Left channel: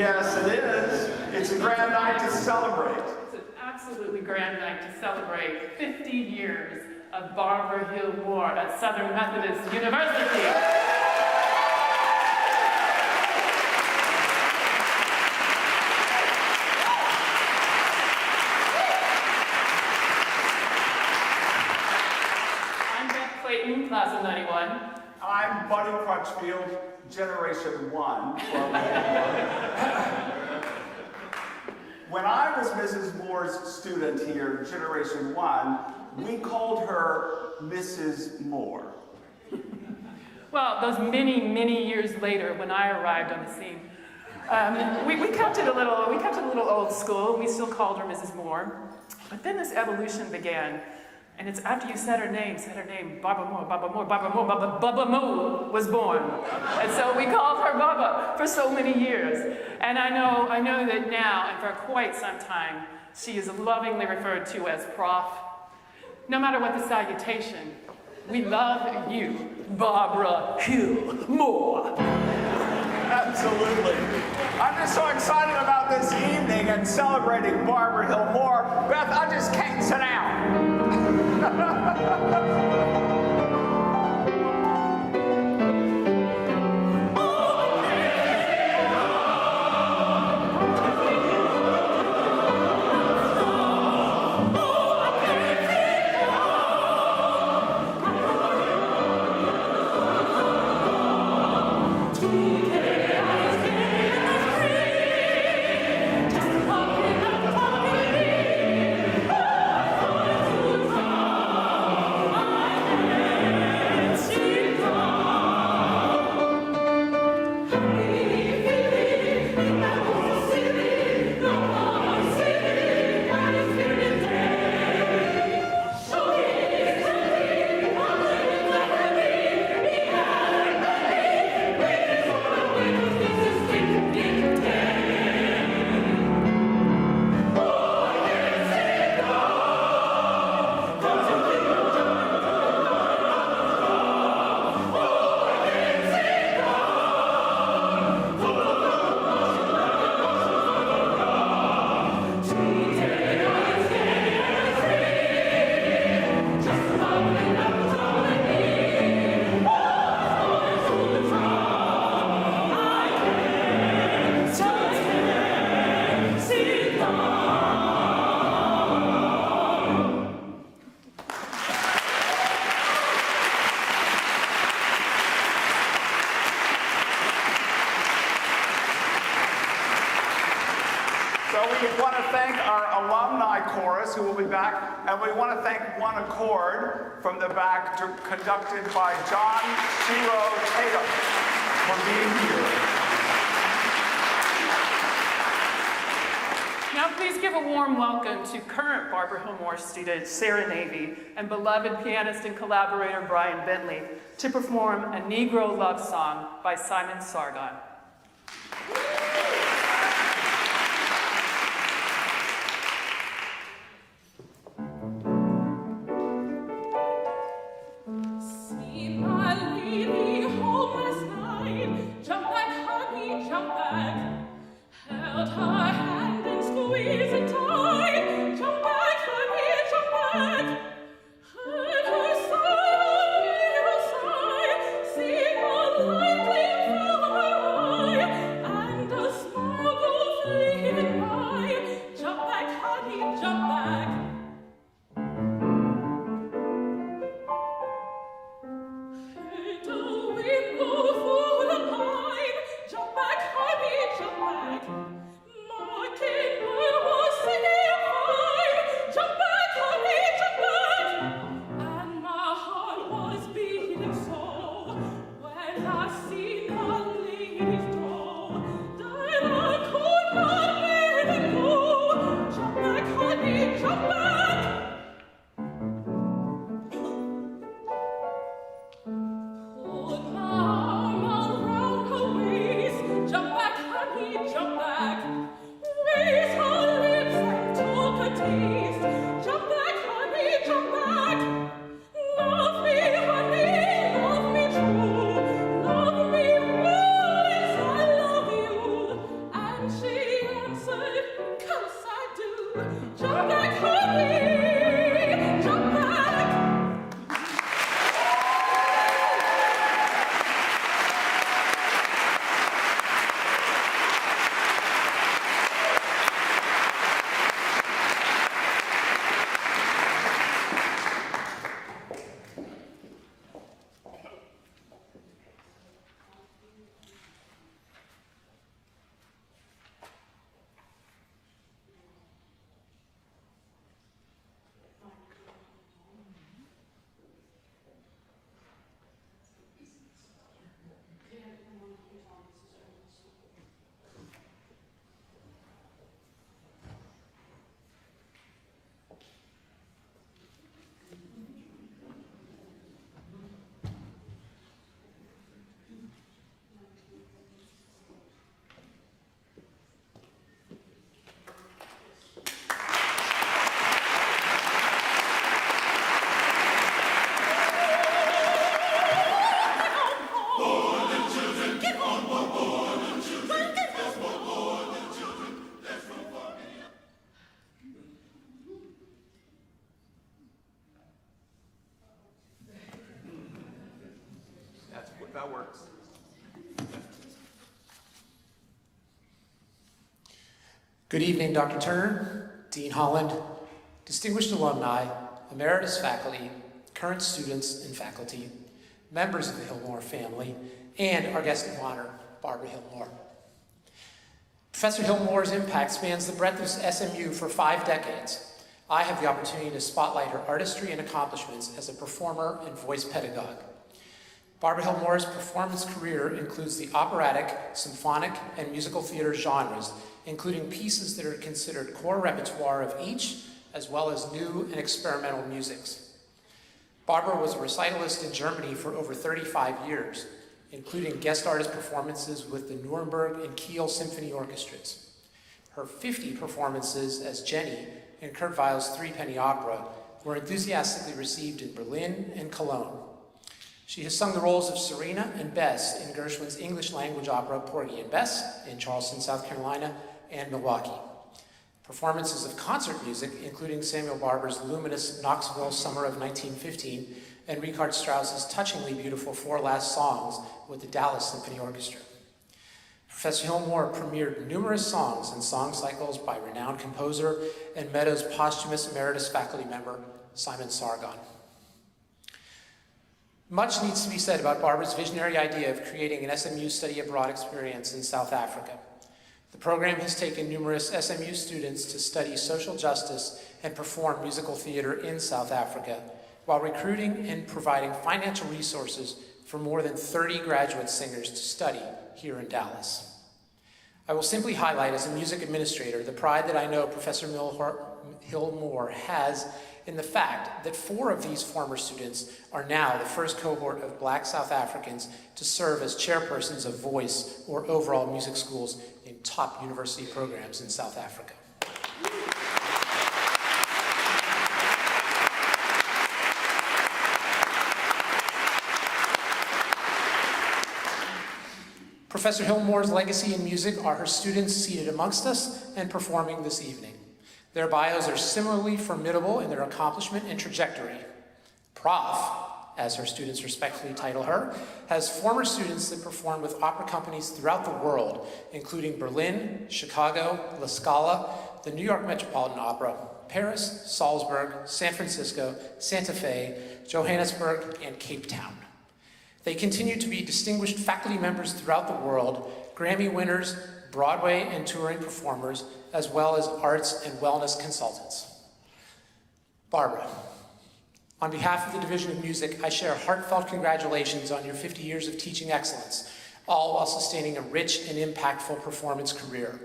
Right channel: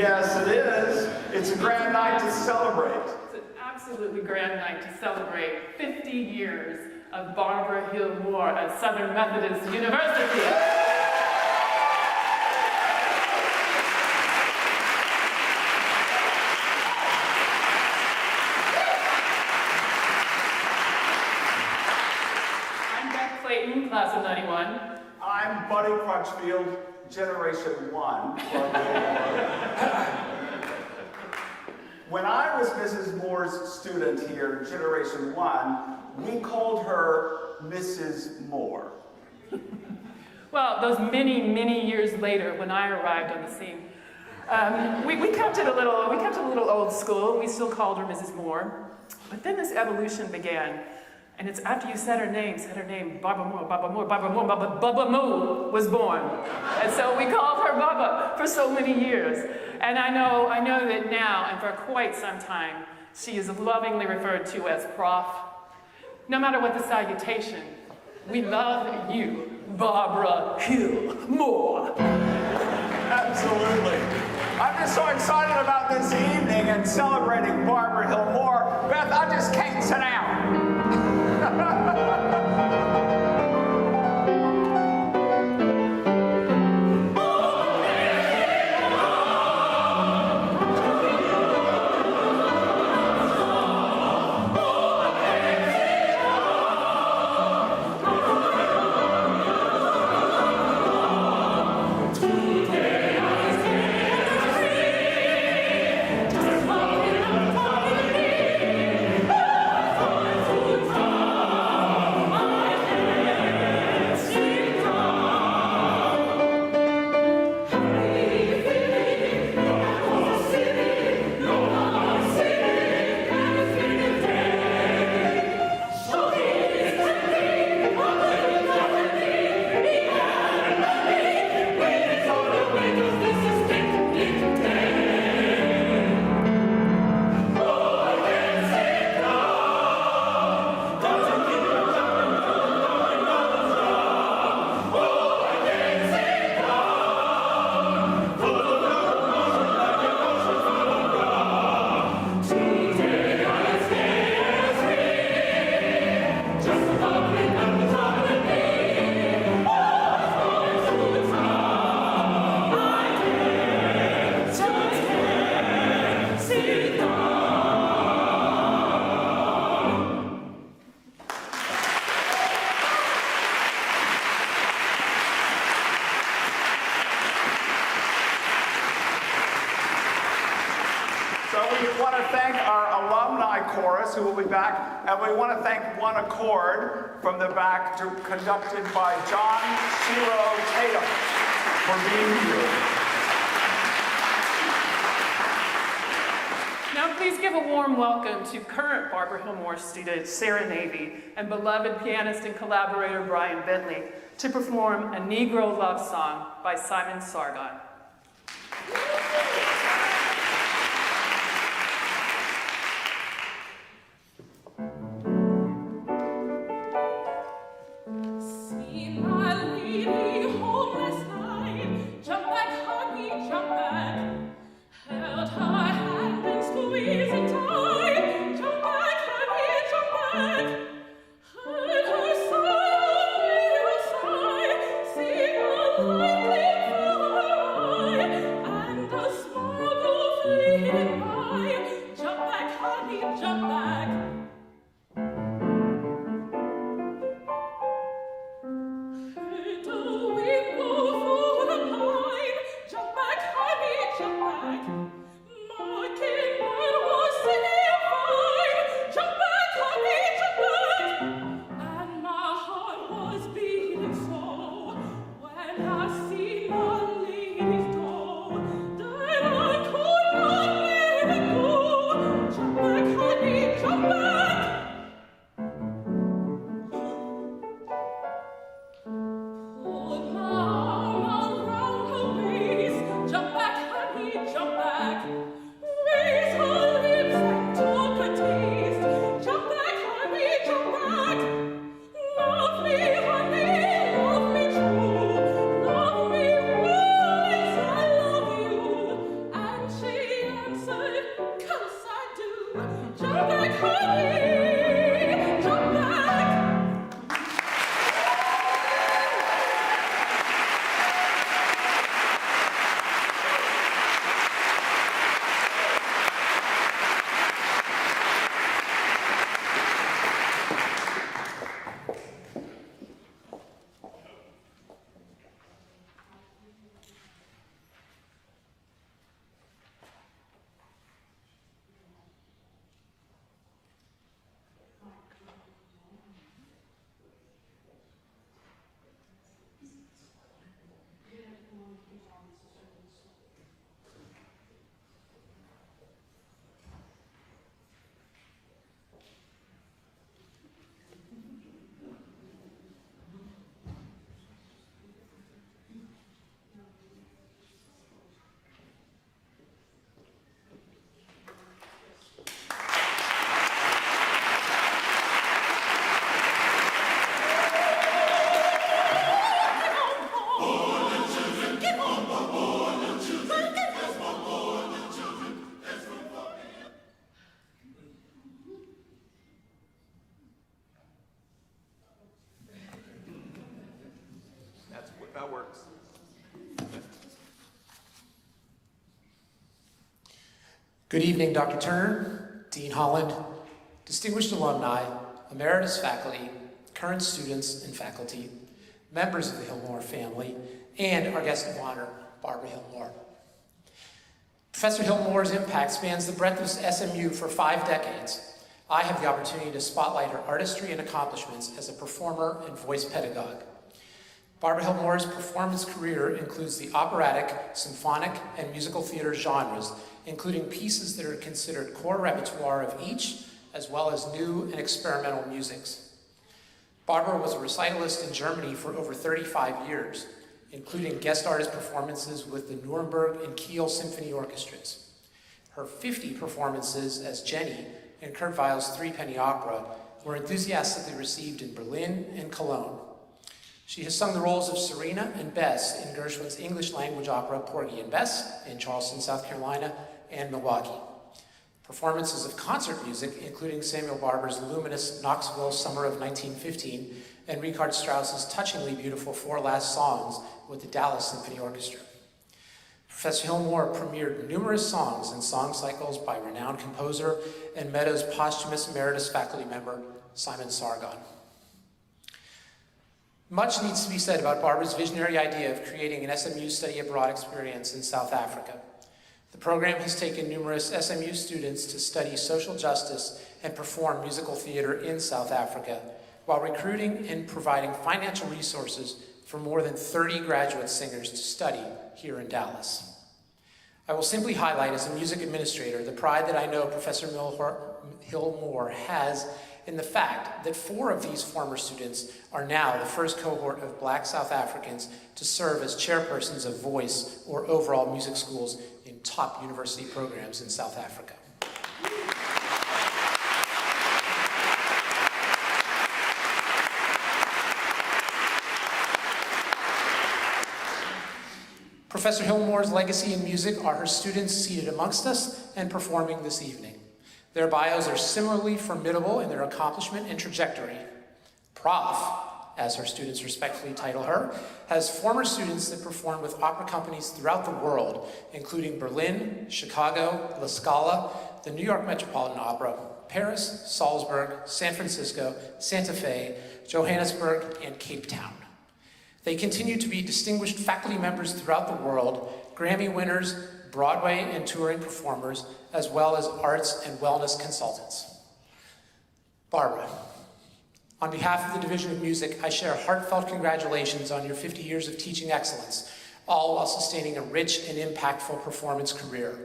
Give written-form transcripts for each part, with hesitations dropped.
Yes, it is. It's a grand night to celebrate. It's an absolutely grand night to celebrate 50 years of Barbara Hill Moore at Southern Methodist University. I'm Beth Clayton, class of 91. I'm Buddy Crutchfield, Generation 1. When I was Mrs. Moore's student here, Generation 1, we called her Mrs. Moore. Well, those many, many years later, when I arrived on the scene, we kept it a little old school. We still called her Mrs. Moore. But then this evolution began. And it's after you said her name, Barbara Moore, Baba Moo was born. And so we called her Baba for so many years. And I know that now, and for quite some time, she is lovingly referred to as Prof. No matter what the salutation, we love you, Barbara Hill Moore. Absolutely. I'm just so excited about this evening and celebrating Barbara Hill Moore. Beth, I just can't sit down. So we want to thank our alumni chorus, who will be back, and we want to thank One Accord from the back, conducted by John Shiro Tatum, for being here. Now please give a warm welcome to current Barbara Hill Moore student Sarah Navy and beloved pianist and collaborator Brian Bentley to perform a Negro love song by Simon Sargon. Marking what was said. if that works. Good evening, Dr. Turner, Dean Holland, distinguished alumni, emeritus faculty, current students and faculty, members of the Hillmore family, and our guest of honor, Barbara Hillmore. Professor Hillmore's impact spans the breadth of SMU for 5 decades. I have the opportunity to spotlight her artistry and accomplishments as a performer and voice pedagogue. Barbara Hillmore's performance career includes the operatic, symphonic, and musical theater genres, including pieces that are considered core repertoire of each, as well as new and experimental musics. Barbara was a recitalist in Germany for over 35 years, including guest artist performances with the Nuremberg and Kiel Symphony Orchestras. Her 50 performances as Jenny in Kurt Weill's Threepenny Opera were enthusiastically received in Berlin and Cologne. She has sung the roles of Serena and Bess in Gershwin's English language opera Porgy and Bess in Charleston, South Carolina, and Milwaukee. Performances of concert music, including Samuel Barber's luminous Knoxville Summer of 1915 and Richard Strauss's touchingly beautiful Four Last Songs with the Dallas Symphony Orchestra. Professor Hillmore premiered numerous songs and song cycles by renowned composer and Meadows' posthumous emeritus faculty member, Simon Sargon. Much needs to be said about Barbara's visionary idea of creating an SMU study abroad experience in South Africa. The program has taken numerous SMU students to study social justice and perform musical theater in South Africa, while recruiting and providing financial resources for more than 30 graduate singers to study here in Dallas. I will simply highlight as a music administrator the pride that I know Professor Hillmore has in the fact that 4 of these former students are now the first cohort of Black South Africans to serve as chairpersons of voice or overall music schools in top university programs in South Africa. Professor Hillmore's legacy in music are her students seated amongst us and performing this evening. Their bios are similarly formidable in their accomplishment and trajectory. Prof, as her students respectfully title her, has former students that perform with opera companies throughout the world, including Berlin, Chicago, La Scala, the New York Metropolitan Opera, Paris, Salzburg, San Francisco, Santa Fe, Johannesburg, and Cape Town. They continue to be distinguished faculty members throughout the world, Grammy winners, Broadway and touring performers, as well as arts and wellness consultants. Barbara, on behalf of the Division of Music, I share heartfelt congratulations on your 50 years of teaching excellence, all while sustaining a rich and impactful performance career.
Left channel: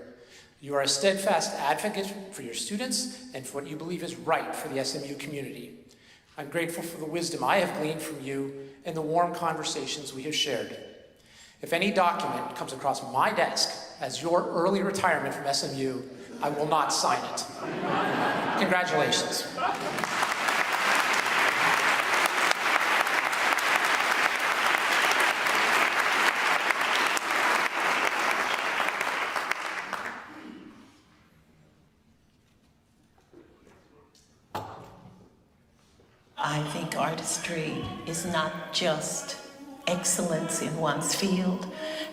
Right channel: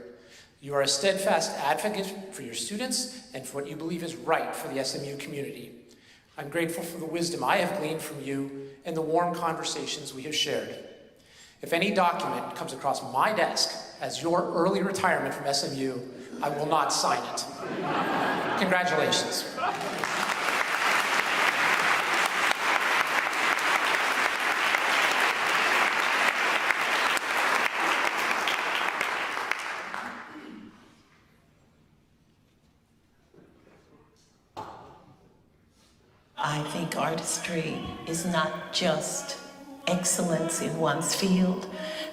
You are a steadfast advocate for your students and for what you believe is right for the SMU community. I'm grateful for the wisdom I have gleaned from you and the warm conversations we have shared. If any document comes across my desk as your early retirement from SMU, I will not sign it. Congratulations. I think artistry is not just excellence in one's field,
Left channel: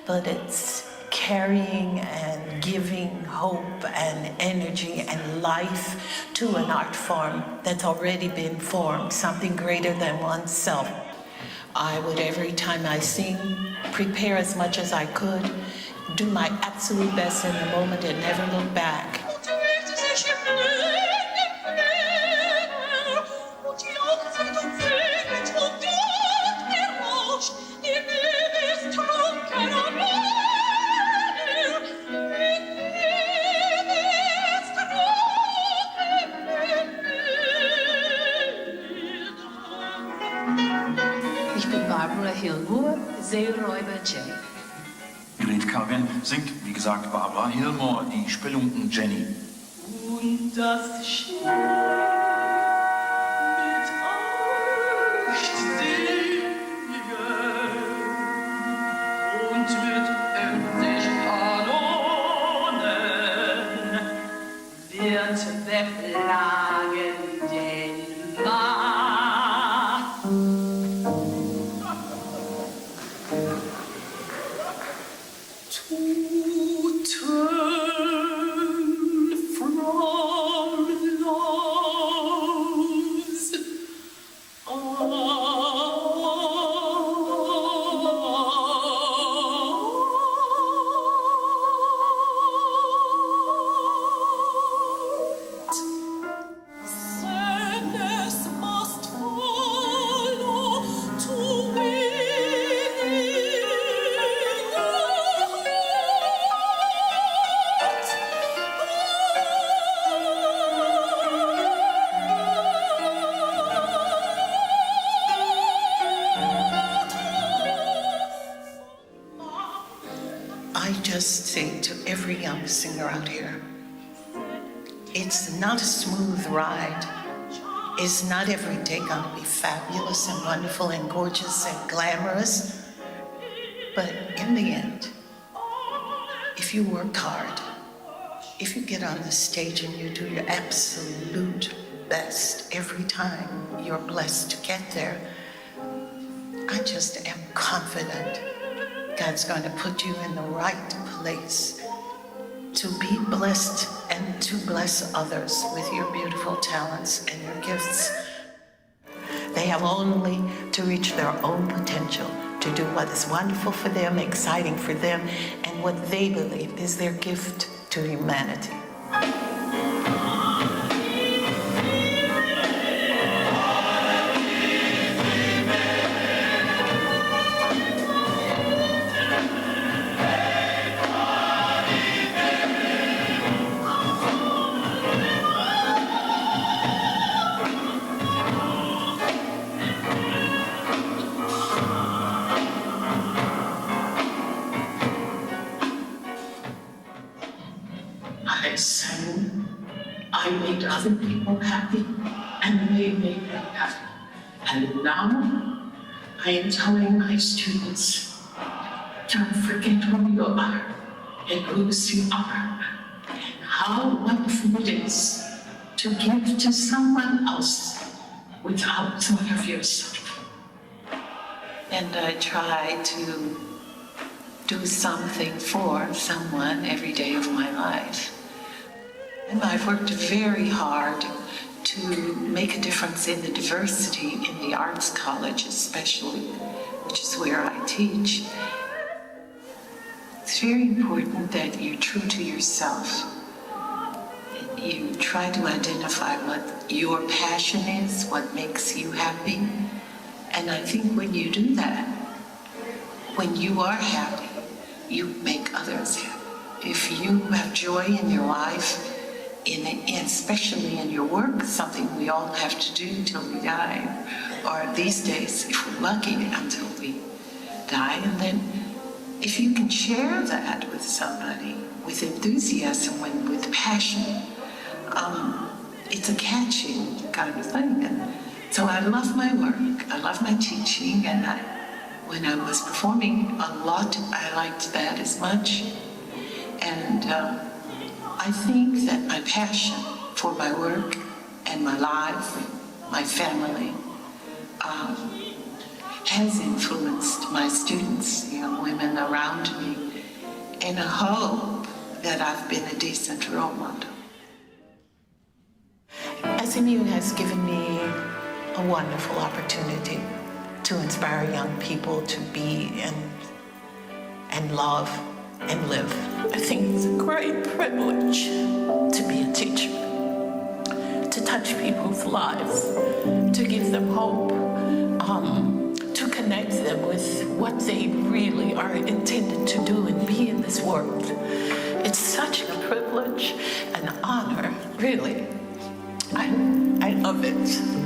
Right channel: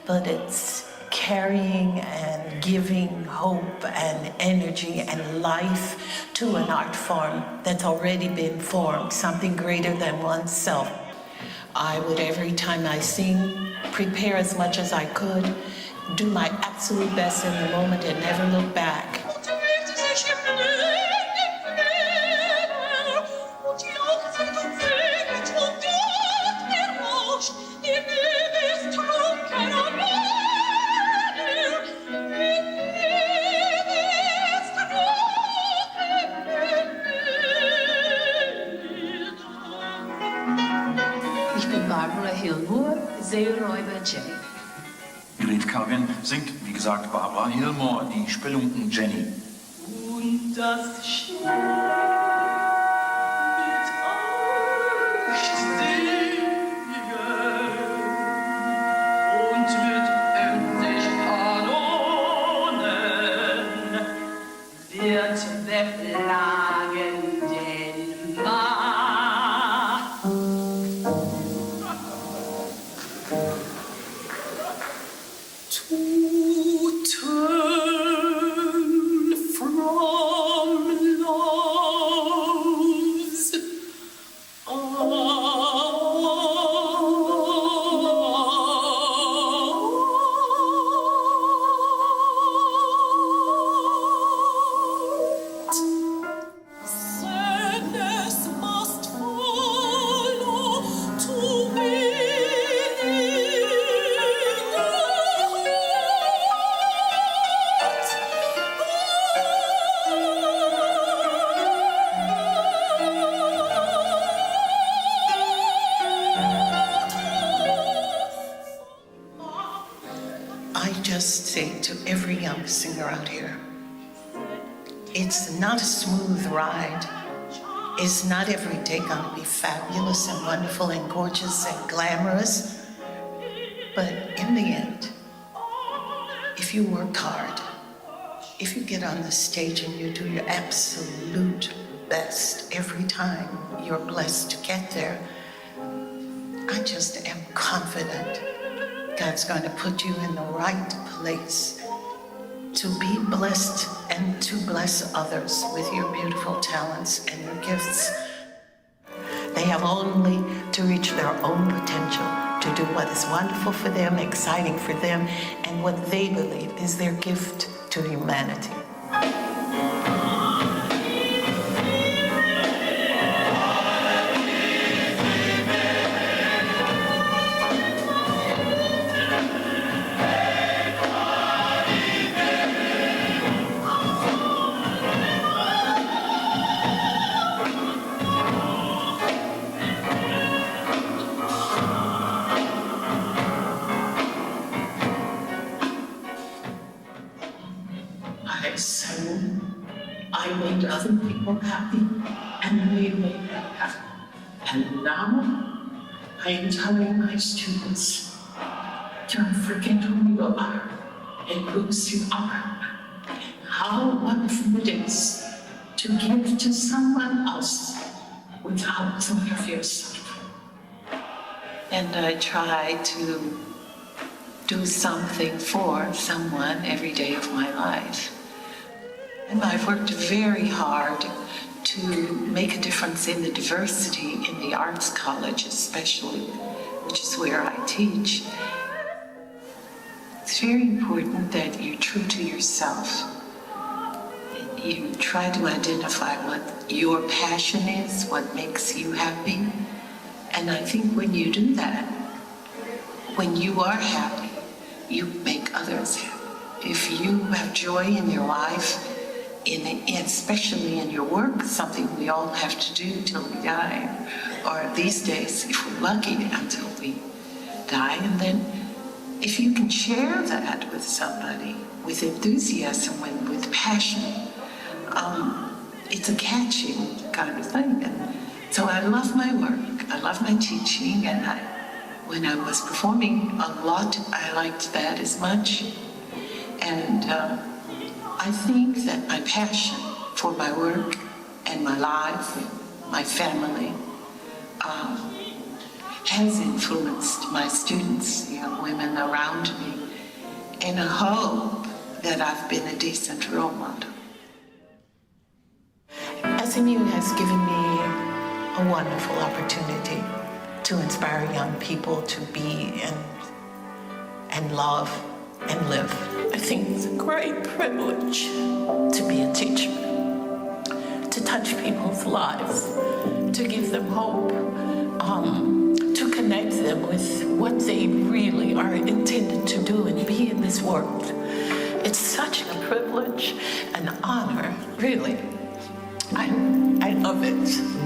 but it's carrying and giving hope and energy and life to an art form that's already been formed, something greater than oneself. I would, every time I sing, prepare as much as I could, do my absolute best in the moment and never look back. Ich bin Barbara Hillmore, Seeräuber Jenny. Grete Calvin singt, wie gesagt, Barbara Hillmore, die Spelunken Jenny. Und das Schiff mit euch singen und mit endlich Kanonen wird beplagen den Mar. just say to every young singer out here, it's not a smooth ride. It's not every day gonna be fabulous and wonderful and gorgeous and glamorous. But in the end, if you work hard, if you get on the stage and you do your absolute best every time you're blessed to get there, I just am confident God's going to put you in the right place to be blessed and to bless others with your beautiful talents and your gifts. They have only to reach their own potential to do what is wonderful for them, exciting for them, and what they believe is their gift to humanity. I sang, I made other people happy, and they made me happy. And now I am telling my students, don't forget who you are and whose you are, and how wonderful it is to give to someone else without thought of yourself. And I try to do something for someone every day of my life. And I've worked very hard to make a difference in the diversity in the arts college especially, which is where I teach. It's very important that you're true to yourself. You try to identify what your passion is, what makes you happy. And I think when you do that, when you are happy, you make others happy. If you have joy in your life, especially in your work, something we all have to do till we die, or these days, if we're lucky, until we die. And then if you can share that with somebody, with enthusiasm and with passion, it's a catching kind of thing. And so I love my work, I love my teaching, and when I was performing a lot, I liked that as much. And I think that my passion for my work and my life, my family, has influenced my students, young women around me, and I hope that I've been a decent role model. SMU has given me a wonderful opportunity to inspire young people to be and love and live. I think it's a great privilege to be a teacher, to touch people's lives, to give them hope, to connect them with what they really are intended to do and be in this world. It's such a privilege, an honor, really. I love it.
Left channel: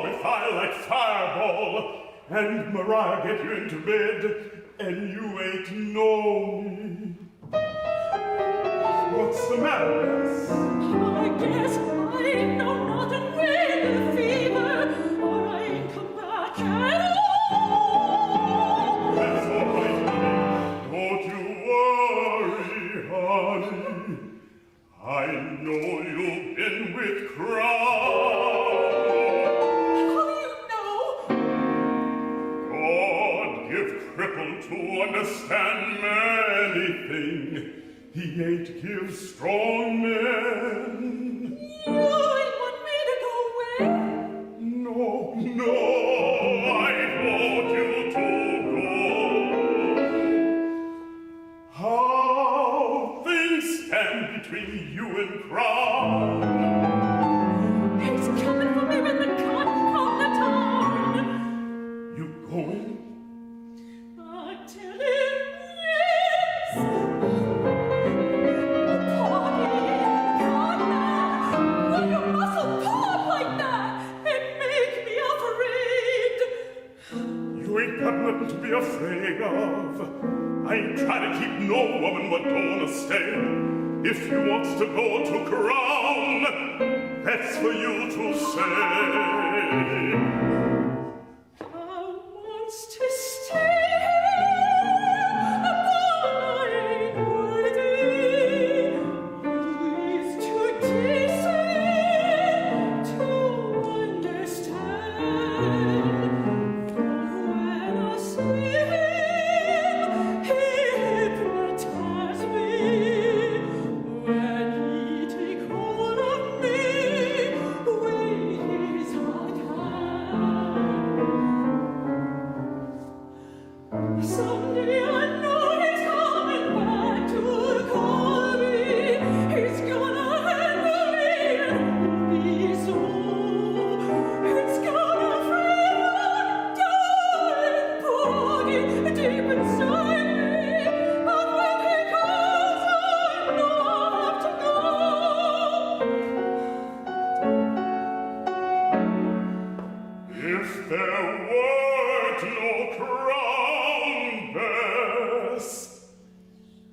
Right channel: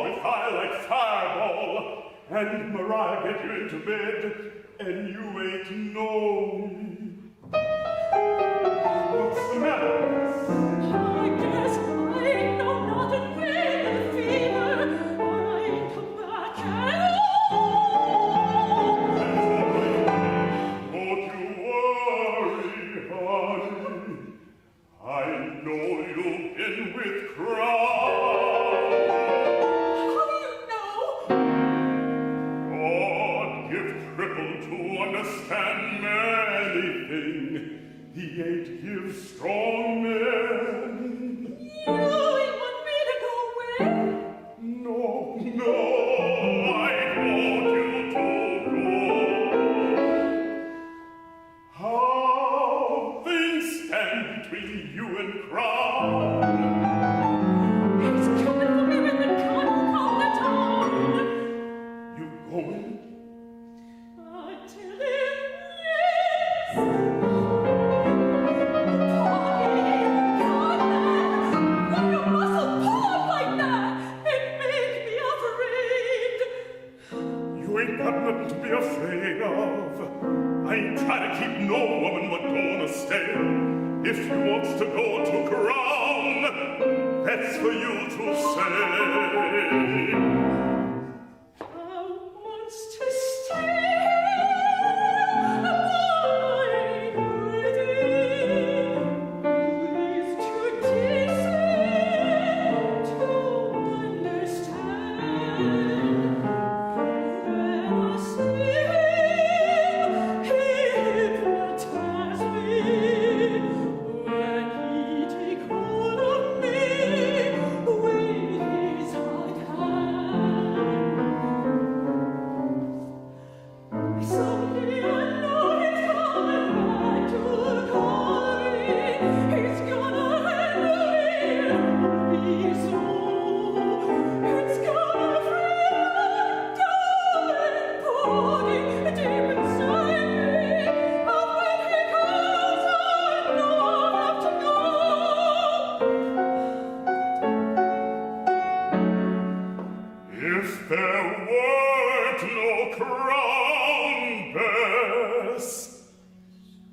all with fire like fireball, and Mariah get you into bed, and you ain't know me. What's the matter, miss? I guess I know nothing with the fever. I ain't come back at all. That's all right, honey. Don't you worry, honey. I know you've been with Crown. God give cripple to understand anything. He ain't give strong men. You want me to go away? No, I want you to go. How things stand between you and Crown. He's coming for me when the cotton come to town. You going? I tell him yes. Got nothing to be afraid of. I ain't trying to keep no woman what don't wanna stay. If you wants to go to Crown, that's for you to say. I wants to stay, but I ain't ready. It's too decent to understand.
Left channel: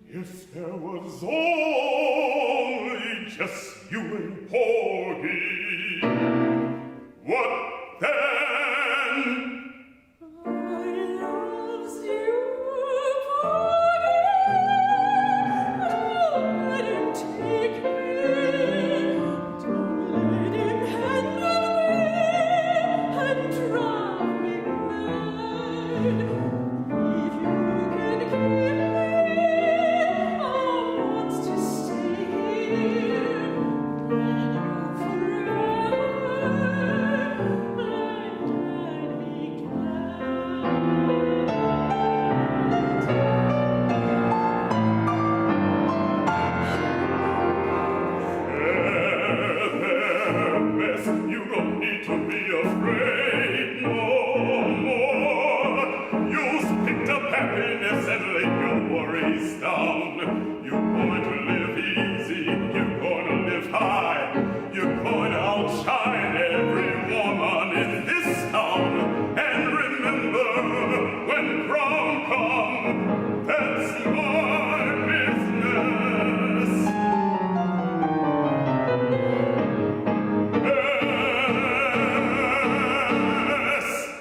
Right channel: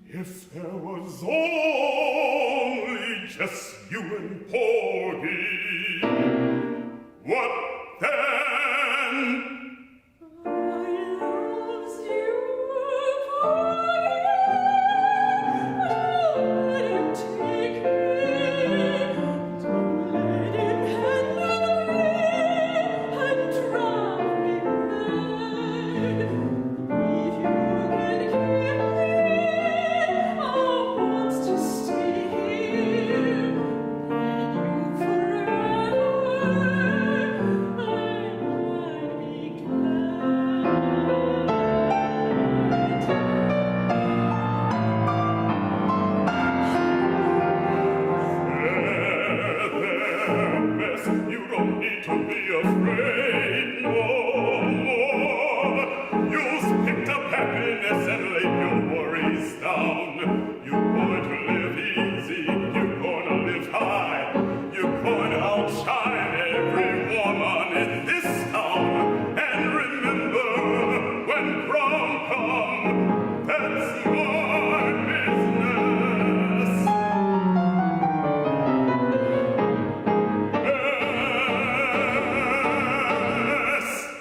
If there was only just you and Porgy, what then? I loves you, Porgy. Don't let him take me. Don't let him handle me and drive me mad. If you can hear me, I want to stay here with you forever, and I'd be glad. You don't need to be afraid no more. You've picked up happiness and laid your worries down. You're going to live easy. You're going to live high. You're going to outshine every woman in this town. And remember, when prom comes, that's my business. Yes.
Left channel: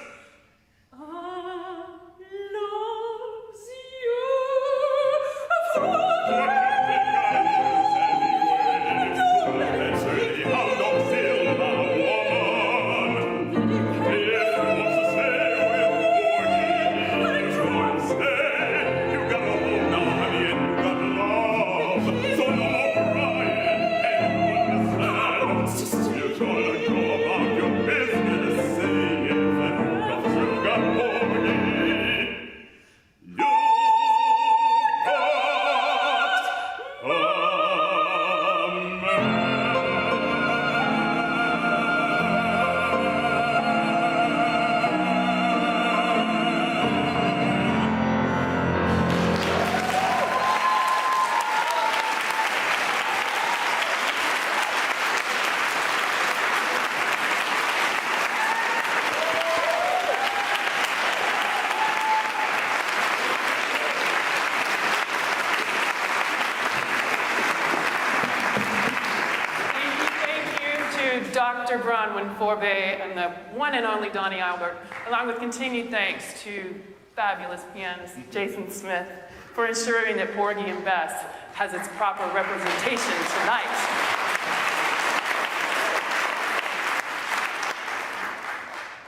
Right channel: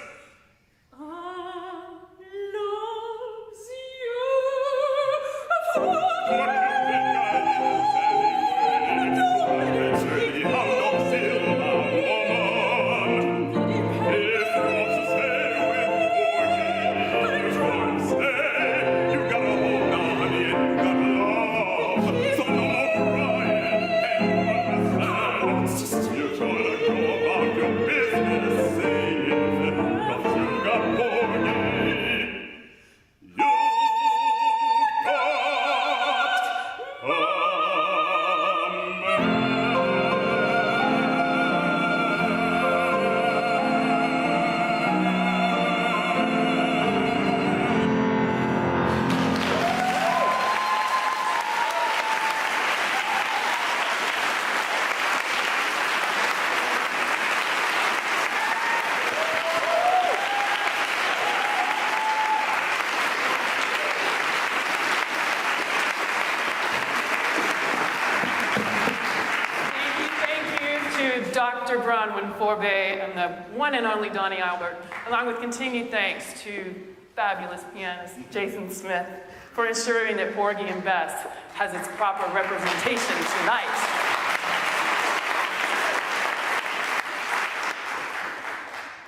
Dr. Bronwyn Forbay, and the one and only Donnie Albert, along with continued thanks to fabulous pianist Jason Smith for ensuring that Porgy and Bess has its proper representation tonight.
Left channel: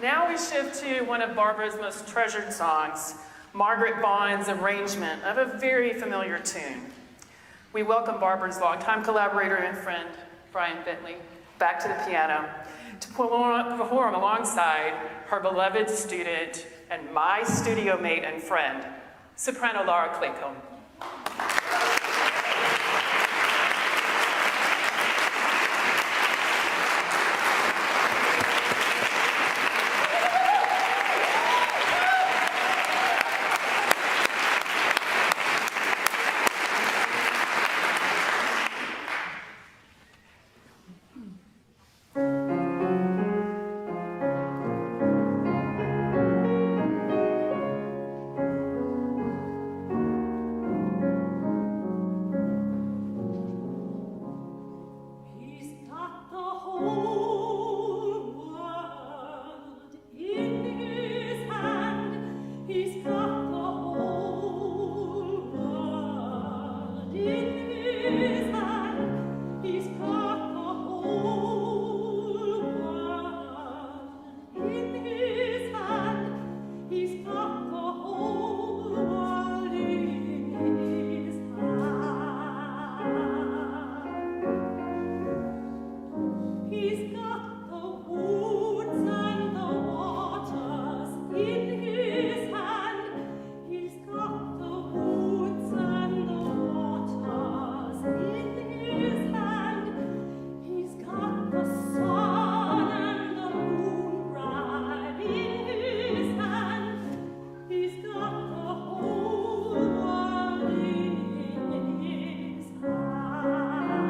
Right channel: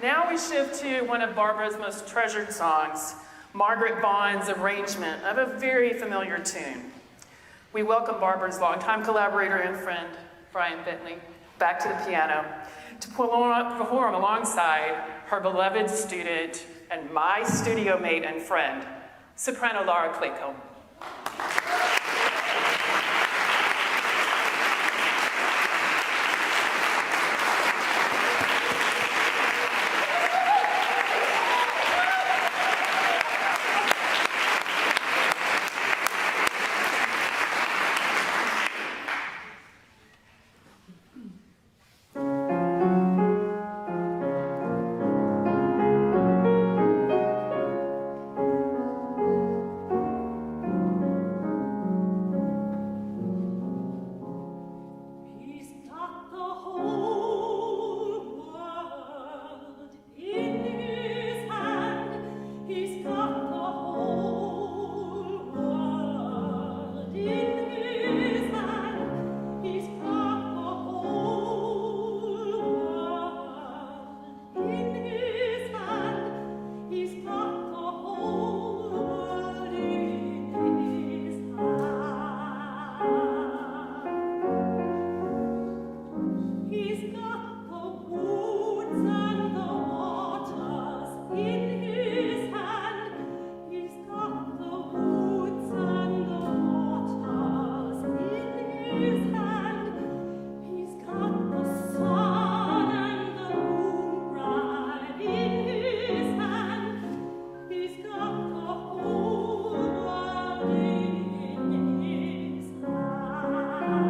Now we shift to one of Barbara's most treasured songs, Margaret Bond's arrangement of a very familiar tune. We welcome Barbara's longtime collaborator and friend, Brian Bentley, back to the piano to perform alongside her beloved student and my studio mate and friend, soprano Laura Claycomb. He's got the whole world in his hand. He's got the whole world in his hand. He's got the whole world in his hand. He's got the whole world in his hand. He's got the woods and the waters in his hand. He's got the woods and the waters in his hand. He's got the sun and the moon right in his hand. He's got the whole world in his hand.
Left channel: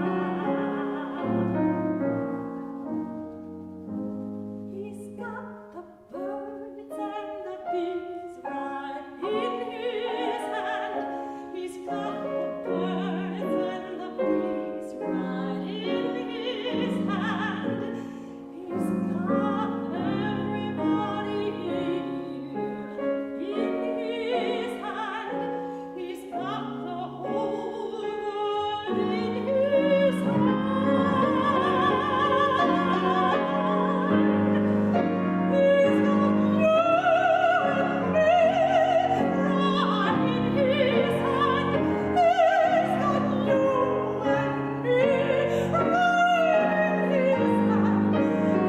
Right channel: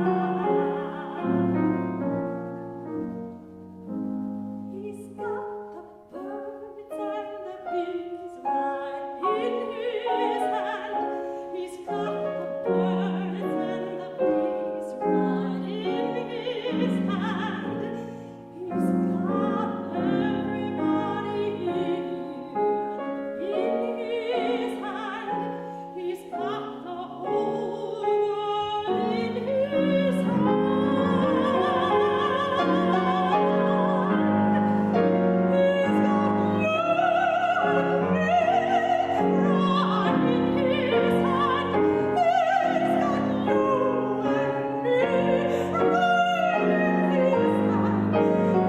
He's got the birds and the bees right in his hand. He's got the birds and the bees right in his hand. He's got everybody here in his hand. He's got the whole world in his hand. He's got you and me right in his hand. He's got you and me right in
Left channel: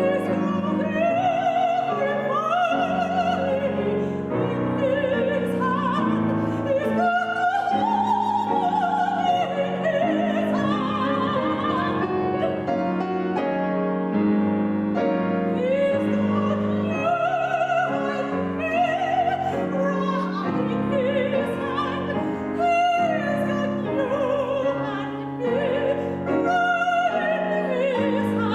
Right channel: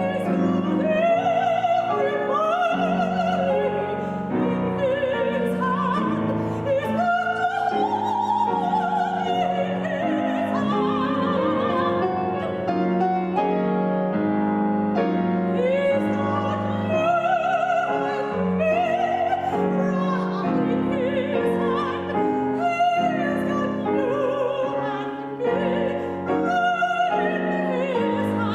his hand. He's got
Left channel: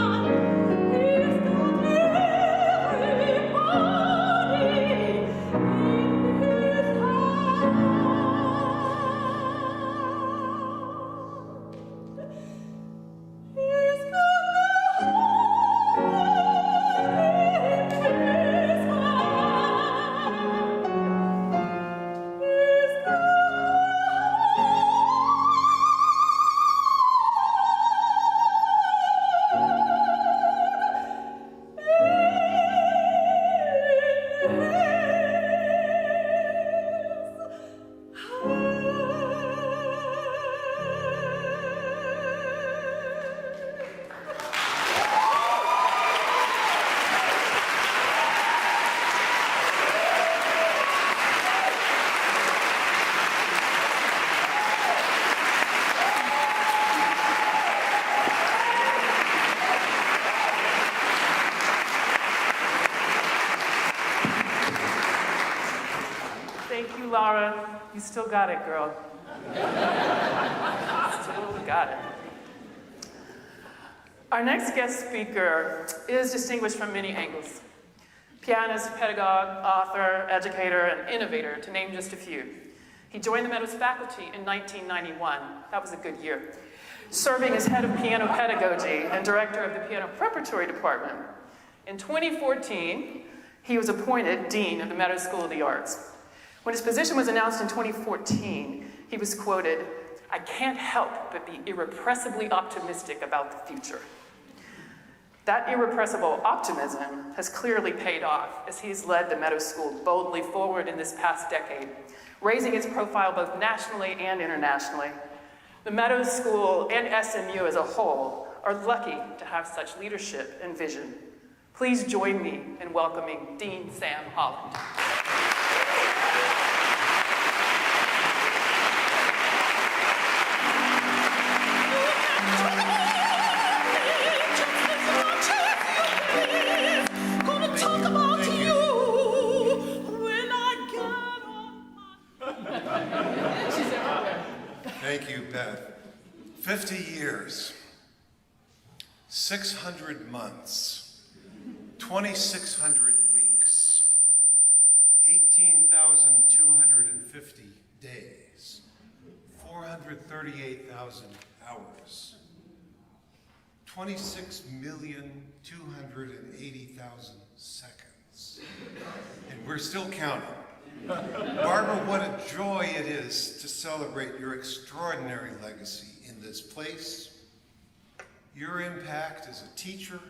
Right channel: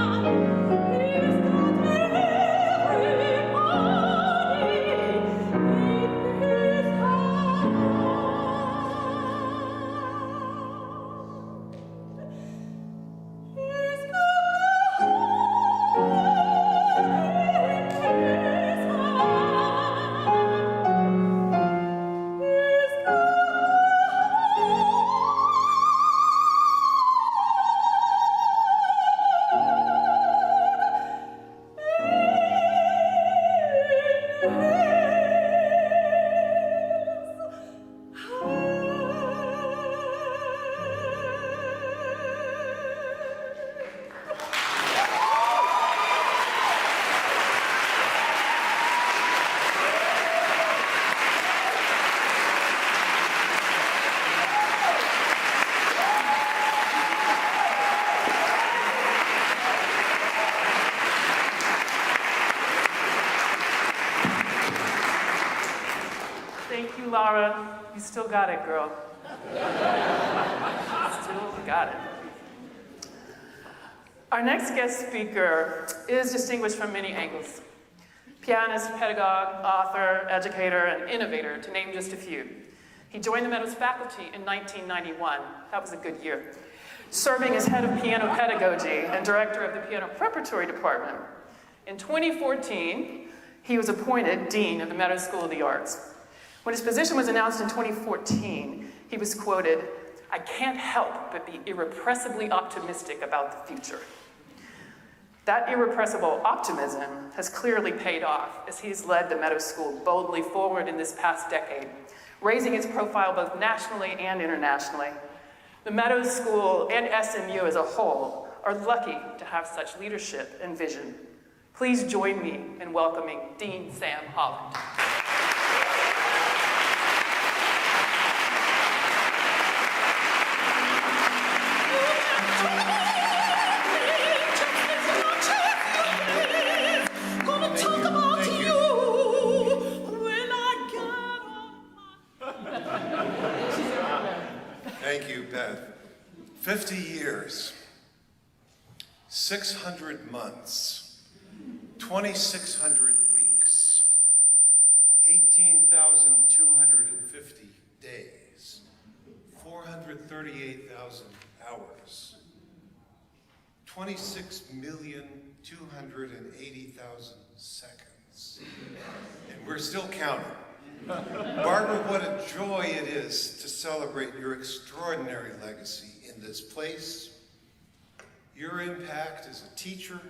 Thank you, Laura. You still got it, girl. Still got it. Our next guest speaker is distinguished from many angles. Pianist, pedagogue, author, educator, and innovator, to name just a few. He joined the Meadows faculty in 1991. That was a good year. serving as head of piano pedagogy and director of the piano preparatory department. In 2014, he was appointed dean of the Meadows School of the Arts. When his position was announced in 2014, he was quoted, "I can't help but be irrepressibly optimistic about the future." That irrepressible optimism has clearly paid off as he's led the Meadows School boldly forward in this past decade, raising its profile both nationally and internationally. The Meadows School and SMU as a whole are lucky to have such leadership and vision. Please join me in welcoming Dean Sam Holland. Thank you, Beth. 50 years, 600 months, 2,600 weeks, 18,250 days, 438,000 hours, 26,280,000 seconds. And we're still counting. Barbara, what a joy it is to celebrate your extraordinary legacy in this place. Your impact as a teacher,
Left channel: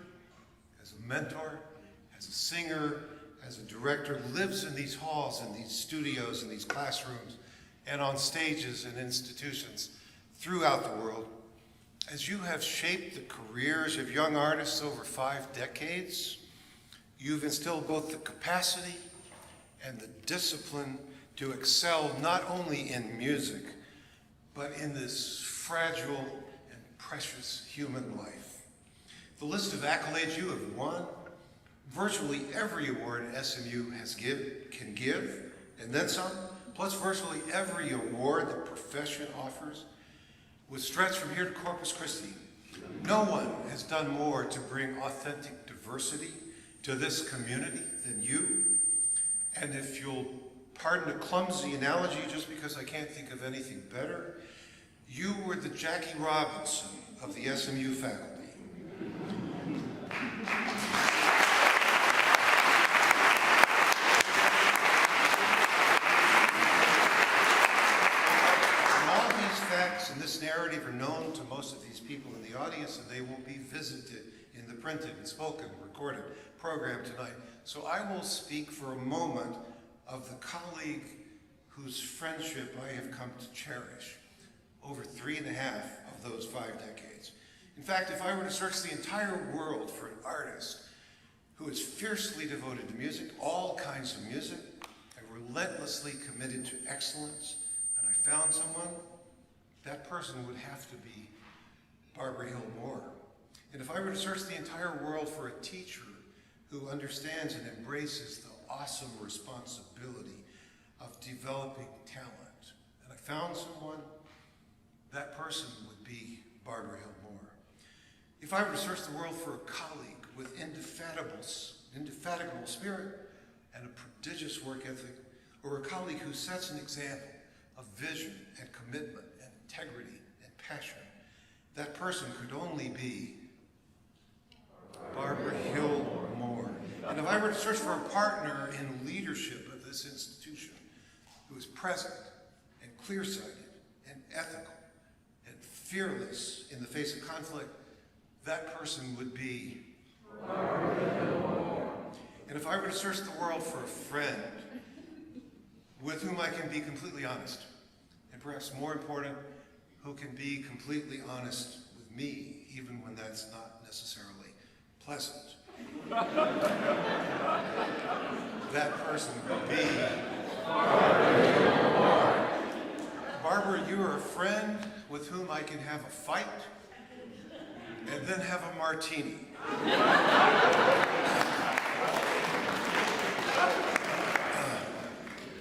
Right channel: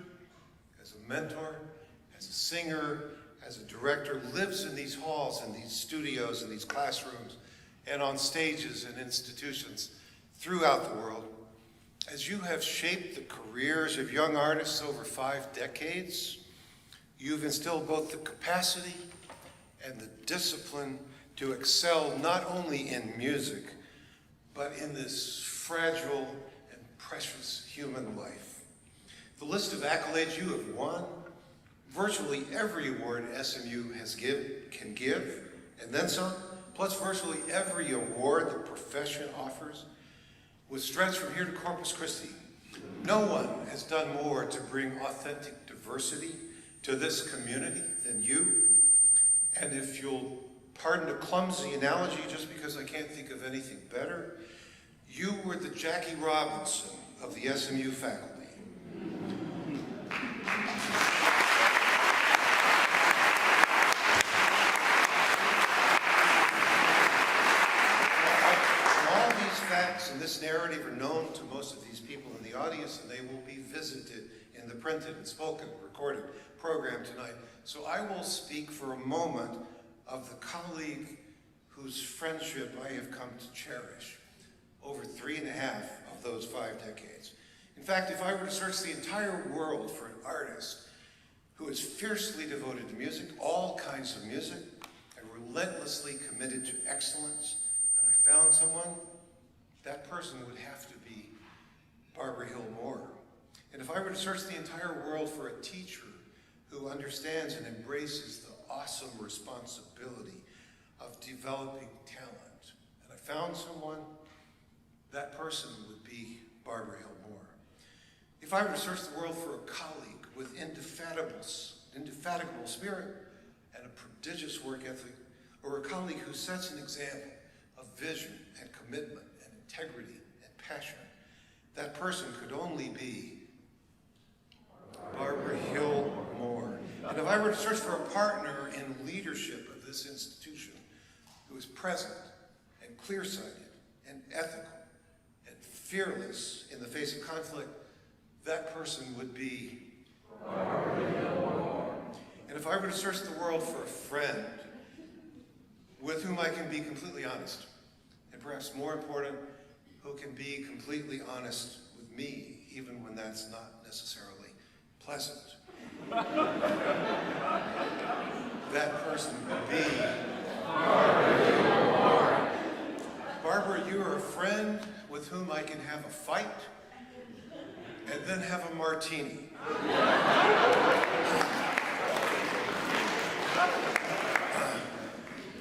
as a mentor, as a singer, as a director lives in these halls, in these studios, in these classrooms, and on stages and institutions throughout the world. As you have shaped the careers of young artists over 5 decades, you've instilled both the capacity and the discipline to excel not only in music, but in this fragile and precious human life. The list of accolades you have won, virtually every award SMU can give, and then some, plus virtually every award the profession offers, would stretch from here to Corpus Christi. No one has done more to bring authentic diversity to this community than you. And if you'll pardon a clumsy analogy, just because I can't think of anything better, you were the Jackie Robinson of the SMU faculty. All these facts and this narrative are known to most of these people in the audience, and they will be visited in the printed and spoken, recorded program tonight. So I will speak for a moment of the colleague whose friendship I have come to cherish over 3.5 of those 5 decades. In fact, if I were to search the entire world for an artist who is fiercely devoted to music, all kinds of music, and relentlessly committed to excellence, and I found someone, that person would have to be Barbara Hill Moore. And if I were to search the entire world for a teacher who understands and embraces the awesome responsibility of developing talent, and I found someone, that person would be Barbara Hill Moore. If I were to search the world for a colleague with indefatigable spirit and a prodigious work ethic, or a colleague who sets an example of vision and commitment and integrity and passion, that person could only be Barbara Hill Moore. And if I were to search for a partner in leadership of this institution who is present and clear-sighted and ethical and fearless in the face of conflict, that person would be Barbara Hill Moore. And if I were to search the world for a friend with whom I can be completely honest, and perhaps more important, who can be completely honest with me, even when that's not necessarily pleasant, that person would be Barbara Hill Moore. Barbara, you are a friend with whom I can have a fight and then have a martini.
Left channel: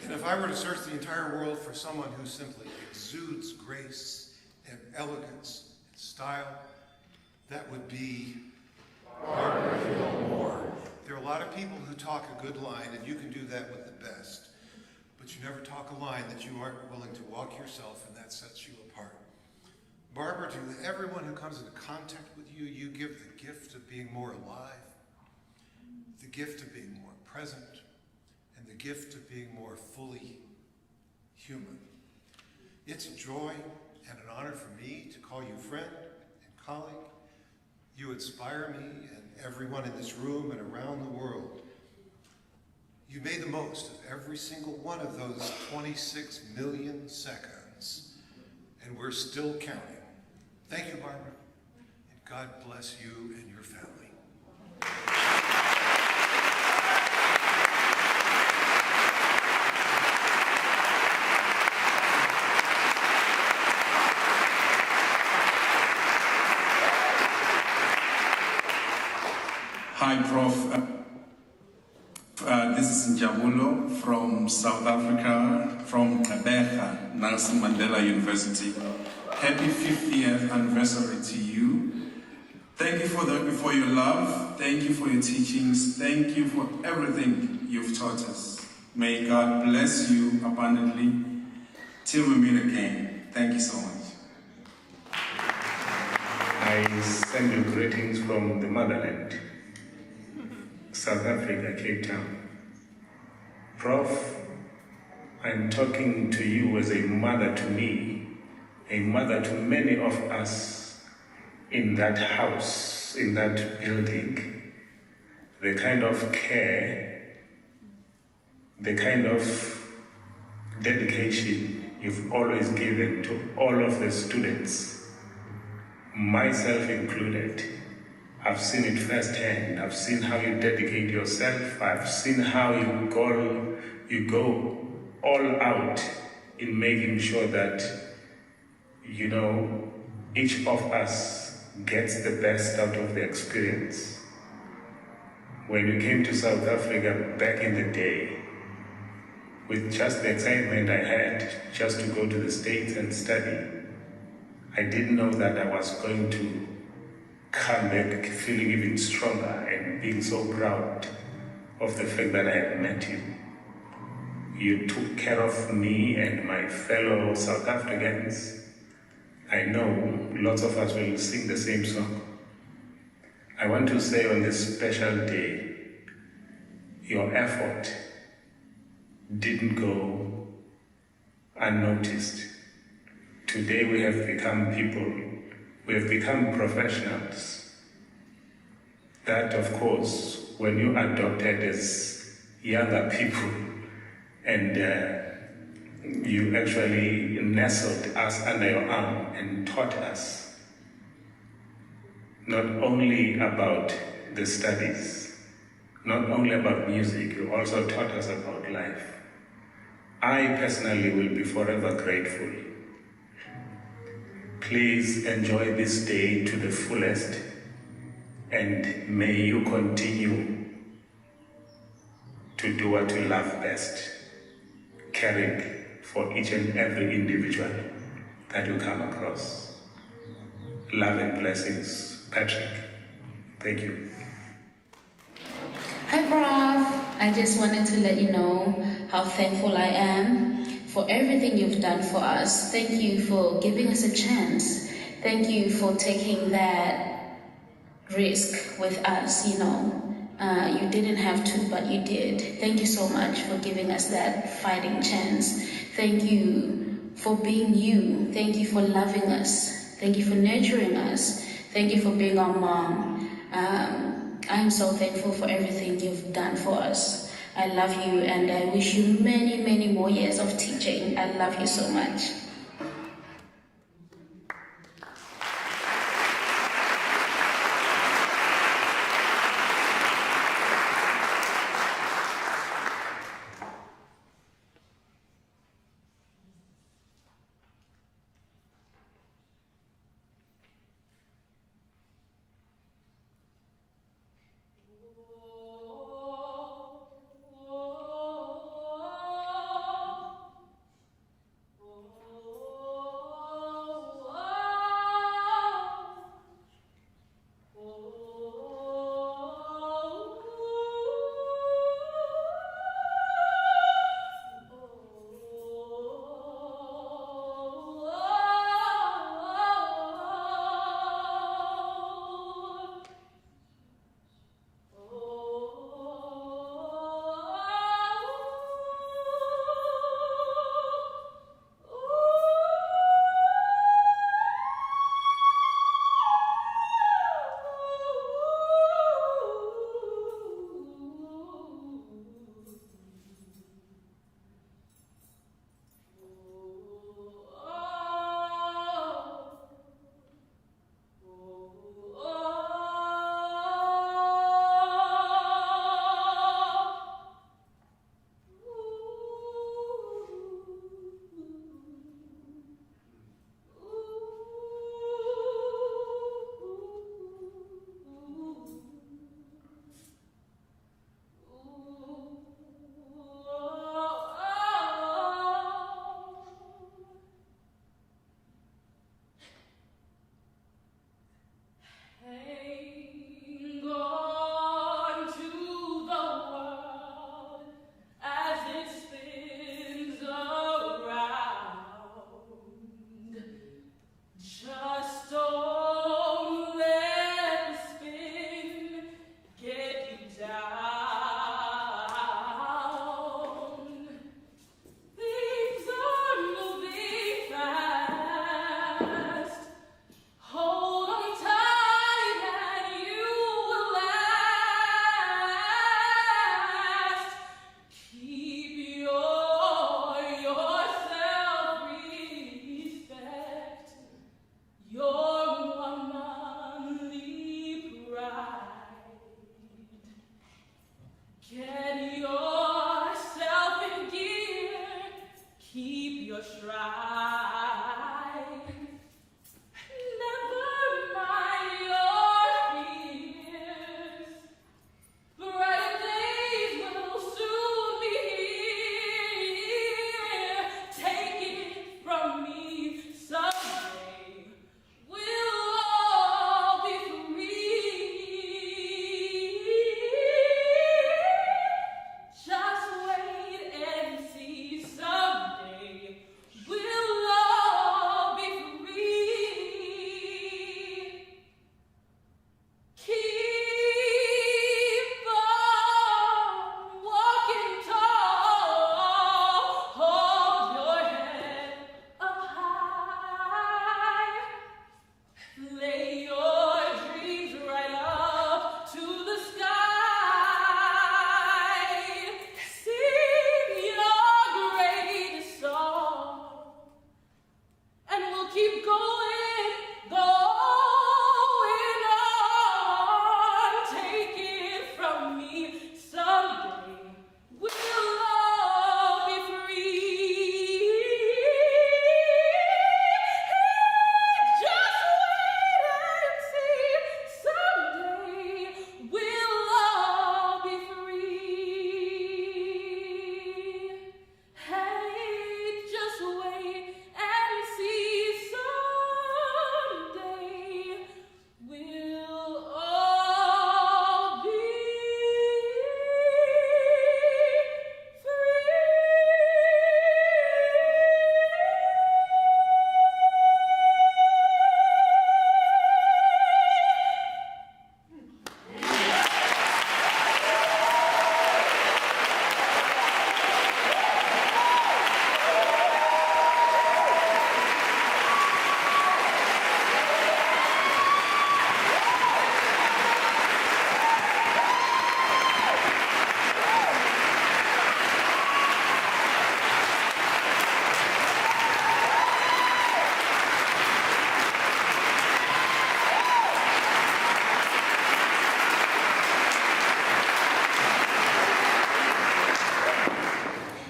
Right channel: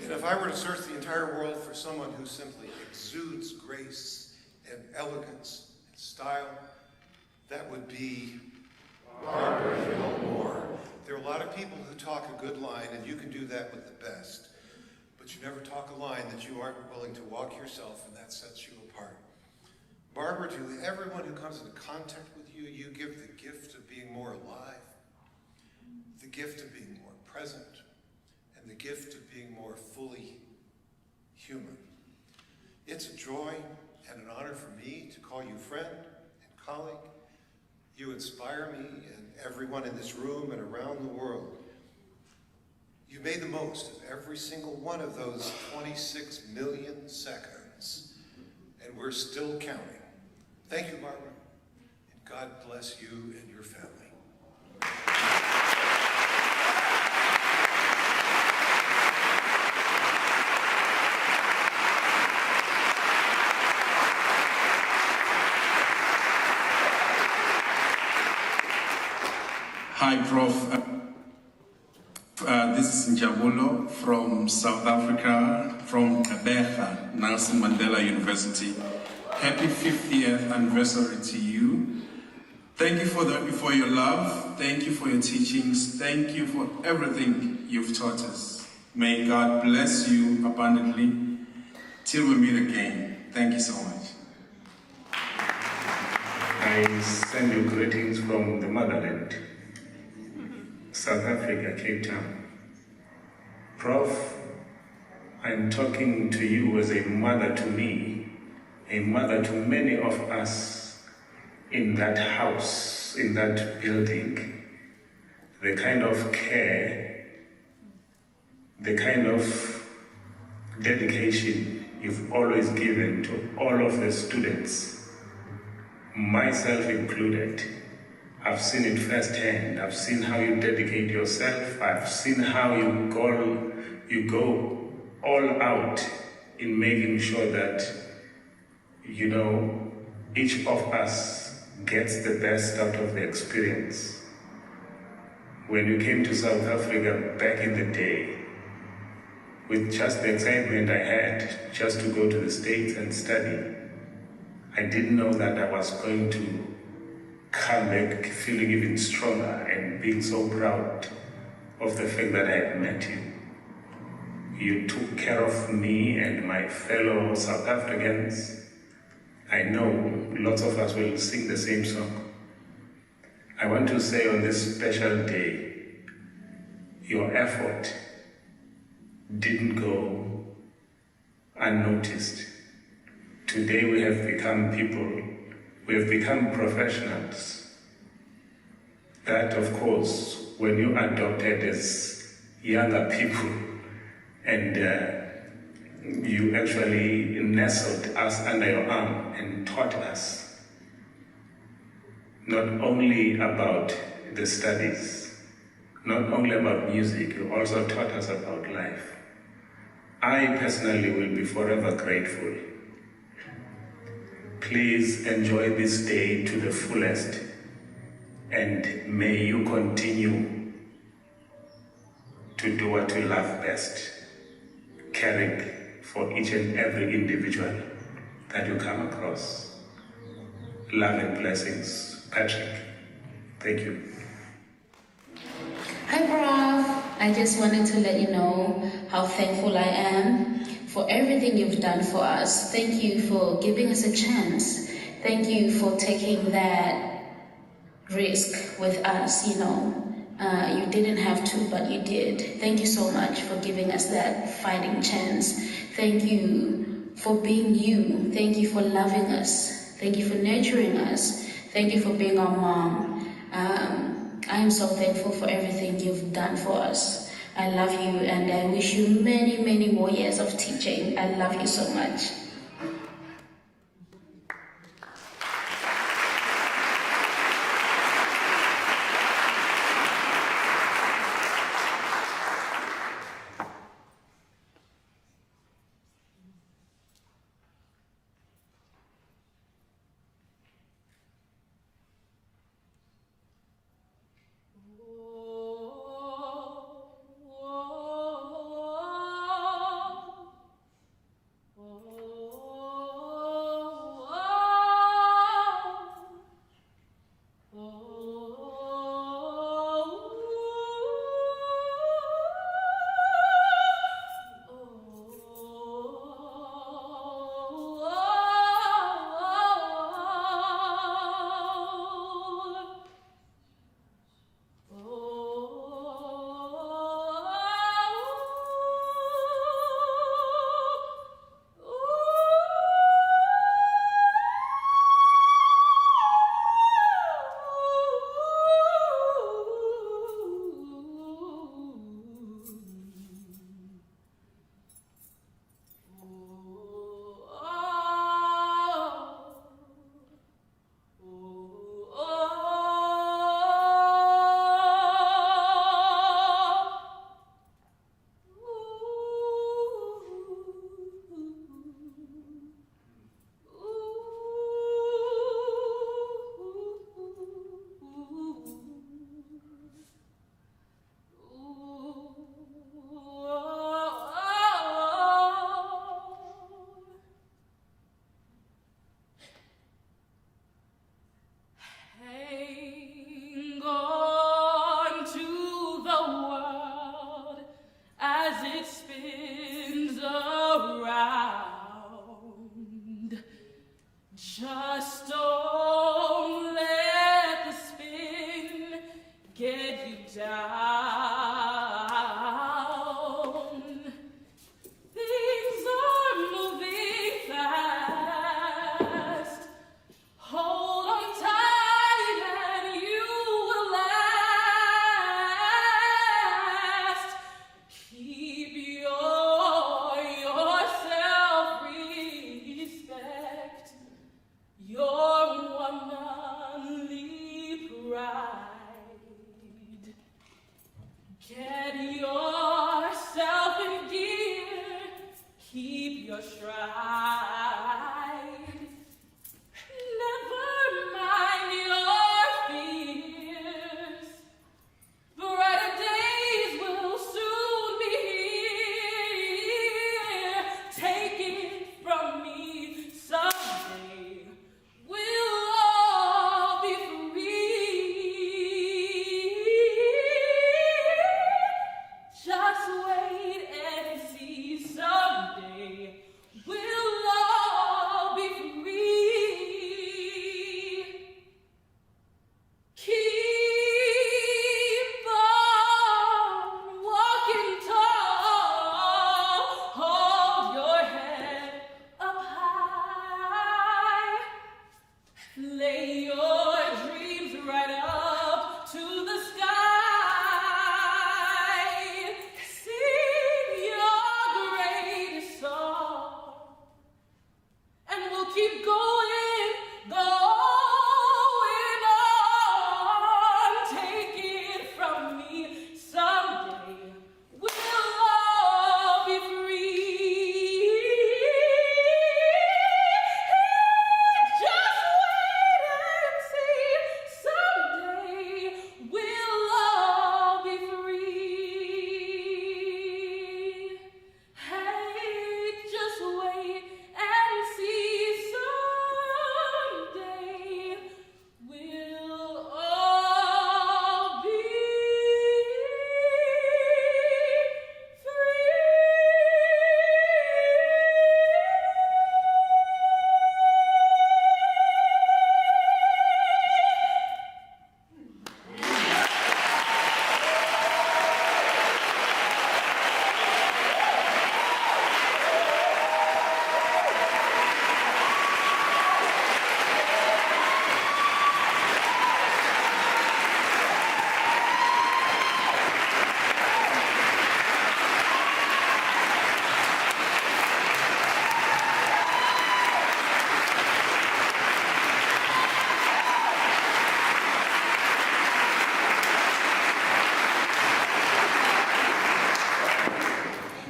And if I were to search the entire world for someone who simply exudes grace and elegance and style, that would be Barbara Hill Moore. There are a lot of people who talk a good line, and you can do that with the best. But you never talk a line that you aren't willing to walk yourself, and that sets you apart. Barbara, to everyone who comes into contact with you, you give the gift of being more alive, the gift of being more present, and the gift of being more fully human. It's a joy and an honor for me to call you friend and colleague. You inspire me and everyone in this room and around the world. You made the most of every single one of those 26 million seconds, and we're still counting. Thank you, Barbara, and God bless you and your family. Hi, Prof. This is Njabulo from South Africa, from Kabeja, Nelson Mandela University. Happy 50th anniversary to you. Thank you for your love. Thank you for your teachings. Thank you for everything you've taught us. May God bless you abundantly till we meet again. Thank you so much. I send you greetings from the motherland, South Africa, Cape Town. Prof, I'm talking to you as a mother to me, a mother to many of us in that house, in that building. The kind of care, the kind of dedication you've always given to all of the students, myself included. I've seen it firsthand. I've seen how you dedicate yourself. I've seen how you go all out in making sure that, each of us gets the best out of the experience. When you came to South Africa back in the day, with just the excitement I had just to go to the States and study, I didn't know that I was going to come back feeling even stronger and being so proud of the fact that I had met you. You took care of me and my fellow South Africans. I know lots of us will sing the same song. I want to say on this special day, your effort didn't go unnoticed. Today we have become people, we have become professionals. That, of course, when you adopted as younger people and you actually nestled us under your arm and taught us not only about the studies, not only about music, you also taught us about life. I personally will be forever grateful. Please enjoy this day to the fullest, and may you continue to do what you love best, caring for each and every individual that you come across. Love and blessings, Patrick. Thank you. Hi, Prof. I just wanted to let you know how thankful I am for everything you've done for us. Thank you for giving us a chance. Thank you for taking that risk with us, You didn't have to, but you did. Thank you so much for giving us that fighting chance. Thank you for being you. Thank you for loving us. Thank you for nurturing us. Thank you for being our mom. I am so thankful for everything you've done for us. I love you, and I wish you many, many more years of teaching. I love you so much. Oh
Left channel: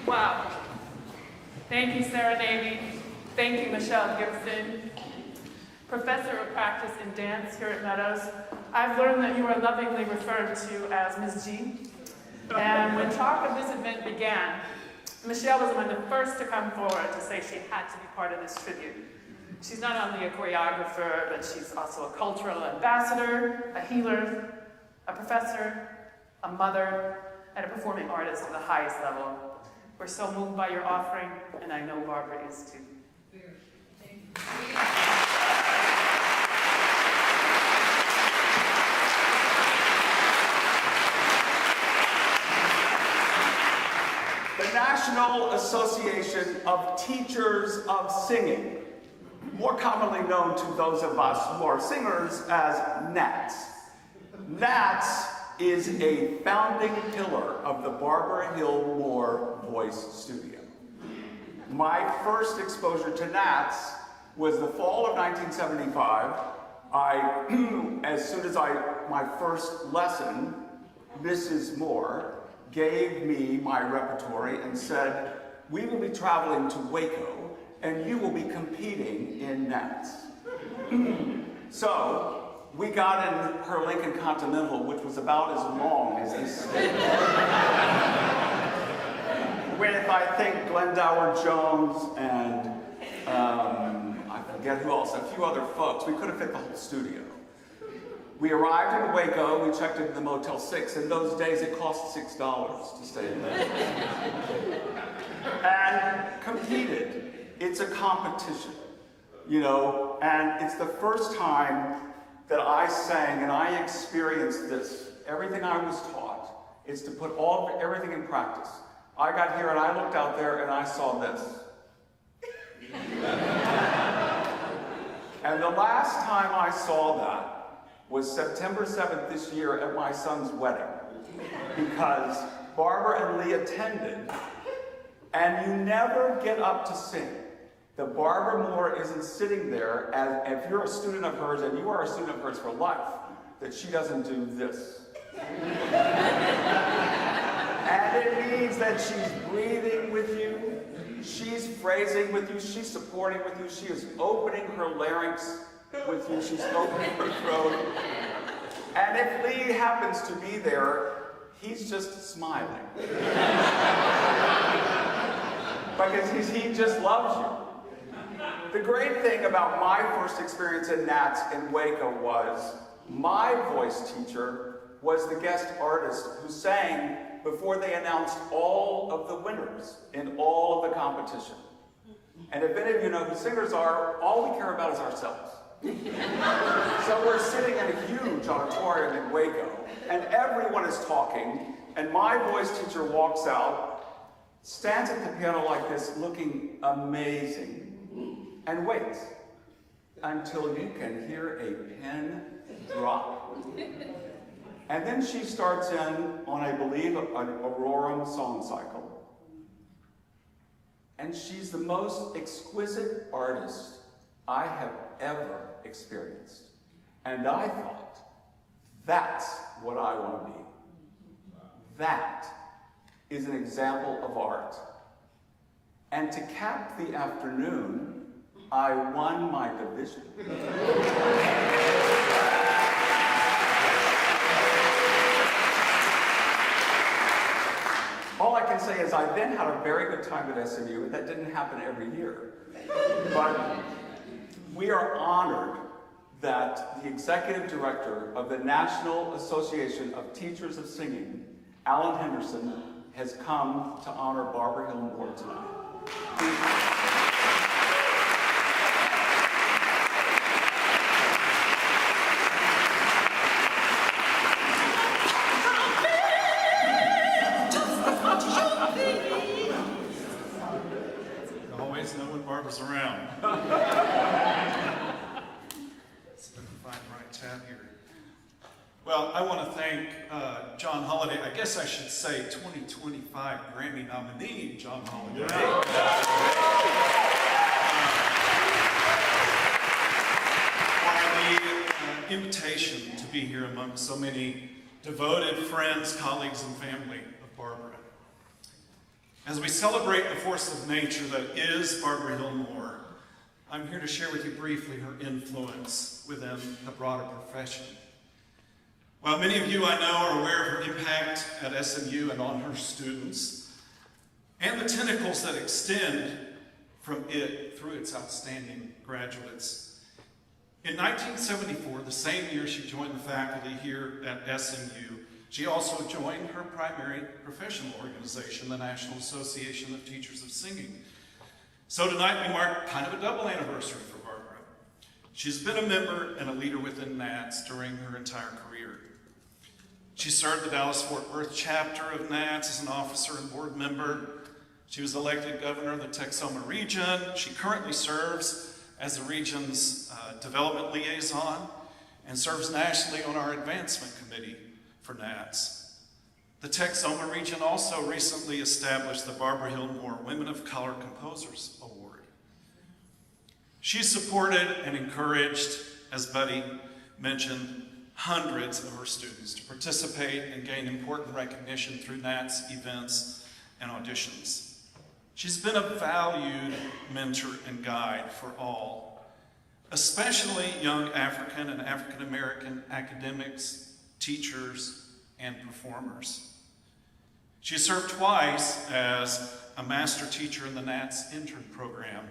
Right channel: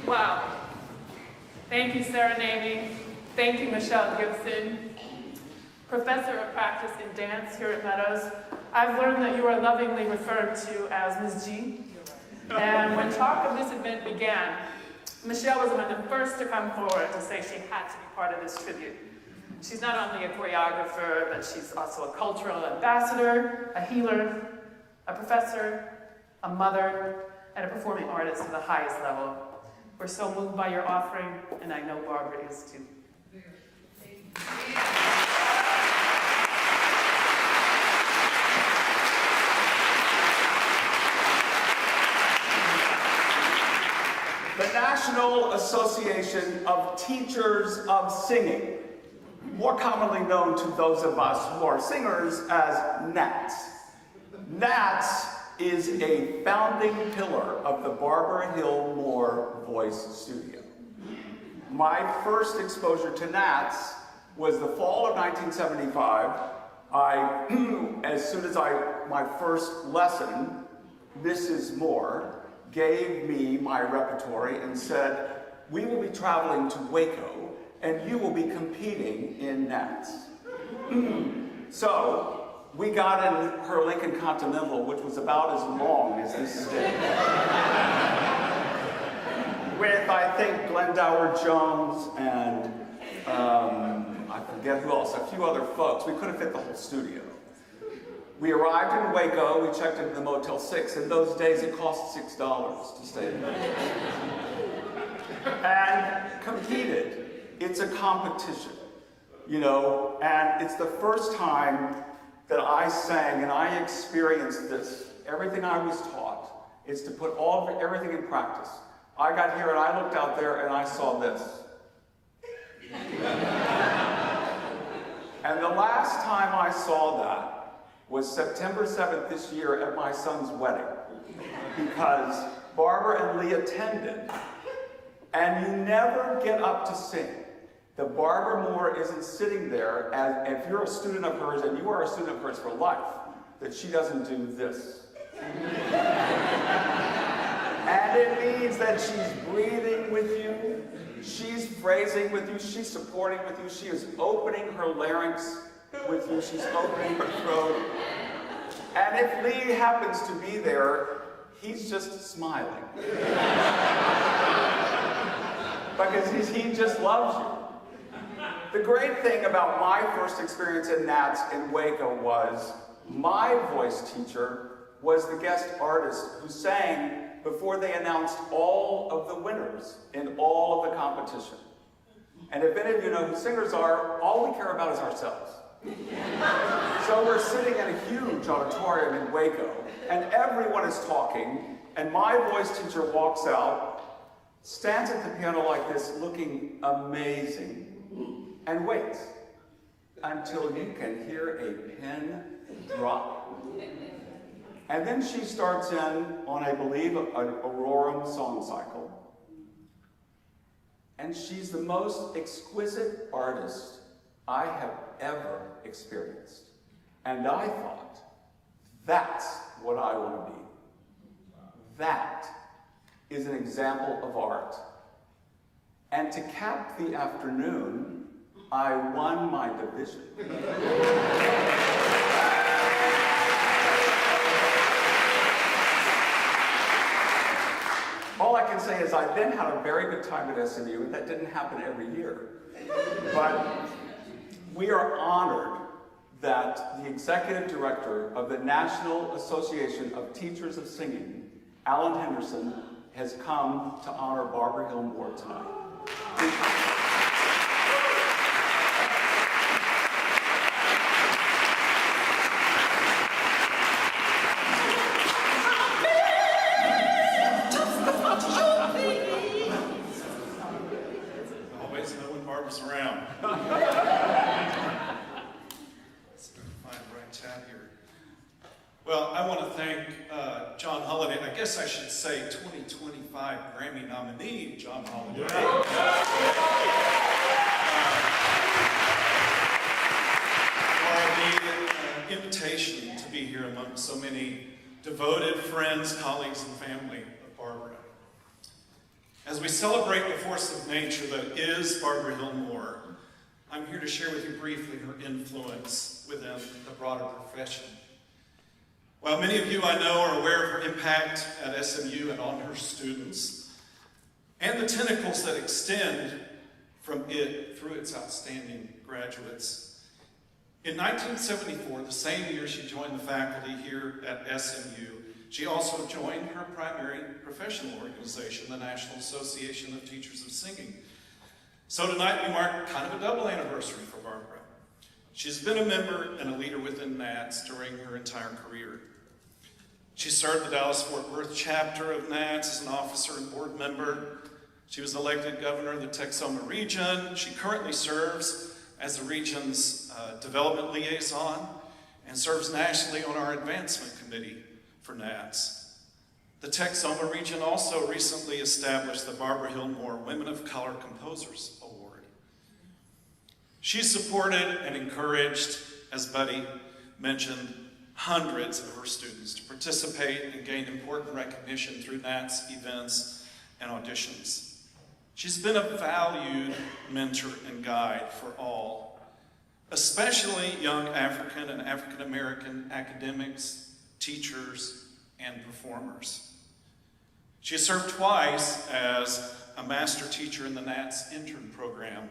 Wow. Thank you, Sarah Navy. Thank you, Michelle Gibson. Professor of Practice in Dance here at Meadows. I've learned that you are lovingly referred to as Ms. G. And when talk of this event began, Michelle was among the first to come forward to say she had to be part of this tribute. She's not only a choreographer, but she's also a cultural ambassador, a healer, a professor, a mother, and a performing artist to the highest level. We're so moved by your offering, and I know Barbara is too. The National Association of Teachers of Singing, more commonly known to those of us who are singers as NATS. NATS is a founding pillar of the Barbara Hill Moore Voice Studio. My first exposure to NATS was the fall of 1975. As soon as my first lesson, Mrs. Moore gave me my repertory and said, we will be traveling to Waco and you will be competing in NATS. So we got in her Lincoln Continental, which was about as long as this stage. With, I think, Glendower Jones and I forget who else, a few other folks. We could have fit the whole studio. We arrived in Waco, we checked into the Motel 6. In those days, it cost $6 to stay in there. And competed. It's a competition, you know, and it's the first time that I sang and I experienced this. Everything I was taught is to put everything in practice. I got here and I looked out there and I saw this. And the last time I saw that was September 7th this year at my son's wedding, because Barbara and Lee attended, and you never get up to sing. The Barbara Moore isn't sitting there, and if you're a student of hers, and you are a student of hers for life, that she doesn't do this. And it means that she's breathing with you, she's phrasing with you, she's supporting with you, she is opening her larynx with you, she's opening her throat. And if Lee happens to be there, he's just smiling. Because he just loves you. The great thing about my first experience in NATS in Waco was my voice teacher was the guest artist who sang before they announced all of the winners in all of the competition. And if any of you know who singers are, all we care about is ourselves. So we're sitting in a huge auditorium in Waco, and everyone is talking, and my voice teacher walks out, stands at the piano like this, looking amazing, and waits until you can hear a pin drop. And then she starts in on, I believe, an Aurorum song cycle. And she's the most exquisite artist I have ever experienced. And I thought, that's what I want to be. That is an example of art. And to cap the afternoon, I won my division. All I can say is I then had a very good time at SMU, and that didn't happen every year. But we are honored that the executive director of the National Association of Teachers of Singing, Alan Henderson, has come to honor Barbara Hill Moore tonight. Always know when Barbara's around. Let's find the right tab here. Well, I want to thank John Holliday. I guess I should say 2025 Grammy nominee, John Holliday. For the invitation to be here among so many devoted friends, colleagues, and family of Barbara. As we celebrate the force of nature that is Barbara Hill Moore, I'm here to share with you briefly her influence within the broader profession. While many of you I know are aware of her impact at SMU and on her students, and the tentacles that extend from it through its outstanding graduates, in 1974, the same year she joined the faculty here at SMU, she also joined her primary professional organization, the National Association of Teachers of Singing. So tonight we mark kind of a double anniversary for Barbara. She's been a member and a leader within NATS during her entire career. She served the Dallas-Fort Worth chapter of NATS as an officer and board member. She was elected governor of the Texoma region. She currently serves as the region's development liaison and serves nationally on our advancement committee for NATS. The Texoma region also recently established the Barbara Hill Moore Women of Color Composers Award. She supported and encouraged, as Buddy mentioned, hundreds of her students to participate and gain important recognition through NATS events and auditions. She's been a valued mentor and guide for all, especially young African and African American academics, teachers, and performers. She has served twice as a master teacher in the NATS intern program,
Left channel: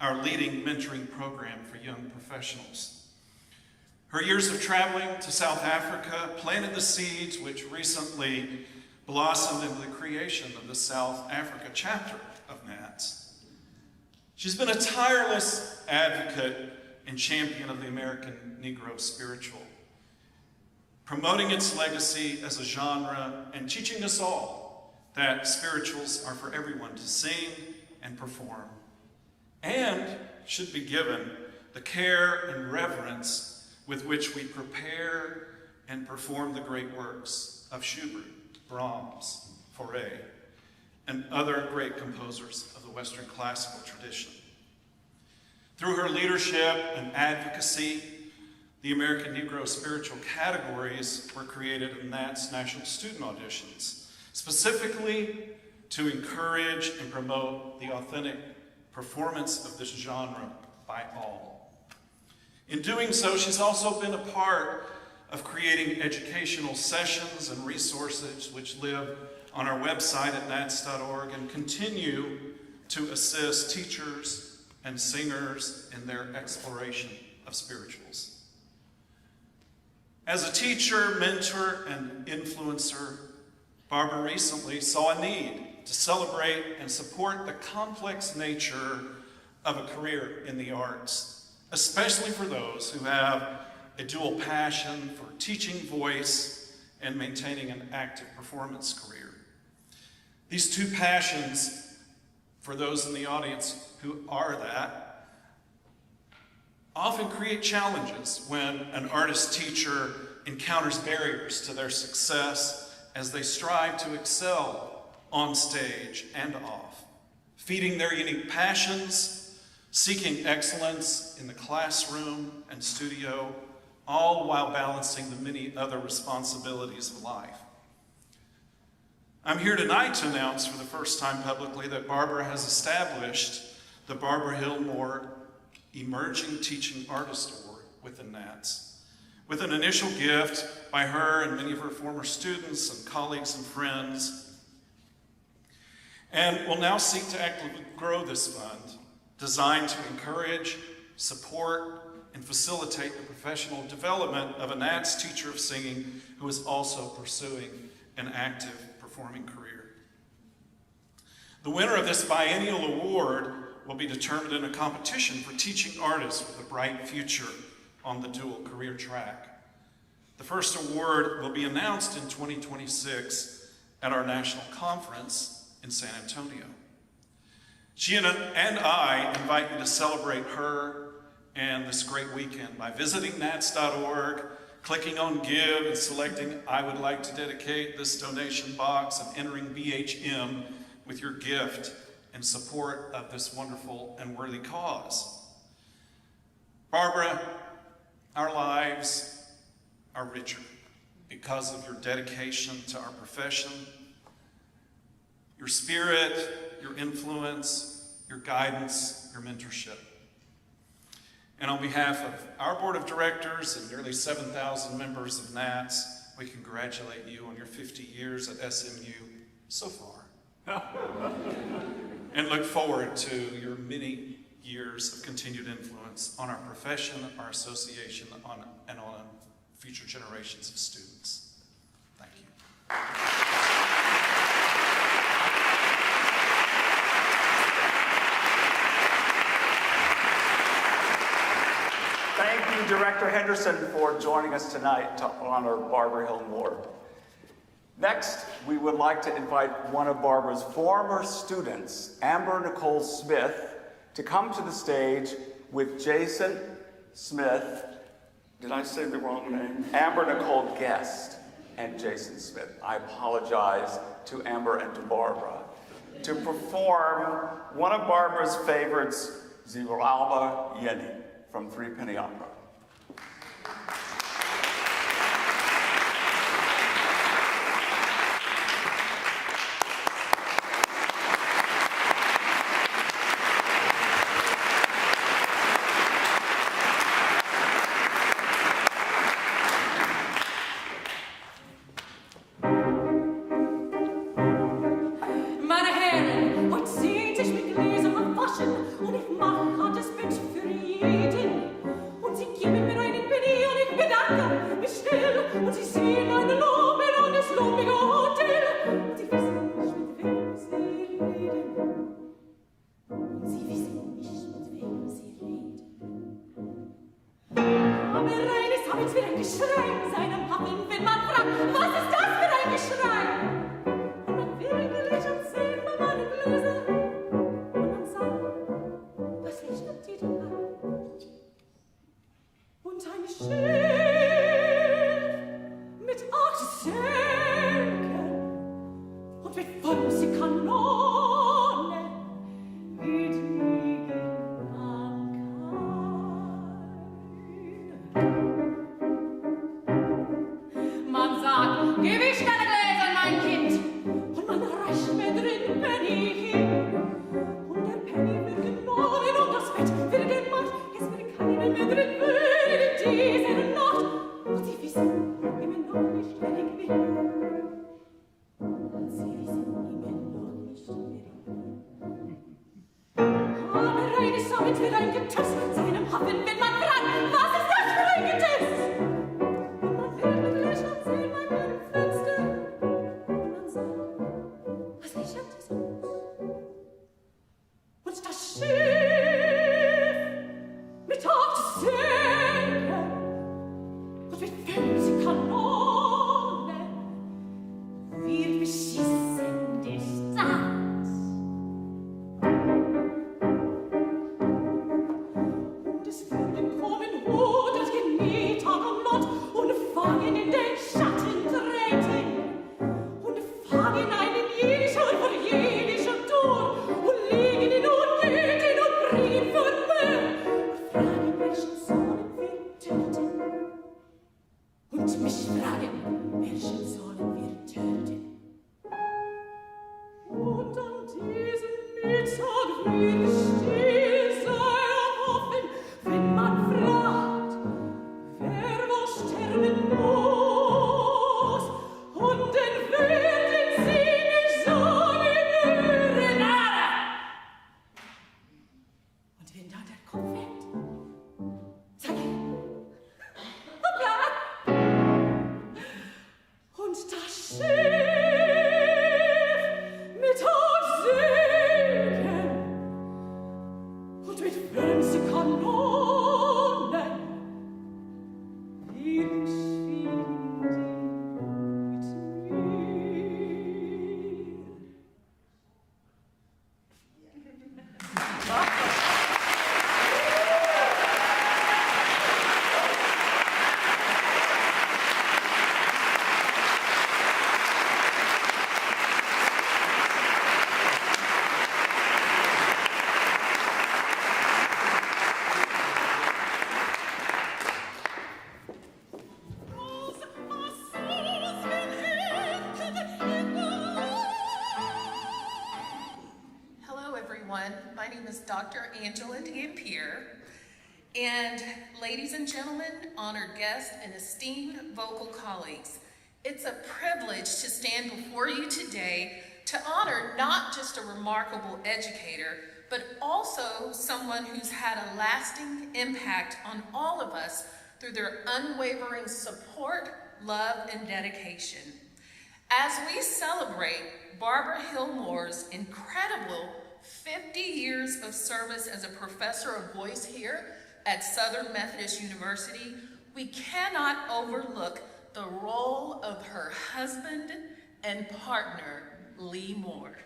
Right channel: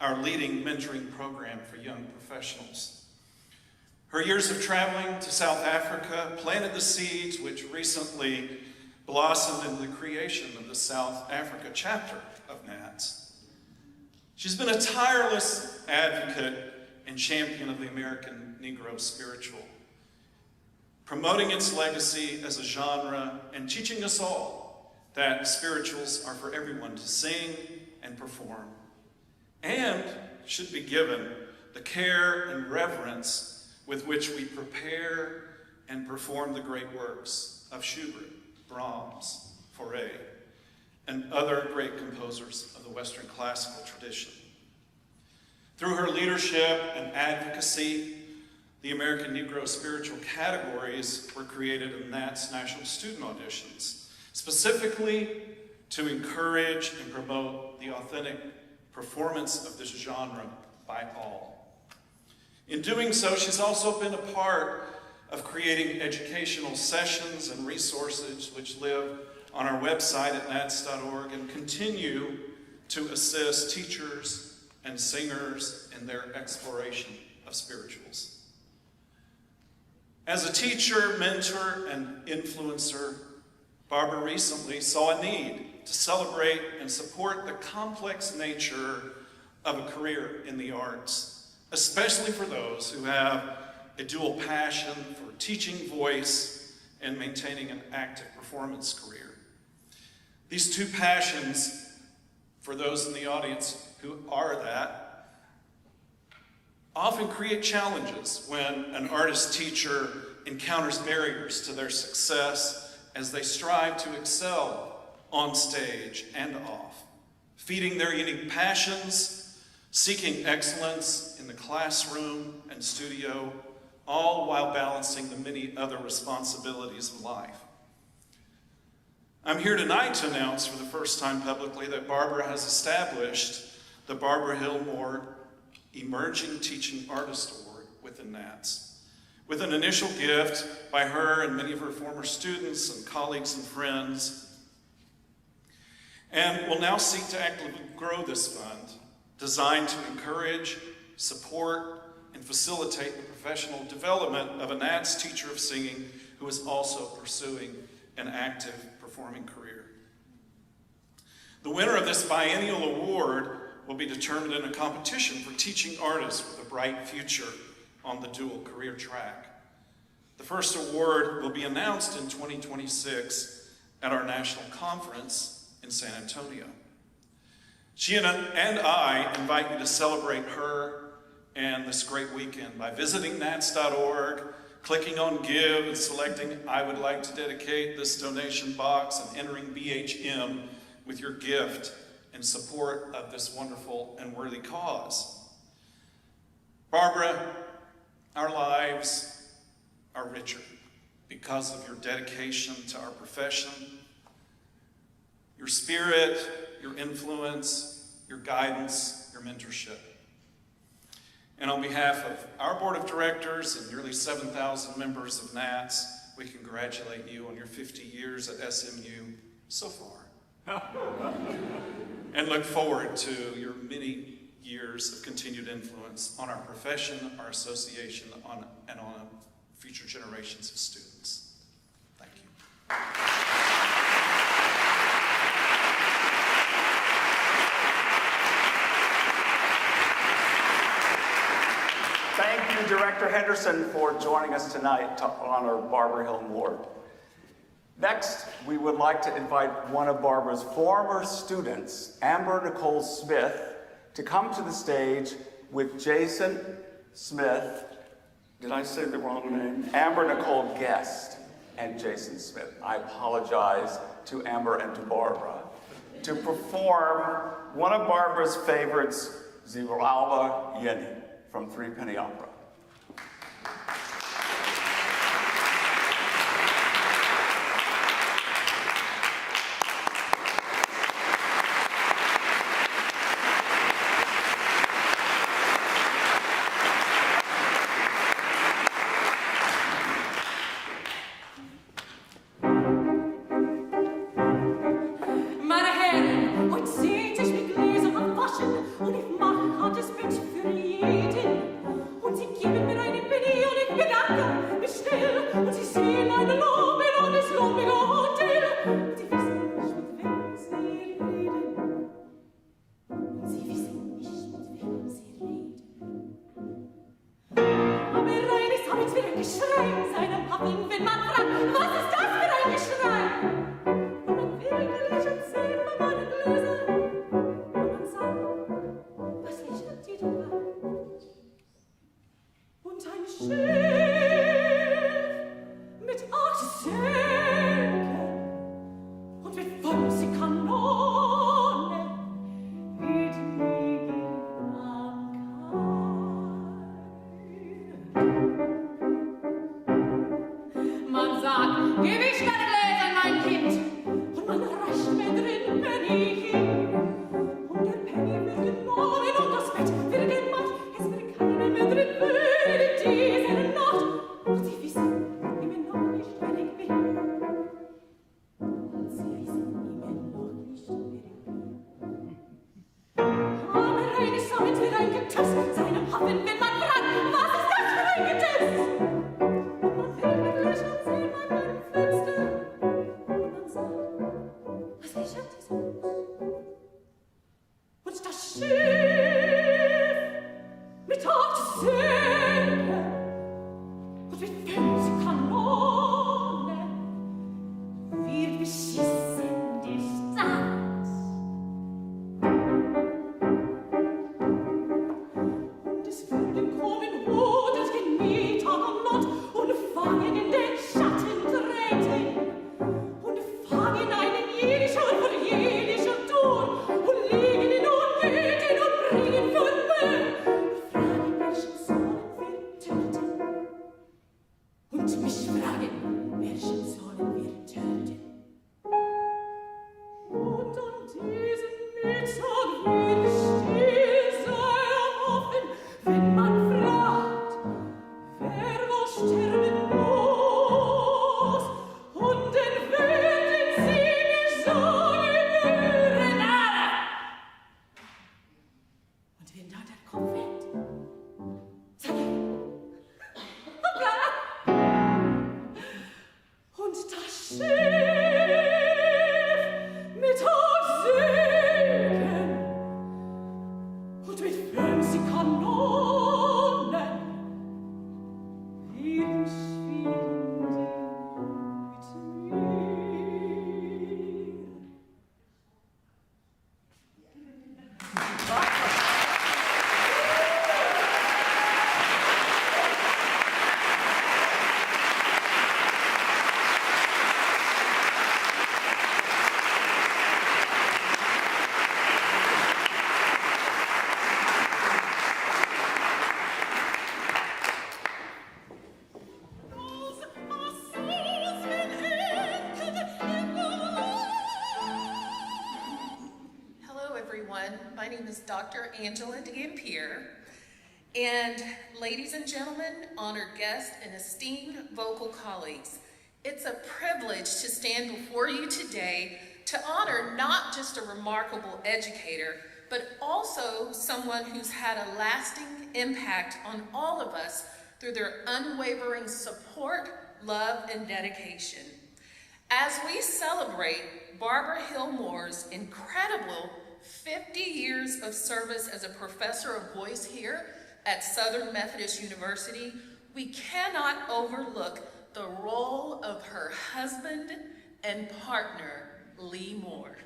our leading mentoring program for young professionals. Her years of traveling to South Africa planted the seeds which recently blossomed into the creation of the South Africa chapter of NATS. She's been a tireless advocate and champion of the American Negro spiritual, promoting its legacy as a genre and teaching us all that spirituals are for everyone to sing and perform, and should be given the care and reverence with which we prepare and perform the great works of Schubert, Brahms, Fauré, and other great composers of the Western classical tradition. Through her leadership and advocacy, the American Negro spiritual categories were created in NATS National Student Auditions, specifically to encourage and promote the authentic performance of this genre by all. In doing so, she's also been a part of creating educational sessions and resources which live on our website at nats.org and continue to assist teachers and singers in their exploration of spirituals. As a teacher, mentor, and influencer, Barbara recently saw a need to celebrate and support the complex nature of a career in the arts, especially for those who have a dual passion for teaching voice and maintaining an active performance career. These two passions, for those in the audience who are that, often create challenges when an artist-teacher encounters barriers to their success as they strive to excel on stage and off, feeding their unique passions, seeking excellence in the classroom and studio, all while balancing the many other responsibilities of life. I'm here tonight to announce for the first time publicly that Barbara has established the Barbara Hill Moore Emerging Teaching Artist Award within NATS, with an initial gift by her and many of her former students and colleagues and friends. And will now seek to actively grow this fund, designed to encourage, support, and facilitate the professional development of a NATS teacher of singing who is also pursuing an active performing career. The winner of this biennial award will be determined in a competition for teaching artists with a bright future on the dual career track. The first award will be announced in 2026 at our national conference in San Antonio. She and I invite you to celebrate her and this great weekend by visiting nats.org, clicking on Give and selecting I would like to dedicate this donation box and entering BHM with your gift in support of this wonderful and worthy cause. Barbara, our lives are richer because of your dedication to our profession, your spirit, your influence, your guidance, your mentorship. And on behalf of our board of directors and nearly 7,000 members of NATS, we congratulate you on your 50 years at SMU so far. And look forward to your many years of continued influence on our profession, our association, and on future generations of students. Thank you. Thank you, Director Henderson, for joining us tonight to honor Barbara Hill Moore. Next, we would like to invite one of Barbara's former students, Amber Nicole Smith, to come to the stage with Jason Smith. Did I say the wrong name? Amber Nicole Guest and Jason Smith. I apologize to Amber and to Barbara. To perform one of Barbara's favorites, Ziralba Yeni from Three Penny Opera. everyone. My name is Dr. Angela D'Ampere. And ladies and gentlemen, honored guests, and esteemed vocal colleagues, it's a privilege to stand before you today to honor not just a remarkable educator, but also someone who's had a lasting impact on all of us through their unwavering support, love, and dedication. As we celebrate Barbara Hill Moore's incredible 50 years of service as a professor of voice here at Southern Methodist University, we cannot overlook the role of her husband and partner, Lee Moore.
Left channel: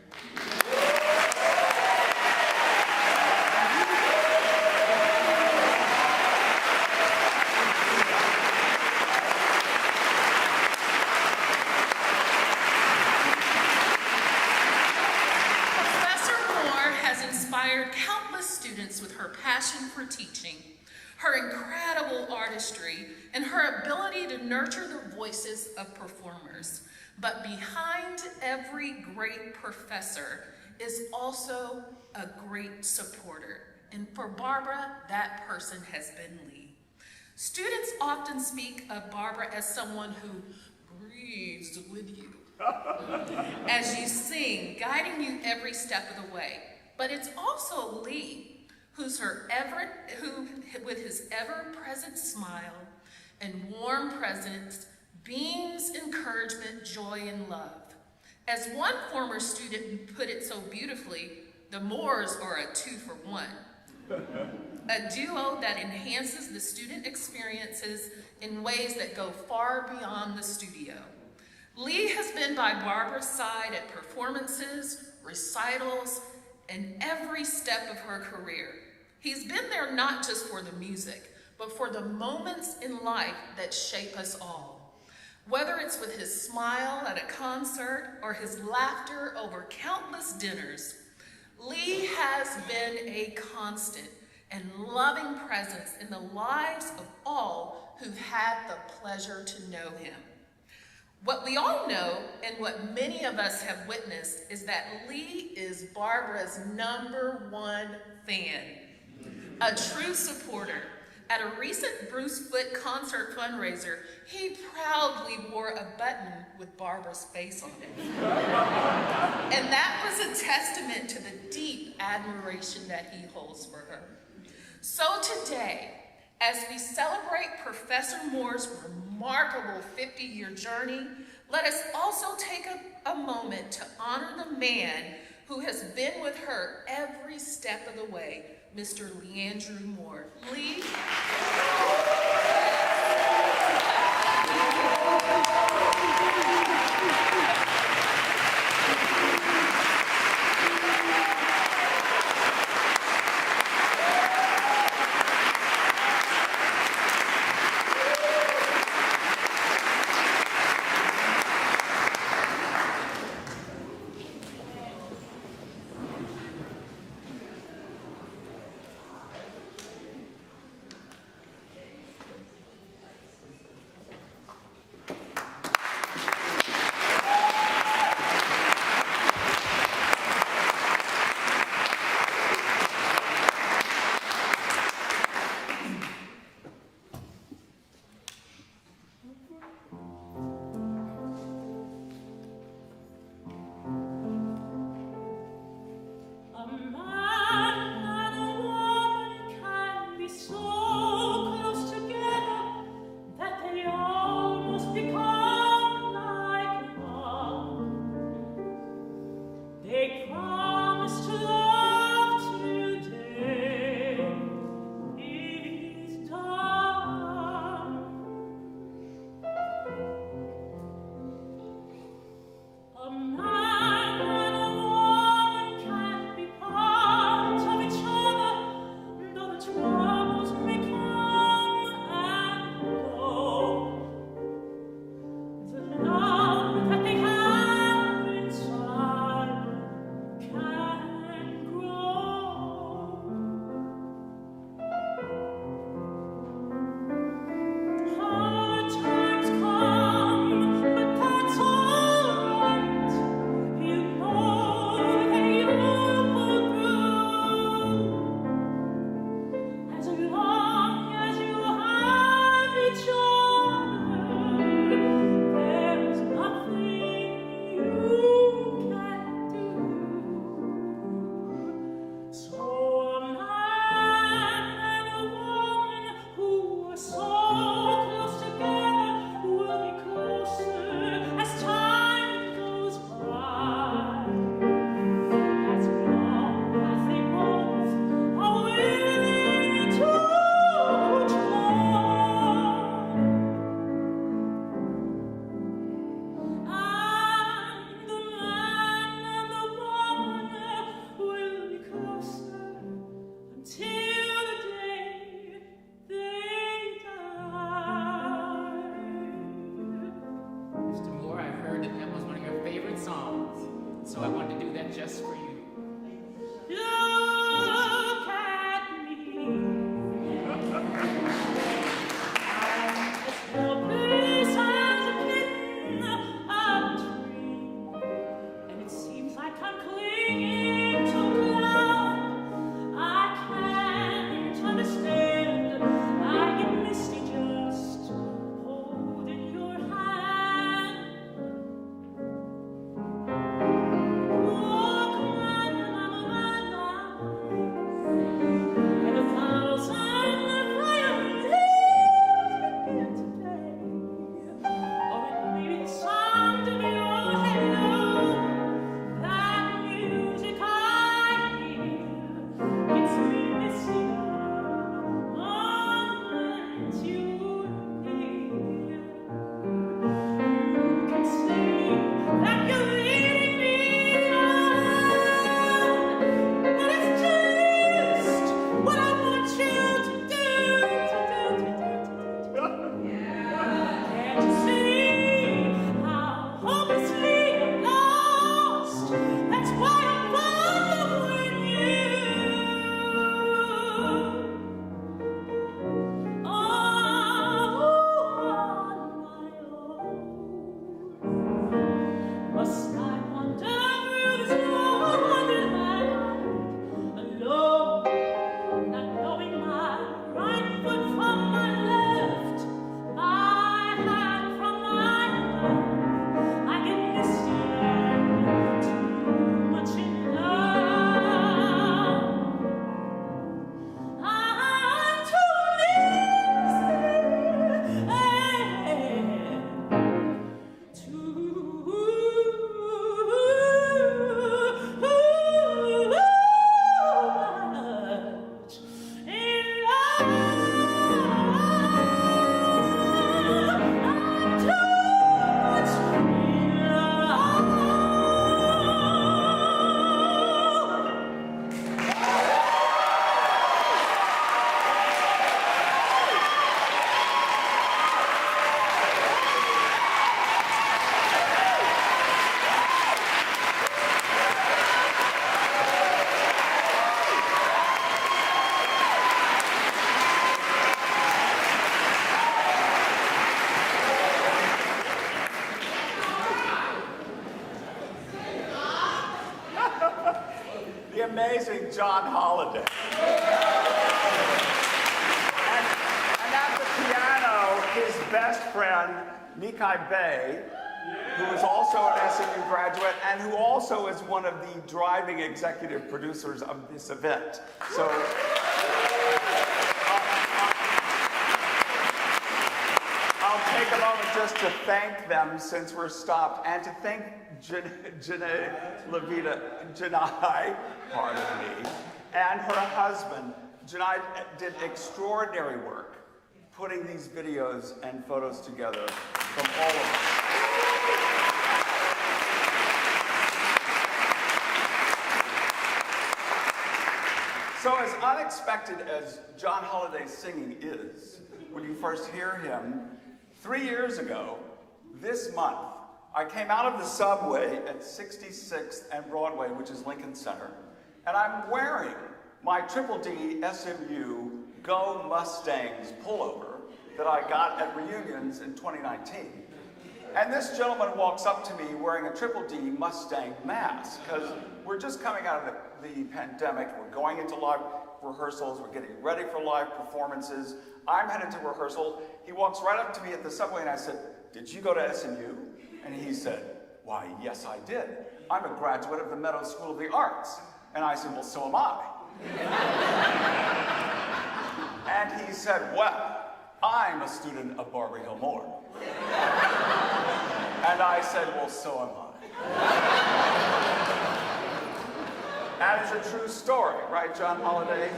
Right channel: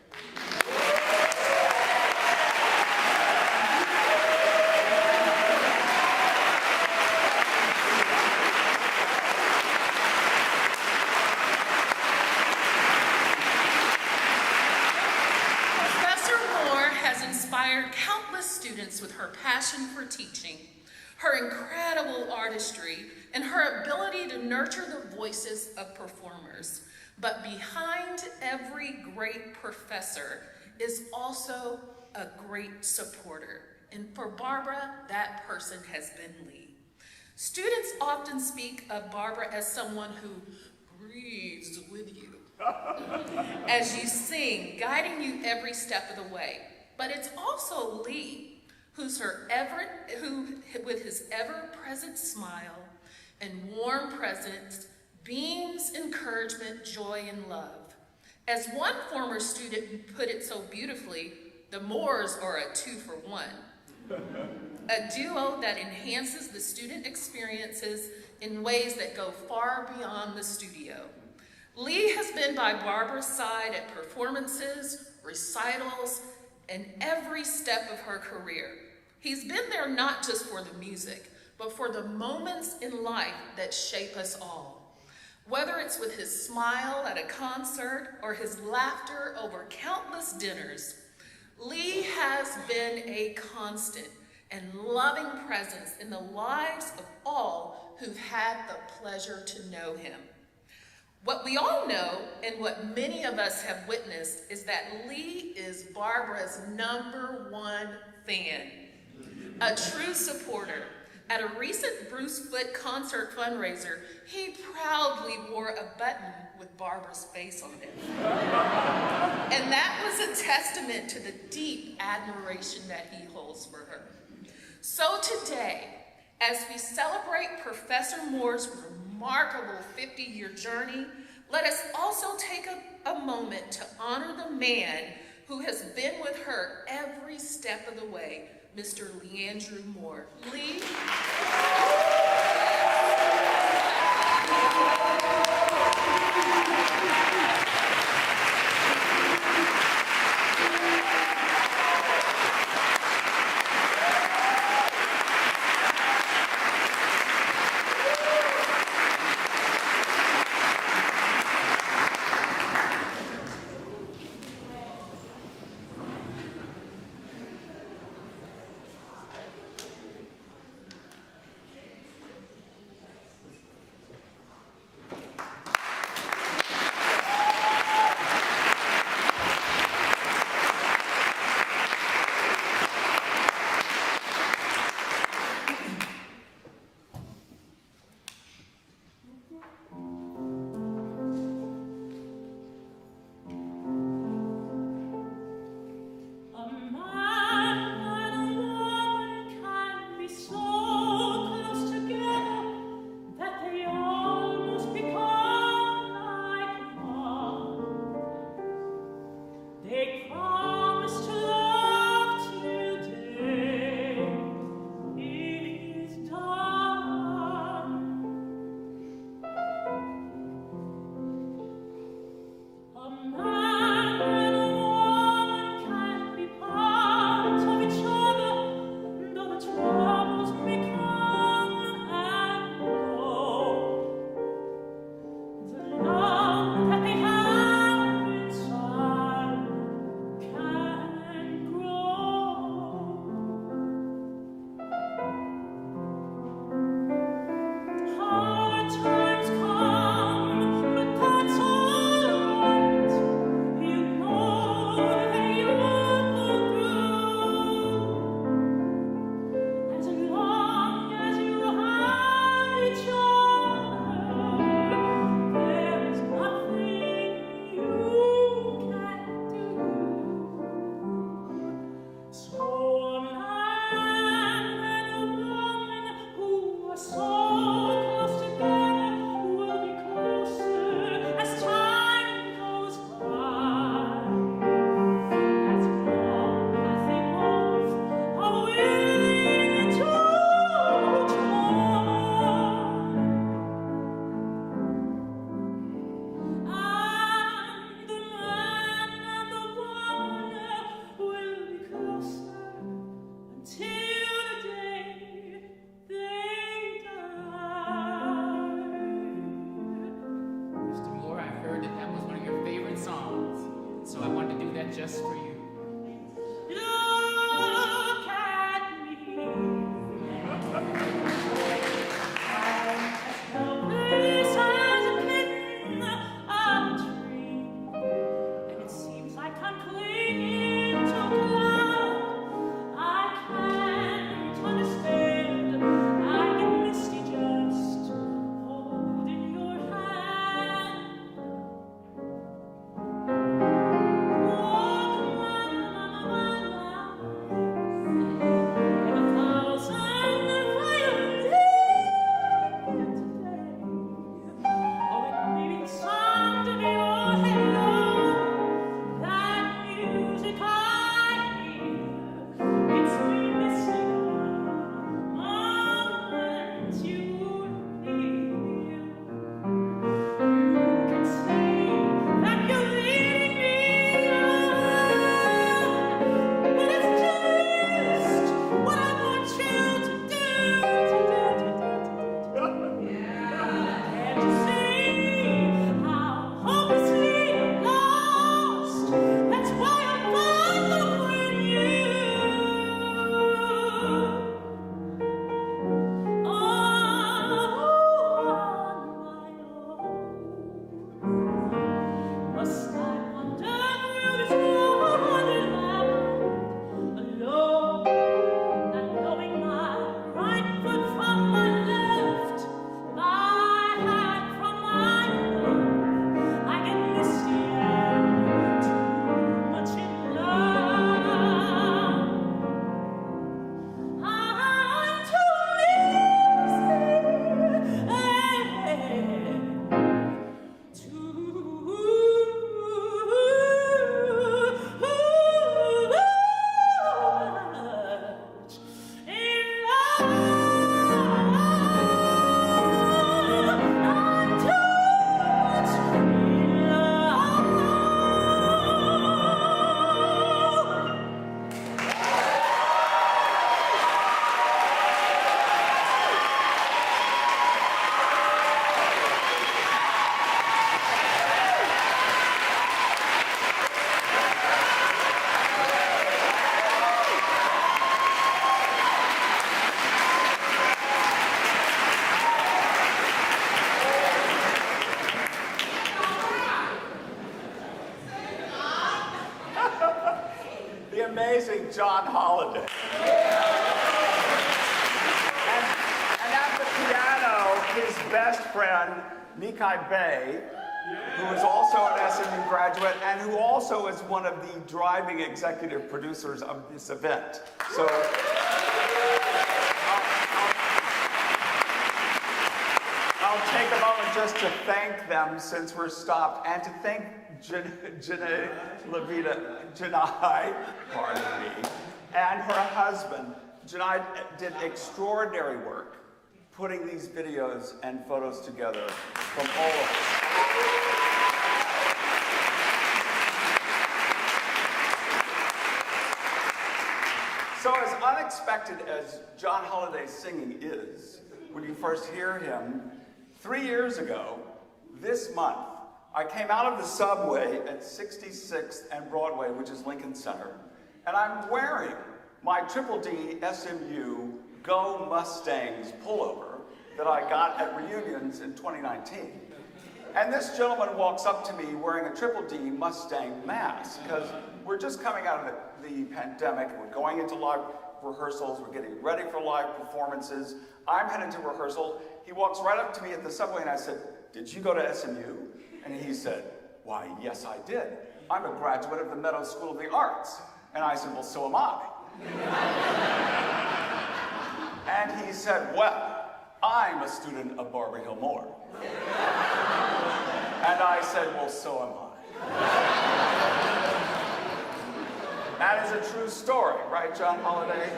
Inspired countless students with her passion for teaching, her incredible artistry, and her ability to nurture the voices of performers. But behind every great professor is also a great supporter. And for Barbara, that person has been Lee. Students often speak of Barbara as someone who breathes with you as you sing, guiding you every step of the way. But it's also Lee, who with his ever-present smile and warm presence beams encouragement, joy, and love. As one former student put it so beautifully, the Moores are a 2-for-1. A duo that enhances the student experiences in ways that go far beyond the studio. Lee has been by Barbara's side at performances, recitals, and every step of her career. He's been there not just for the music, but for the moments in life that shape us all. Whether it's with his smile at a concert or his laughter over countless dinners, Lee has been a constant and loving presence in the lives of all who've had the pleasure to know him. What we all know, and what many of us have witnessed, is that Lee is Barbara's #1 fan, a true supporter. At a recent Bruce Foote concert fundraiser, he proudly wore a button with Barbara's face on it. And that was a testament to the deep admiration that he holds for her. So today, as we celebrate Professor Moore's remarkable 50-year journey, let us also take a moment to honor the man who has been with her every step of the way, Mr. Leandrew Moore. Lee. bed just for you. Look at me. I'm as helpless as a kitten up a tree, and it seems like I'm clinging to ground. I can't understand. I get misty just holding your hand. Walk around my life, and 1,000 violins begin to play. Or it may be the sound of your hello. That music I hear gets me misty the moment you leave. You can say that you're leading me on, but it's just what I want you to do. Can't you see how hopelessly you're lost? That's why I'm following you. Must I wander through this lonely land alone, not knowing my right foot from my left, my hand from my thumb? I get misty and too much in love. I'm too The amazing John Holland. And at the piano, his best friend, Nikai Bey, who is also an SMU graduate and who also is one of the driving executive producers of this event. So I'll take a moment just to thank them since we're stopped, and to thank Janai, pardon me, and her husband. Janai did extraordinary work putting these videos and photos together from all of us. So as unexpected as John Holliday's singing is, when you first hear him, 3 years ago, this month, I came out of the subway at 66th and Broadway, which is Lincoln Center, and I'm wearing my Triple D SMU Go Mustangs pullover that I got at reunions in 2019. And this gentleman walks up to me wearing a Triple D Mustang mask, because we're just coming out of the pandemic, we're going into live rehearsals, we're getting ready for live performances. I'm headed to rehearsal. He walks right up to me at the subway and I said, "Did you go to SMU?" And he said, "Why, yes, I did. I'm a graduate of the Meadows School of the Arts." And I said, "Well, so am I." And he said, "Well, I'm a student of Barbara Hill Moore." And I said, "Well, so am I." That is a true story, right, John Holliday?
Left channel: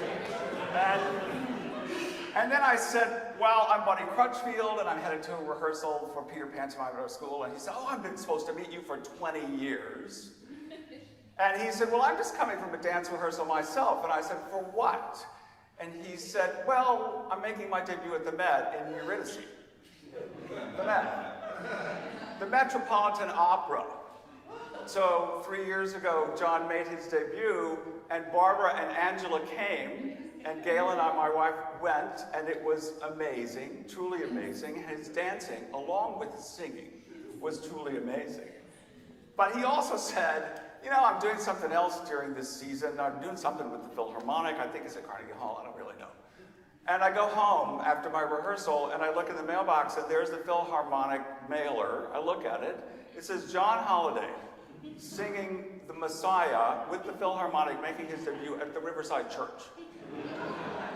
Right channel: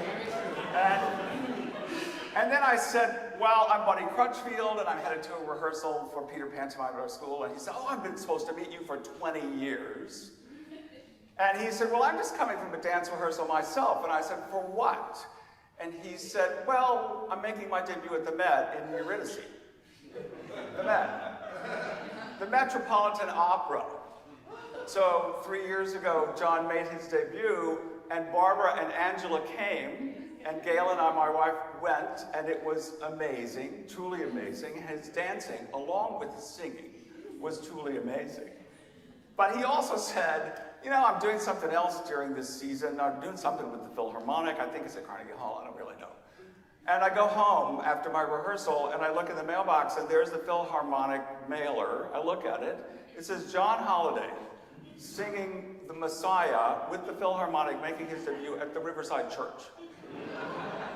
And then I said, "Well, I'm Buddy Crutchfield, and I'm headed to a rehearsal for Peter Pantomime at our school." And he said, "Oh, I've been supposed to meet you for 20 years. And he said, "Well, I'm just coming from a dance rehearsal myself." And I said, "For what?" And he said, "Well, I'm making my debut at the Met in Eurydice." The Met. The Metropolitan Opera. So 3 years ago, John made his debut, and Barbara and Angela came, and Gail and I, my wife, went, and it was amazing, truly amazing. His dancing, along with his singing, was truly amazing. But he also said, you know, I'm doing something else during this season. I'm doing something with the Philharmonic. I think it's at Carnegie Hall. I don't really know. And I go home after my rehearsal, and I look in the mailbox, and there's the Philharmonic mailer. I look at it. It says John Holliday singing The Messiah with the Philharmonic, making his debut at the Riverside Church.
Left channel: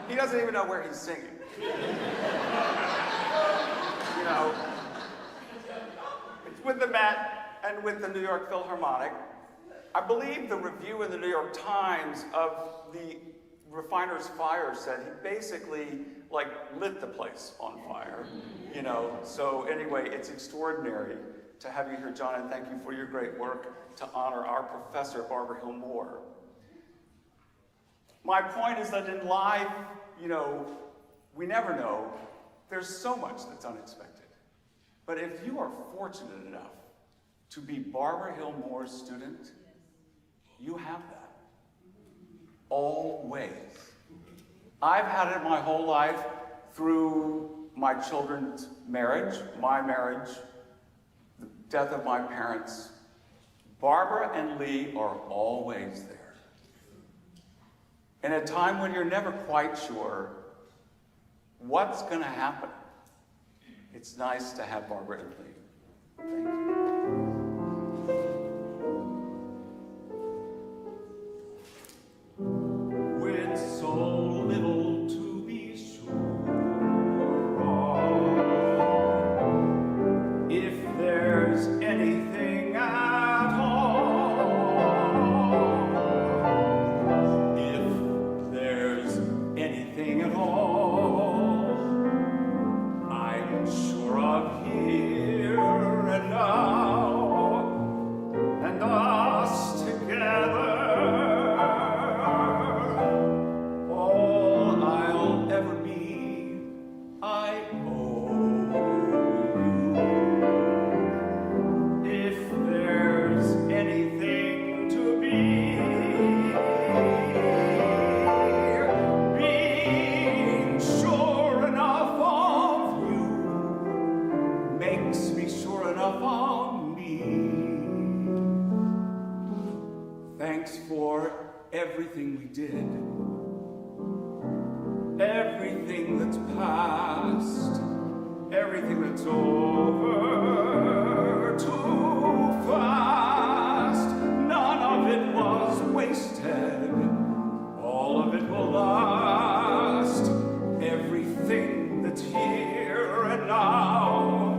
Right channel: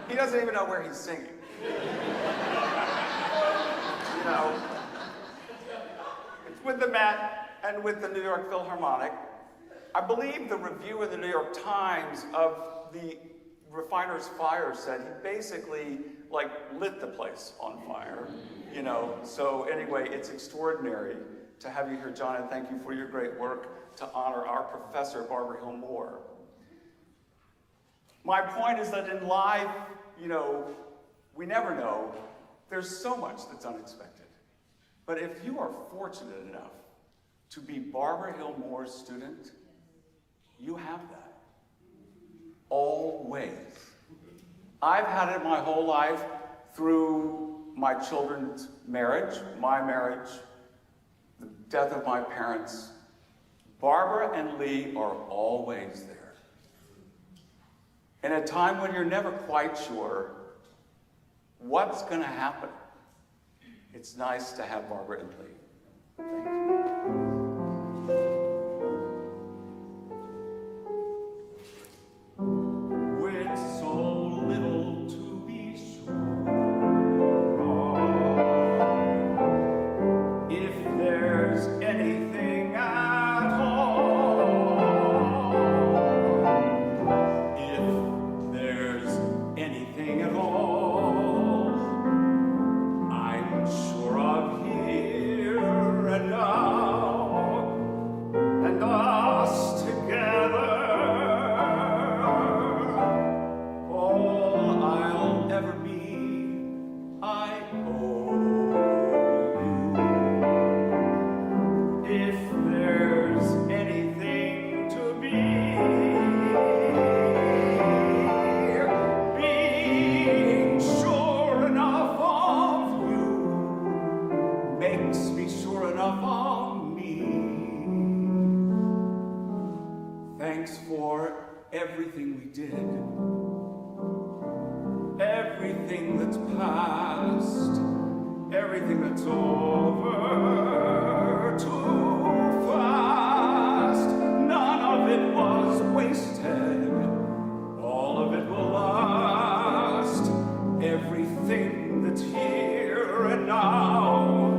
He doesn't even know where he's singing. You know, it's with the Met and with the New York Philharmonic. I believe the review in the New York Times of the Refiner's Fire said he basically like lit the place on fire, you know. So anyway, it's extraordinary to have you here, John, and thank you for your great work to honor our professor, Barbara Hill Moore. My point is that in life, you know, we never know. There's so much that's unexpected. But if you are fortunate enough to be Barbara Hill Moore's student, you have that. Always. I've had it my whole life through my children's marriage, my marriage, the death of my parents. Barbara and Lee are always there. In a time when you're never quite sure what's going to happen, it's nice to have Barbara and Lee. Thank you. With so little to be sure of, if there's anything at all, if there's anything at all, I'm sure of here and now, and us together. Ever be, I owe you. If there's anything to be, being sure enough of you makes me sure enough of me. Thanks for everything we did. Everything that's past, everything that's over too fast, none of it was wasted, all of it will last. Everything that's here and now,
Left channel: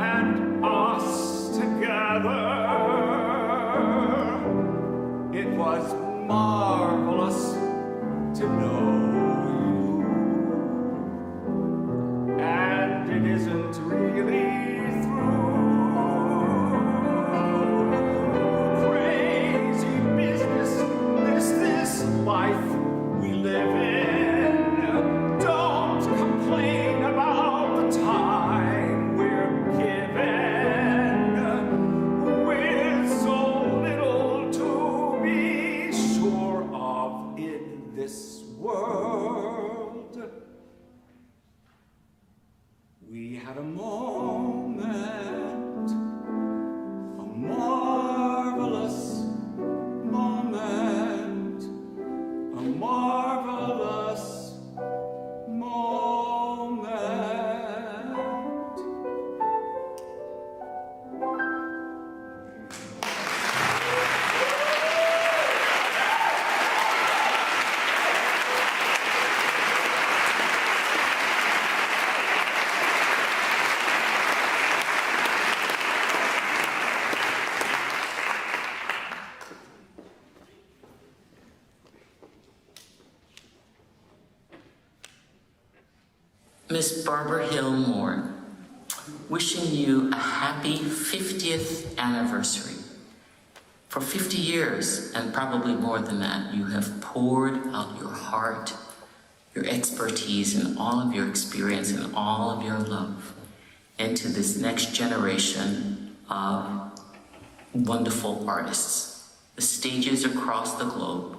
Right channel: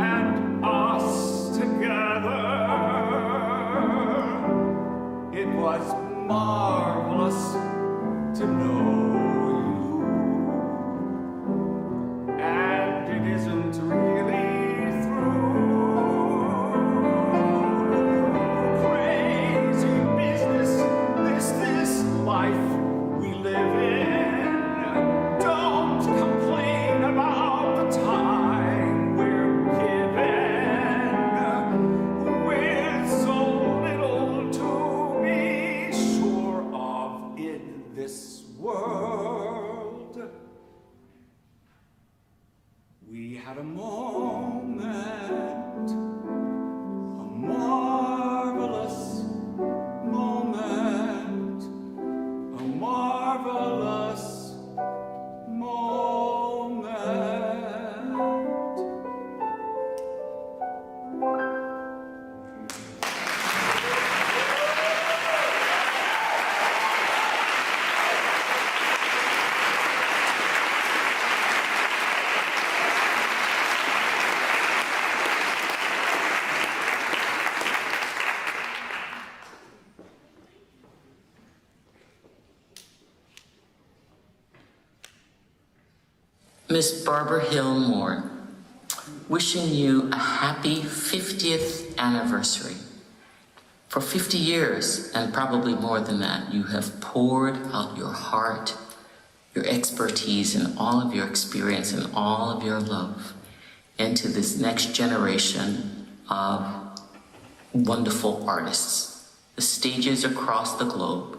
and us together, it was marvelous to know. And it isn't really through. Crazy business, this life we live in. Don't complain about the time we're given. With so little to be sure of in this world. We had a moment, a marvelous moment, a marvelous moment. Miss Barbara Hill Moore, wishing you a happy 50th anniversary. For 50 years, and probably more than that, you have poured out your heart, your expertise, and all of your experience and all of your love into this next generation of wonderful artists. The stages across the globe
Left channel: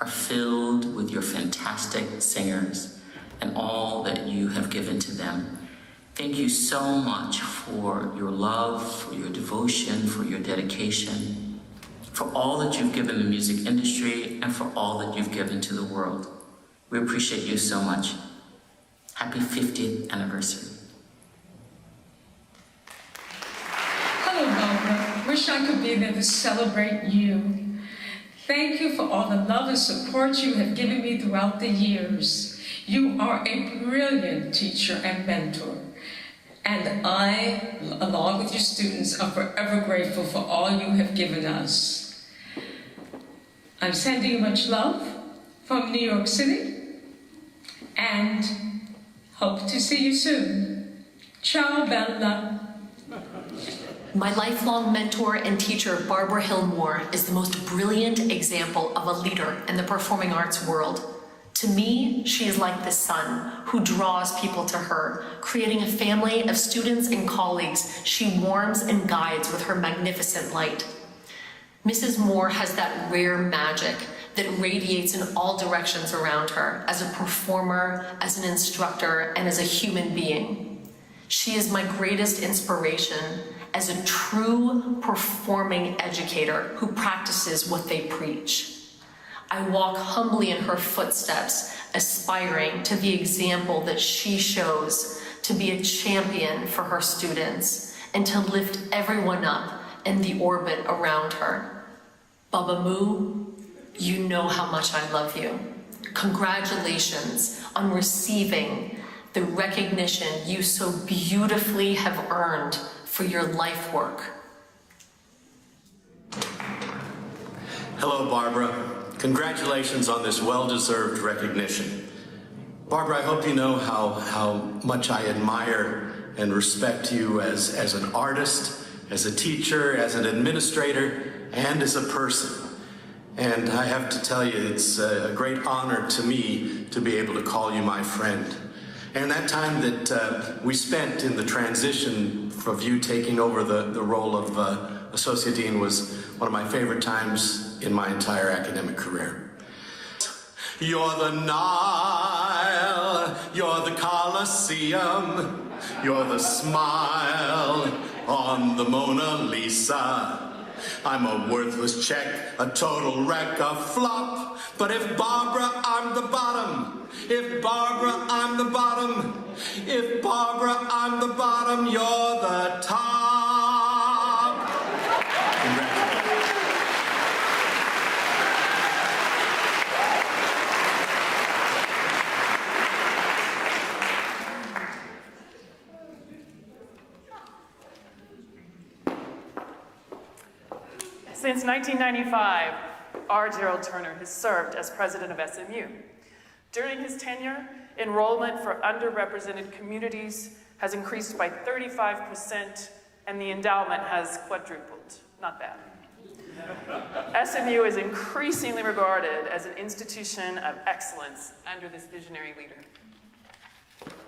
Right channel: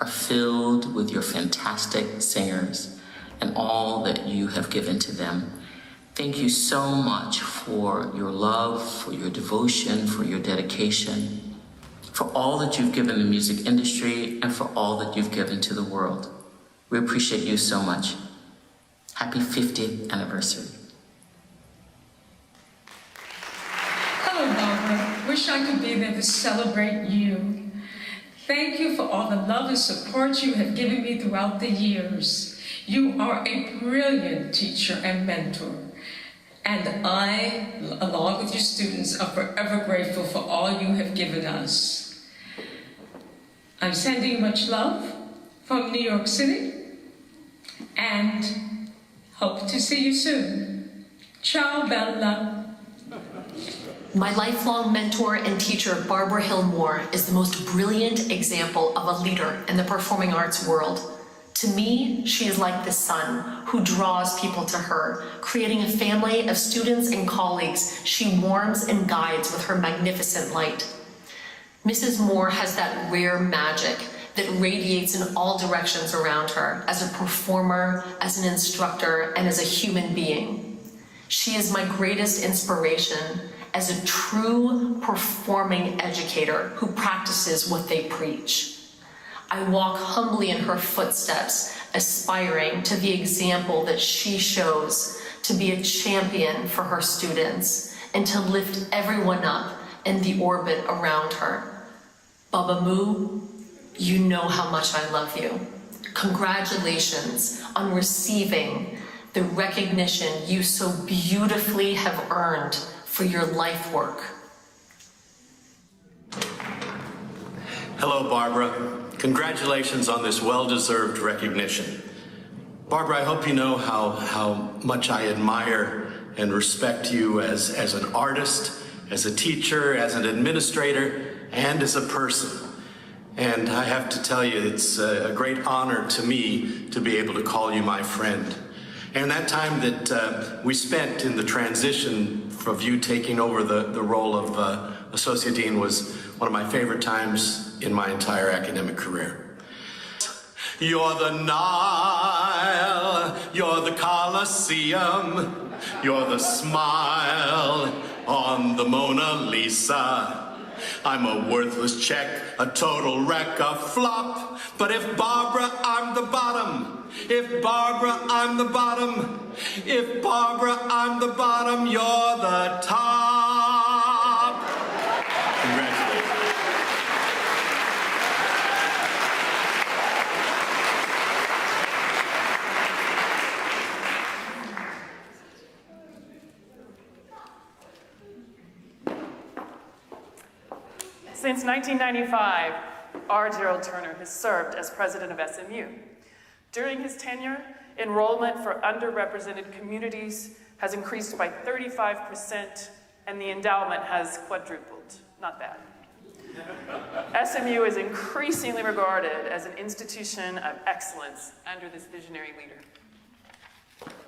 are filled with your fantastic singers and all that you have given to them. Thank you so much for your love, for your devotion, for your dedication, for all that you've given the music industry and for all that you've given to the world. We appreciate you so much. Happy 50th anniversary. Hello, Barbara. Wish I could be there to celebrate you. Thank you for all the love and support you have given me throughout the years. You are a brilliant teacher and mentor. And I, along with your students, are forever grateful for all you have given us. I'm sending you much love from New York City and hope to see you soon. Ciao, Bella. My lifelong mentor and teacher, Barbara Hill Moore, is the most brilliant example of a leader in the performing arts world. To me, she is like the sun who draws people to her, creating a family of students and colleagues she warms and guides with her magnificent light. Mrs. Moore has that rare magic that radiates in all directions around her as a performer, as an instructor, and as a human being. She is my greatest inspiration as a true performing educator who practices what they preach. I walk humbly in her footsteps, aspiring to the example that she shows to be a champion for her students and to lift everyone up in the orbit around her. Baba Moo, you know how much I love you. Congratulations on receiving the recognition you so beautifully have earned for your life work. Hello, Barbara. Congratulations on this well-deserved recognition. Barbara, I hope you know how much I admire and respect you as an artist, as a teacher, as an administrator, and as a person. And I have to tell you, it's a great honor to me to be able to call you my friend. And that time that we spent in the transition of you taking over the role of Associate Dean was one of my favorite times in my entire academic career. You're the Nile, you're the Colosseum, you're the smile on the Mona Lisa. I'm a worthless check, a total wreck, a flop. But if Barbara, I'm the bottom. If Barbara, I'm the bottom. If Barbara, I'm the bottom, you're the top. Congratulations. Since 1995, R. Gerald Turner has served as president of SMU. During his tenure, enrollment for underrepresented communities has increased by 35%, and the endowment has quadrupled. Not bad. SMU is increasingly regarded as an institution of excellence under this visionary leader.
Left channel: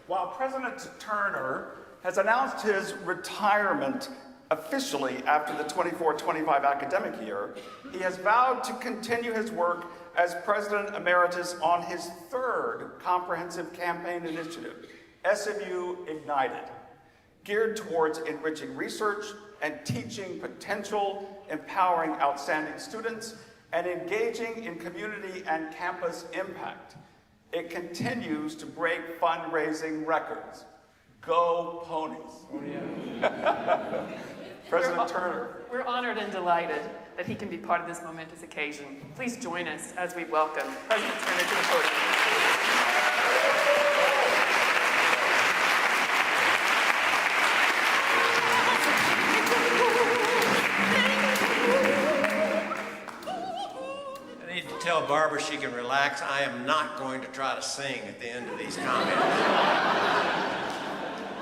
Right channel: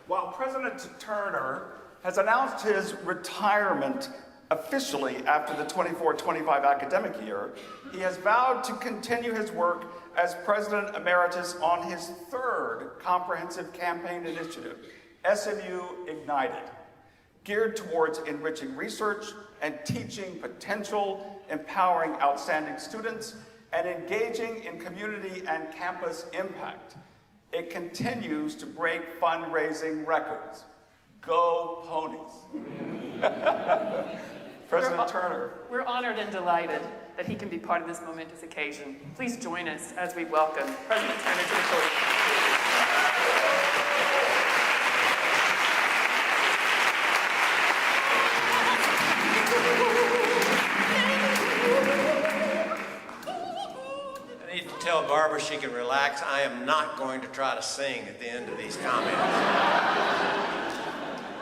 While President Turner has announced his retirement officially after the 24-25 academic year, he has vowed to continue his work as President Emeritus on his third comprehensive campaign initiative, SMU Ignited, geared towards enriching research and teaching potential, empowering outstanding students, and engaging in community and campus impact. It continues to break fundraising records. Go Ponies. President Turner. We're honored and delighted that he can be part of this momentous occasion. Please join us as we welcome President Turner to the podium. I need to tell Barbara she can relax. I am not going to try to sing at the end of these comments.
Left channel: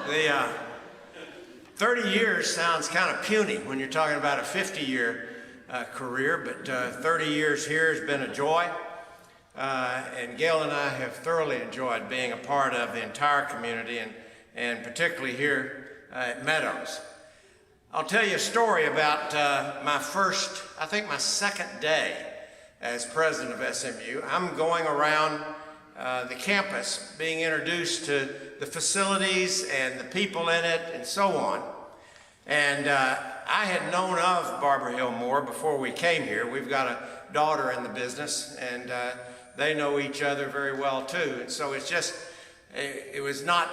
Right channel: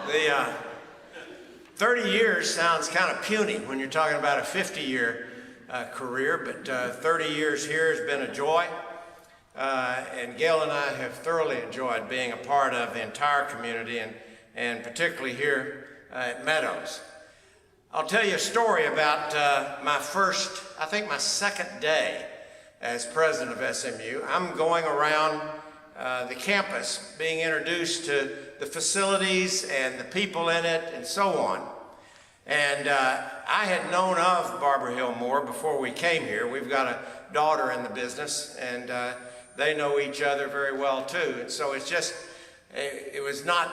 The 30 years sounds kind of puny when you're talking about a 50-year career, but 30 years here has been a joy. And Gail and I have thoroughly enjoyed being a part of the entire community and particularly here at Meadows. I'll tell you a story about my second day as president of SMU. I'm going around the campus being introduced to the facilities and the people in it and so on. And I had known of Barbara Hill Moore before we came here. We've got a daughter in the business, and they know each other very well too. And so it was not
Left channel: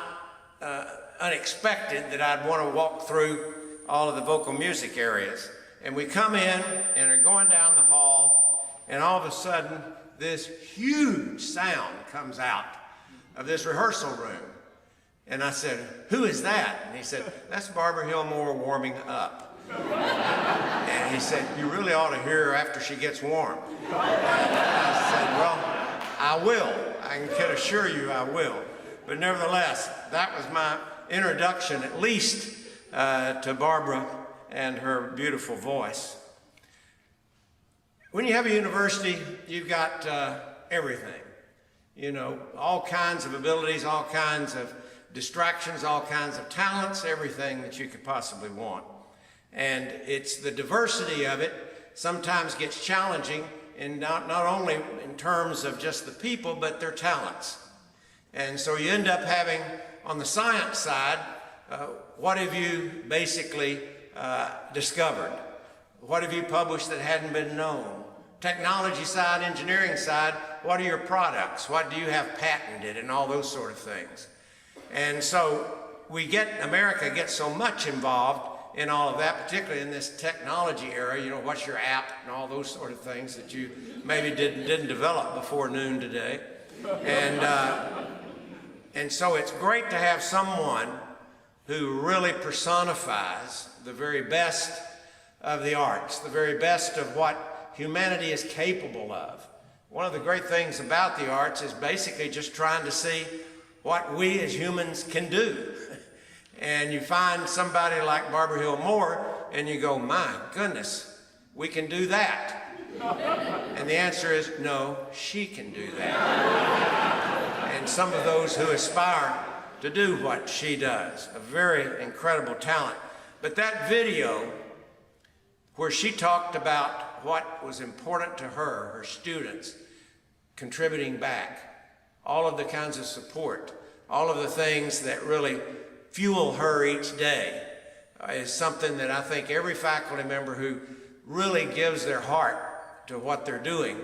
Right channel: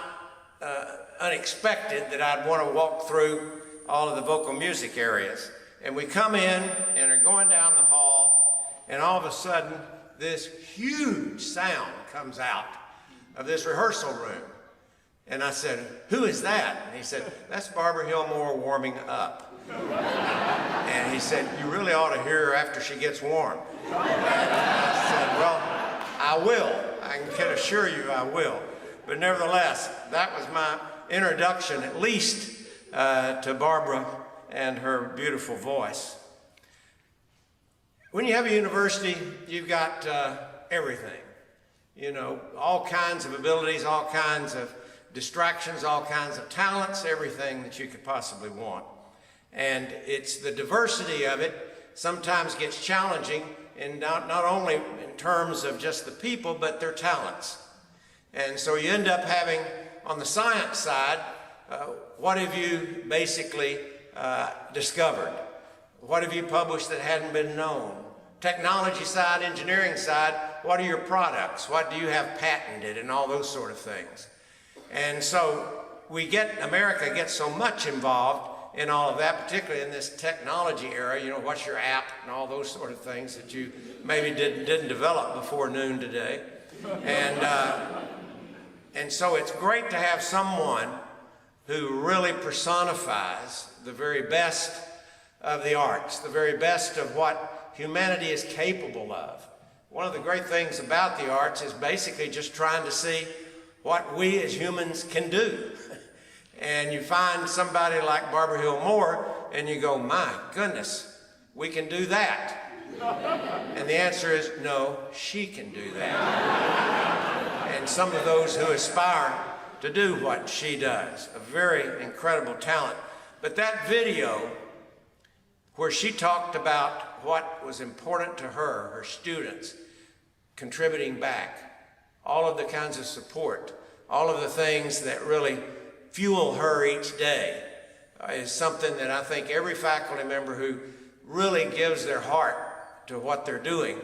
unexpected that I'd want to walk through all of the vocal music areas. And we come in and are going down the hall, and all of a sudden this huge sound comes out of this rehearsal room. And I said, "Who is that?" And he said, "That's Barbara Hill Moore warming up." And he said, "You really ought to hear her after she gets warm." And I said, "Well, I will. I can assure you I will." But nevertheless, that was my introduction, at least to Barbara and her beautiful voice. When you have a university, you've got everything. You know, all kinds of abilities, all kinds of distractions, all kinds of talents, everything that you could possibly want. And it's the diversity of it sometimes gets challenging, and not only in terms of just the people, but their talents. And so you end up having, on the science side, what have you basically discovered? What have you published that hadn't been known? Technology side, engineering side, what are your products? What do you have patented, and all those sort of things. And so America gets so much involved in all of that, particularly in this technology era. You know, what's your app and all those sort of things that you maybe didn't develop before noon today. And so it's great to have someone who really personifies the very best of the arts, the very best of what humanity is capable of. One of the great things about the arts is basically just trying to see what we as humans can do. And you find somebody like Barbara Hill Moore, and you go, "My goodness, we can do that." And the answer is, no, she can do that. And some of those who aspire to do what she does, a very incredible talent. But that video where she talked about what was important to her, her students, contributing back, all of the kinds of support, all of the things that really fuel her each day, is something that I think every faculty member who really gives their heart to what they're doing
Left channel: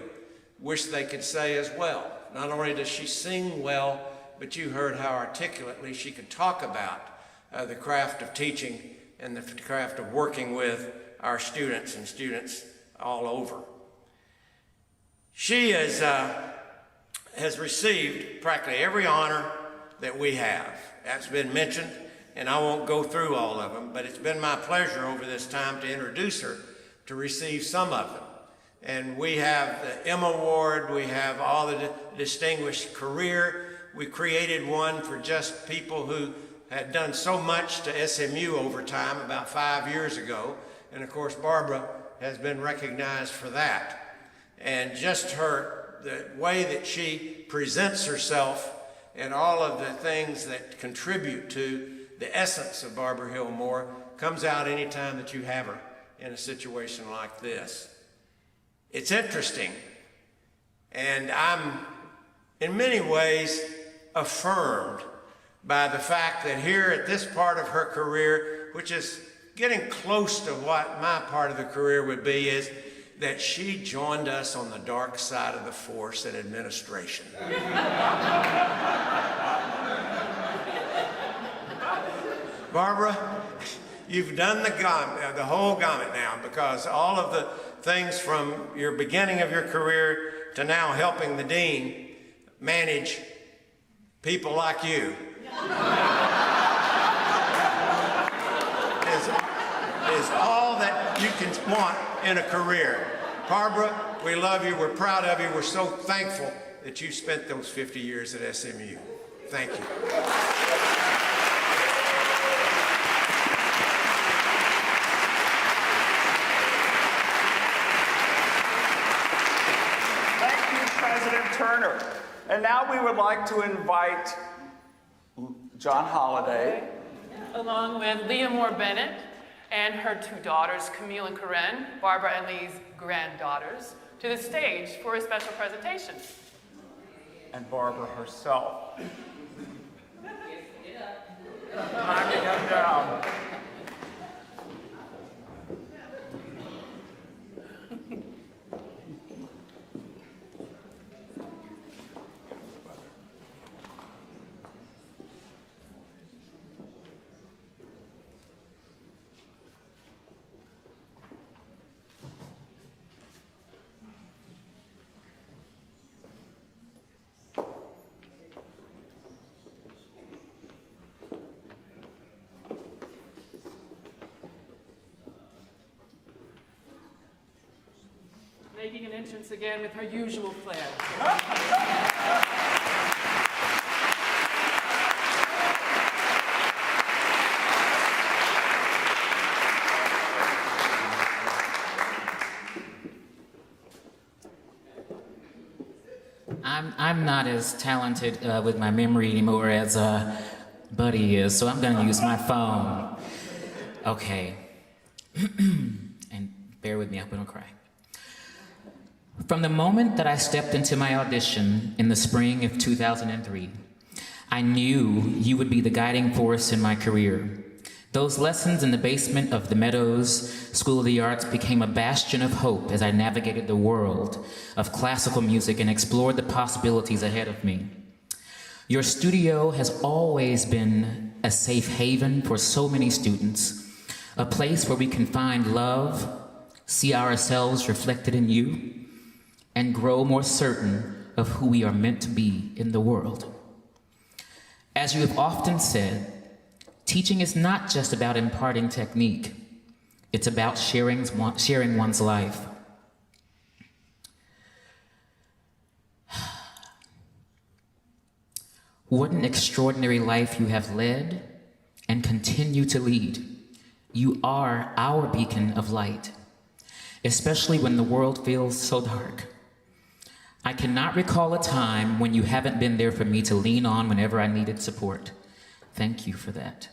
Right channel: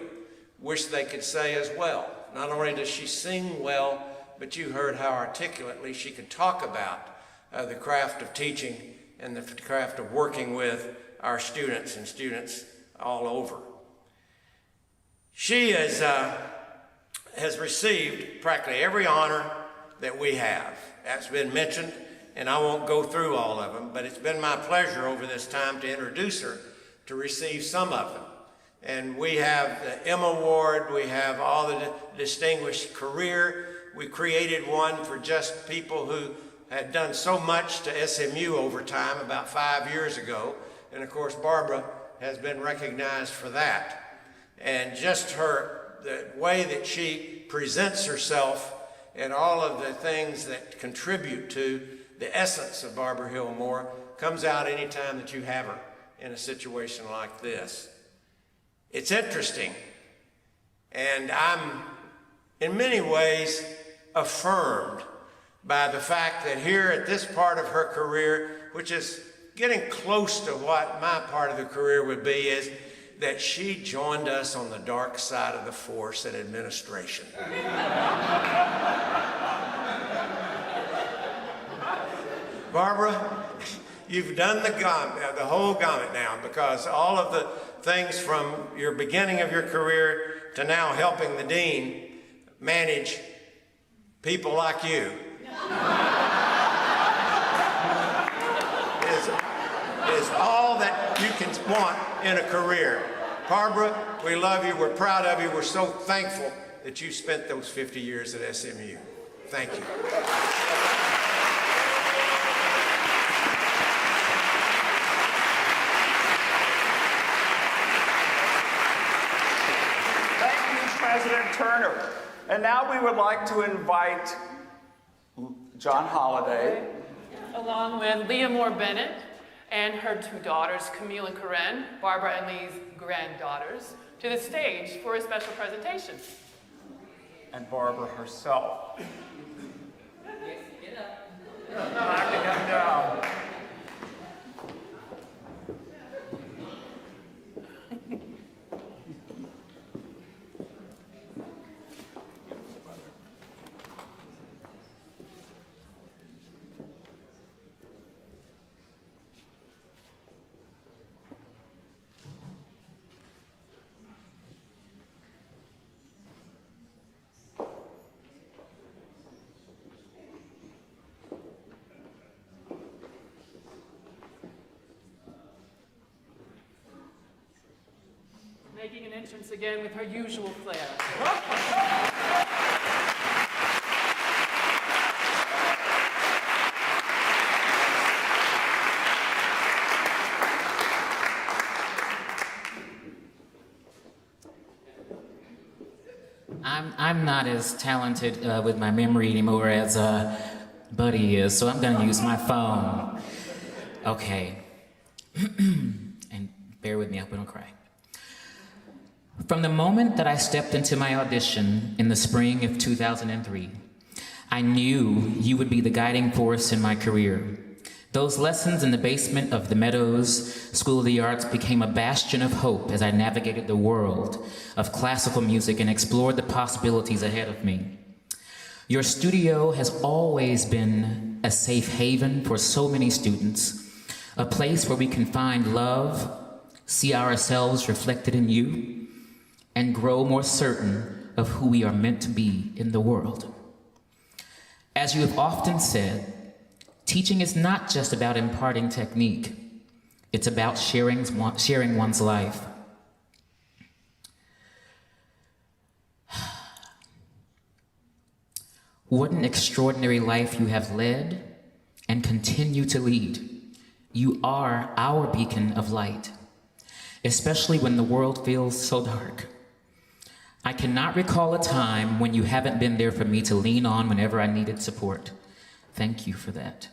wish they could say as well. Not only does she sing well, but you heard how articulately she could talk about the craft of teaching and the craft of working with our students and students all over. She has received practically every honor that we have. That's been mentioned, and I won't go through all of them, but it's been my pleasure over this time to introduce her to receive some of them. And we have the M Award, we have all the distinguished career. We created one for just people who had done so much to SMU over time about 5 years ago. And of course, Barbara has been recognized for that. And just the way that she presents herself and all of the things that contribute to the essence of Barbara Hill Moore comes out anytime that you have her in a situation like this. It's interesting, and I'm in many ways affirmed by the fact that here at this part of her career, which is getting close to what my part of the career would be, is that she joined us on the dark side of the force in administration. Barbara, you've done the whole gamut now, because all of the things from your beginning of your career to now helping the dean manage people like you is all that you can want in a career. Barbara, we love you. We're proud of you. We're so thankful that you spent those 50 years at SMU. Thank you. Thank you, President Turner. And now we would like to invite John Holliday. Along with Leah Moore Bennett and her two daughters, Camille and Corinne, Barbara and Lee's granddaughters, to the stage for a special presentation. And Barbara herself. Time to get down. Making an entrance again with her usual flair. I'm not as talented with my memory anymore as Buddy is, so I'm gonna use my phone. Okay. And bear with me, I hope I don't cry. From the moment that I stepped into my audition in the spring of 2003, I knew you would be the guiding force in my career. Those lessons in the basement of the Meadows School of the Arts became a bastion of hope as I navigated the world of classical music and explored the possibilities ahead of me. Your studio has always been a safe haven for so many students, a place where we can find love, see ourselves reflected in you, and grow more certain of who we are meant to be in the world. As you have often said, teaching is not just about imparting technique, it's about sharing one's life. What an extraordinary life you have led and continue to lead. You are our beacon of light, especially when the world feels so dark. I cannot recall a time when you haven't been there for me to lean on whenever I needed support. Thank you for that.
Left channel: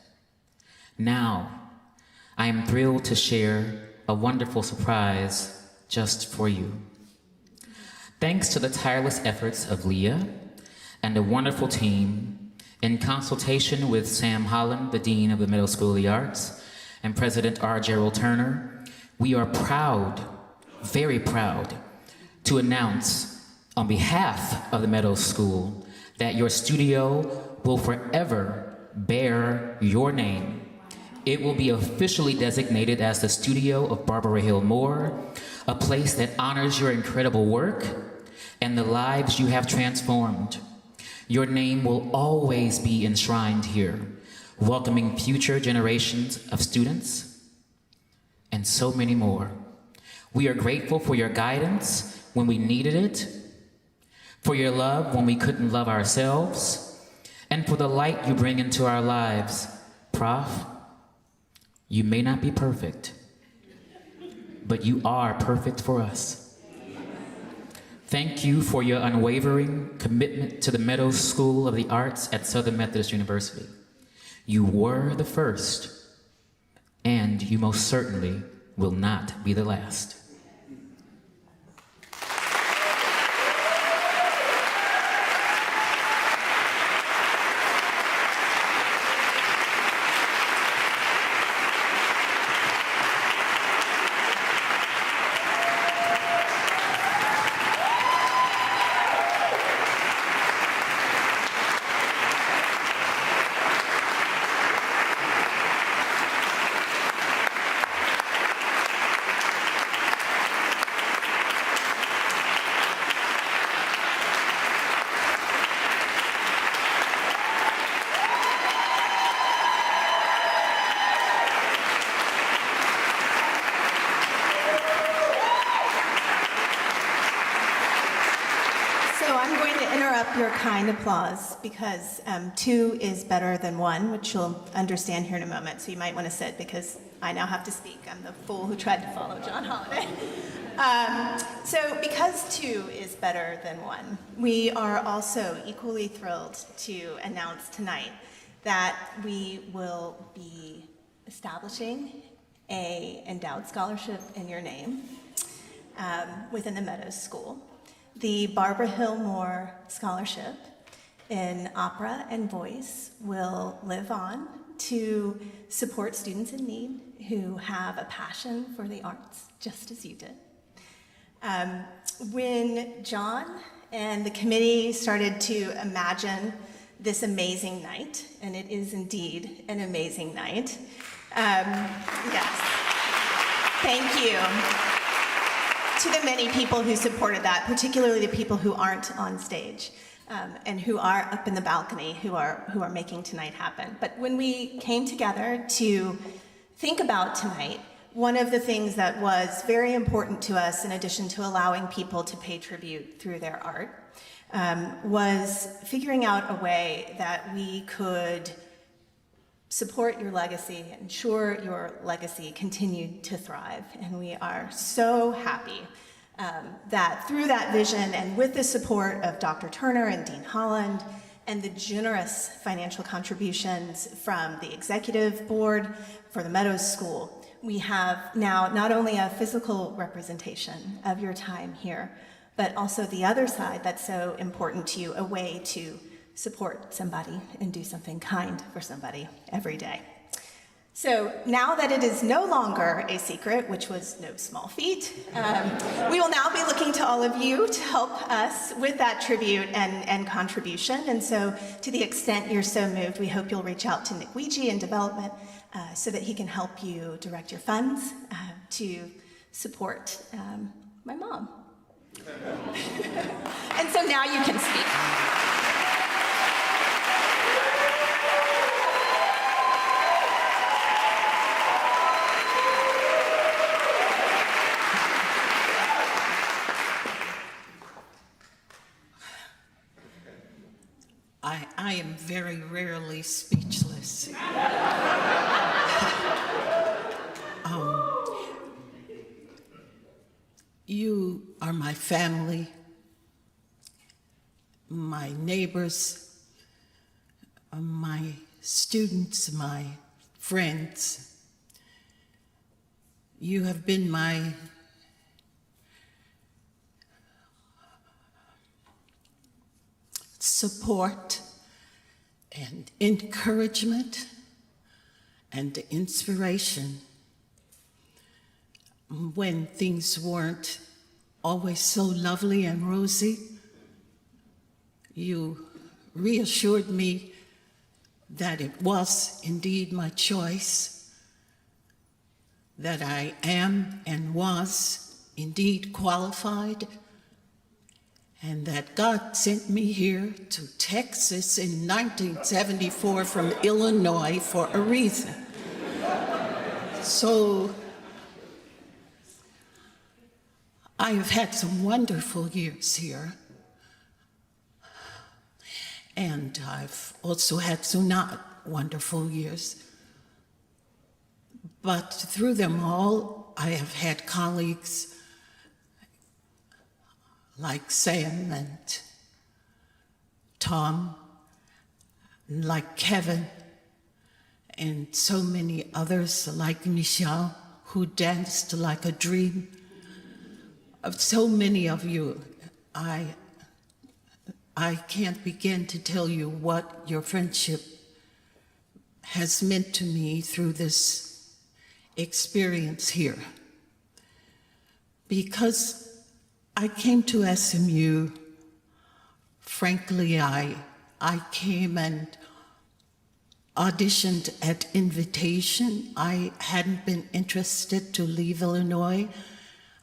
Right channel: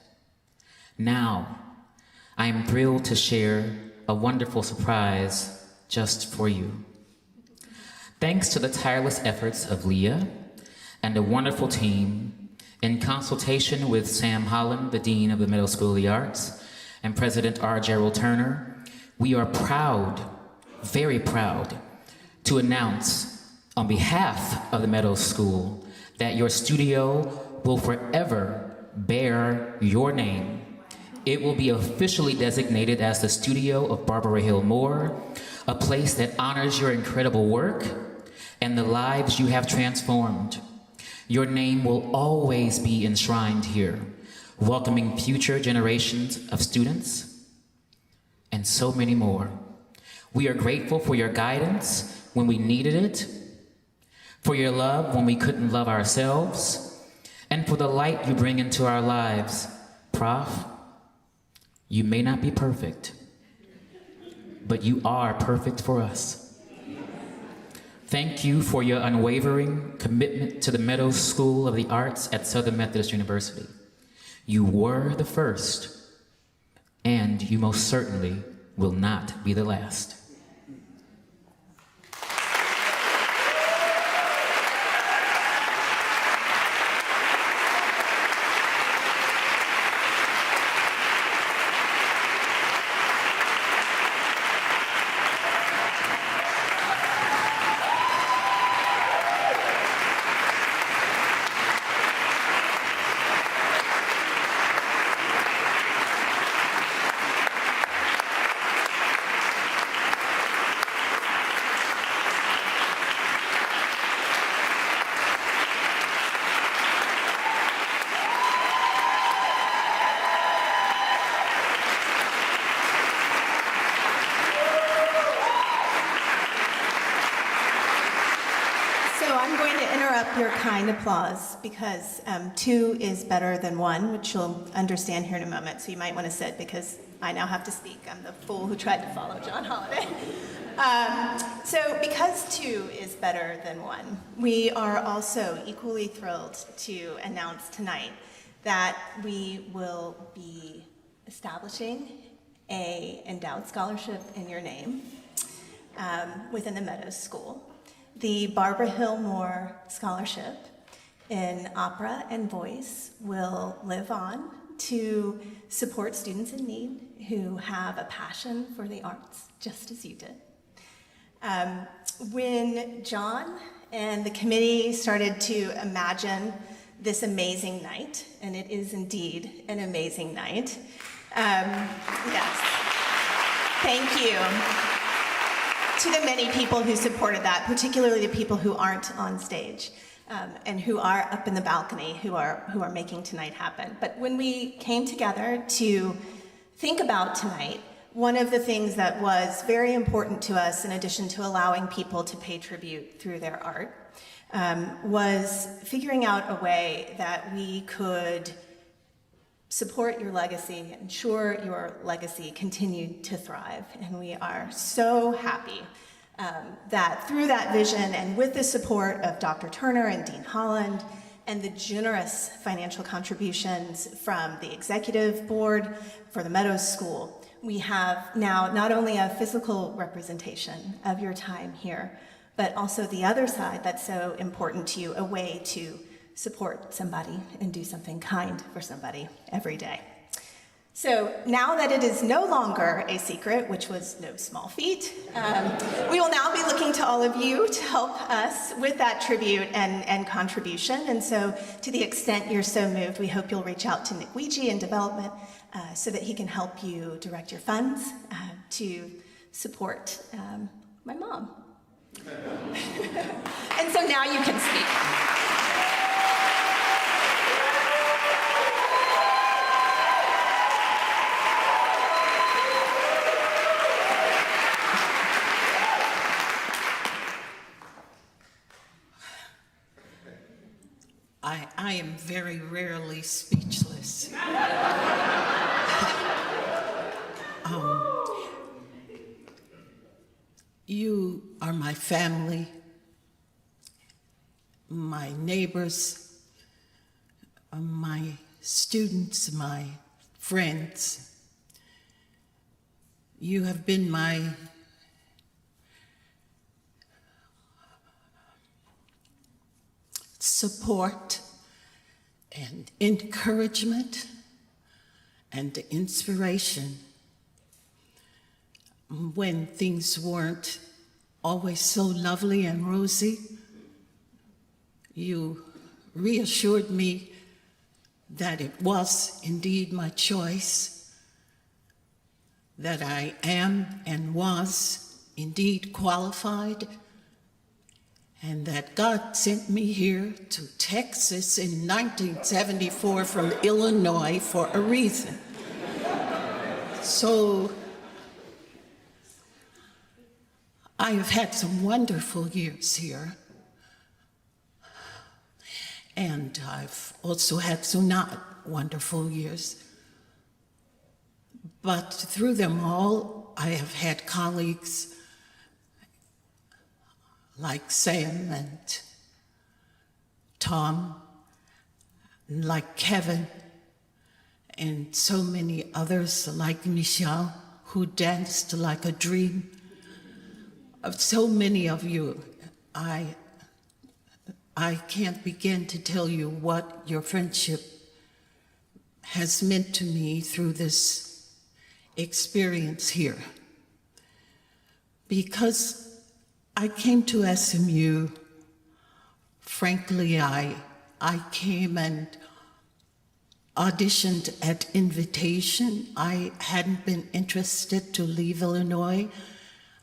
Now, I am thrilled to share a wonderful surprise just for you. Thanks to the tireless efforts of Leah and a wonderful team, in consultation with Sam Holland, the Dean of the Middle School of the Arts, and President R. Gerald Turner, we are proud, very proud, to announce on behalf of the Meadows School that your studio will forever bear your name. It will be officially designated as the studio of Barbara Hill Moore, a place that honors your incredible work and the lives you have transformed. Your name will always be enshrined here, welcoming future generations of students and so many more. We are grateful for your guidance when we needed it, for your love when we couldn't love ourselves, and for the light you bring into our lives. Prof, you may not be perfect, but you are perfect for us. Thank you for your unwavering commitment to the Meadows School of the Arts at Southern Methodist University. You were the first, and you most certainly will not be the last. So I'm going to interrupt your kind applause because 2 is better than 1, which you'll understand here in a moment. So you might want to sit because I now have to speak. I'm the fool who tried to follow John Holiday. So because 2 is better than 1, we are also equally thrilled to announce tonight that we will be establishing a endowed scholarship in your name within the Meadows School. The Barbara Hill Moore Scholarship in Opera and Voice will live on to support students in need who have a passion for the arts, just as you did. When John and the committee started to imagine this amazing night, and it is indeed an amazing night, yes, thank you to the many people who supported that, particularly the people who aren't on stage and who are up in the balcony, who are making tonight happen. But when we came together to think about tonight, one of the things that was very important to us, in addition to allowing people to pay tribute through their art, was figuring out a way that we could support your legacy, ensure your legacy continued to thrive. And we are so happy that through that vision and with the support of Dr. Turner and Dean Holland and the generous financial contributions from the executive board for the Meadows School, we have now not only a physical representation of your time here, but also the other side that's so important to you, a way to support somebody and do something kind for somebody every day. So now that it is no longer a secret, which was no small feat, we will now be looking to all of you to help us with that tribute and contribution. And so to the extent you're so moved, we hope you'll reach out to Nick Weegee in development so that he can help you direct your funds to support my mom. And so now you can speak. I am very rarely speechless. You are my family, my neighbors, my students, my friends. You have been my support and encouragement and inspiration when things weren't always so lovely and rosy. You reassured me that it was indeed my choice, that I am and was indeed qualified, and that God sent me here to Texas in 1974 from Illinois for a reason. So I have had some wonderful years here, and I've also had some not wonderful years. But through them all, I have had colleagues like Sam and Tom, like Kevin, and so many others like Michelle, who danced like a dream. Of so many of you, I can't begin to tell you what your friendship has meant to me through this experience here. Because I came to SMU, frankly, I came and auditioned at invitation. I hadn't been interested to leave Illinois.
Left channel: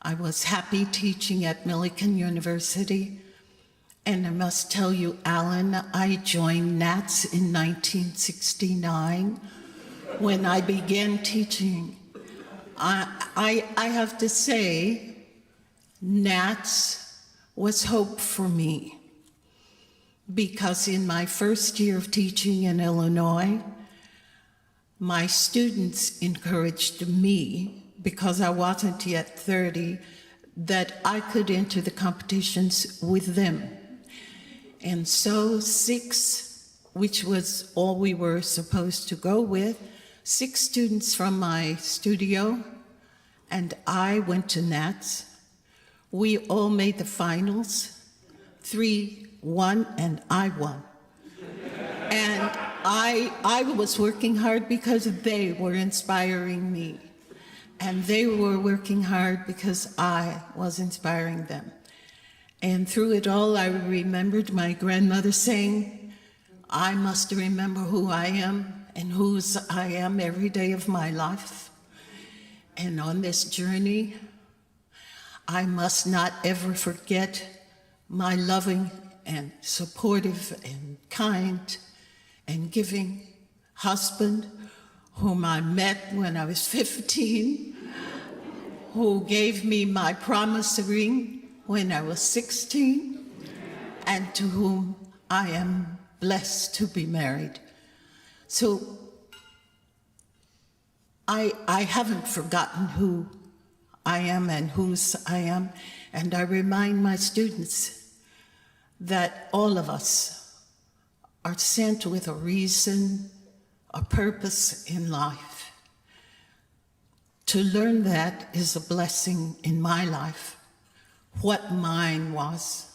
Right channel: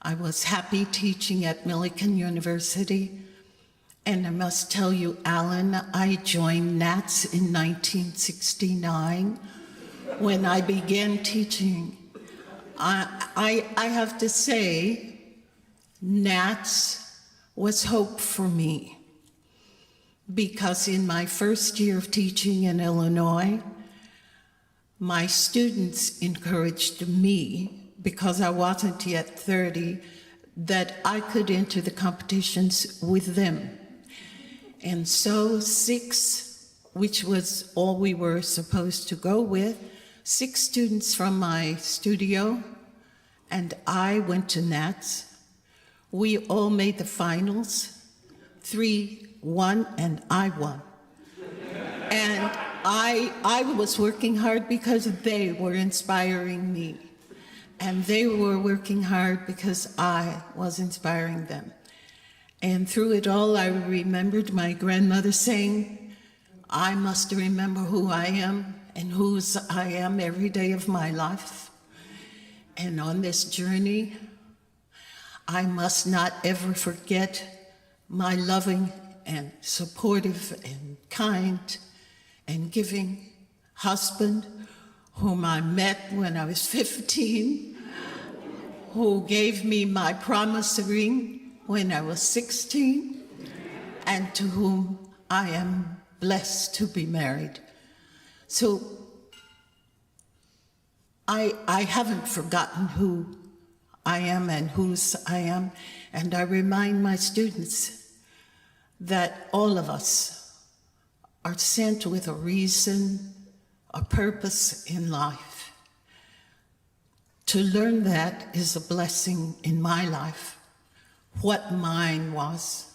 I was happy teaching at Millikan University. And I must tell you, Alan, I joined Nats in 1969 when I began teaching. I have to say, Nats was hope for me, because in my first year of teaching in Illinois, my students encouraged me, because I wasn't yet 30, that I could enter the competitions with them. And so 6, which was all we were supposed to go with, 6 students from my studio, and I went to Nats. We all made the finals. 3 won, and I won. And I was working hard because they were inspiring me. And they were working hard because I was inspiring them. And through it all, I remembered my grandmother saying, I must remember who I am and whose I am every day of my life. And on this journey, I must not ever forget my loving and supportive and kind and giving husband, whom I met when I was 15, who gave me my promise ring when I was 16, and to whom I am blessed to be married. So I haven't forgotten who I am and whose I am, and I remind my students that all of us are sent with a reason, a purpose in life. To learn that is a blessing in my life. What mine was,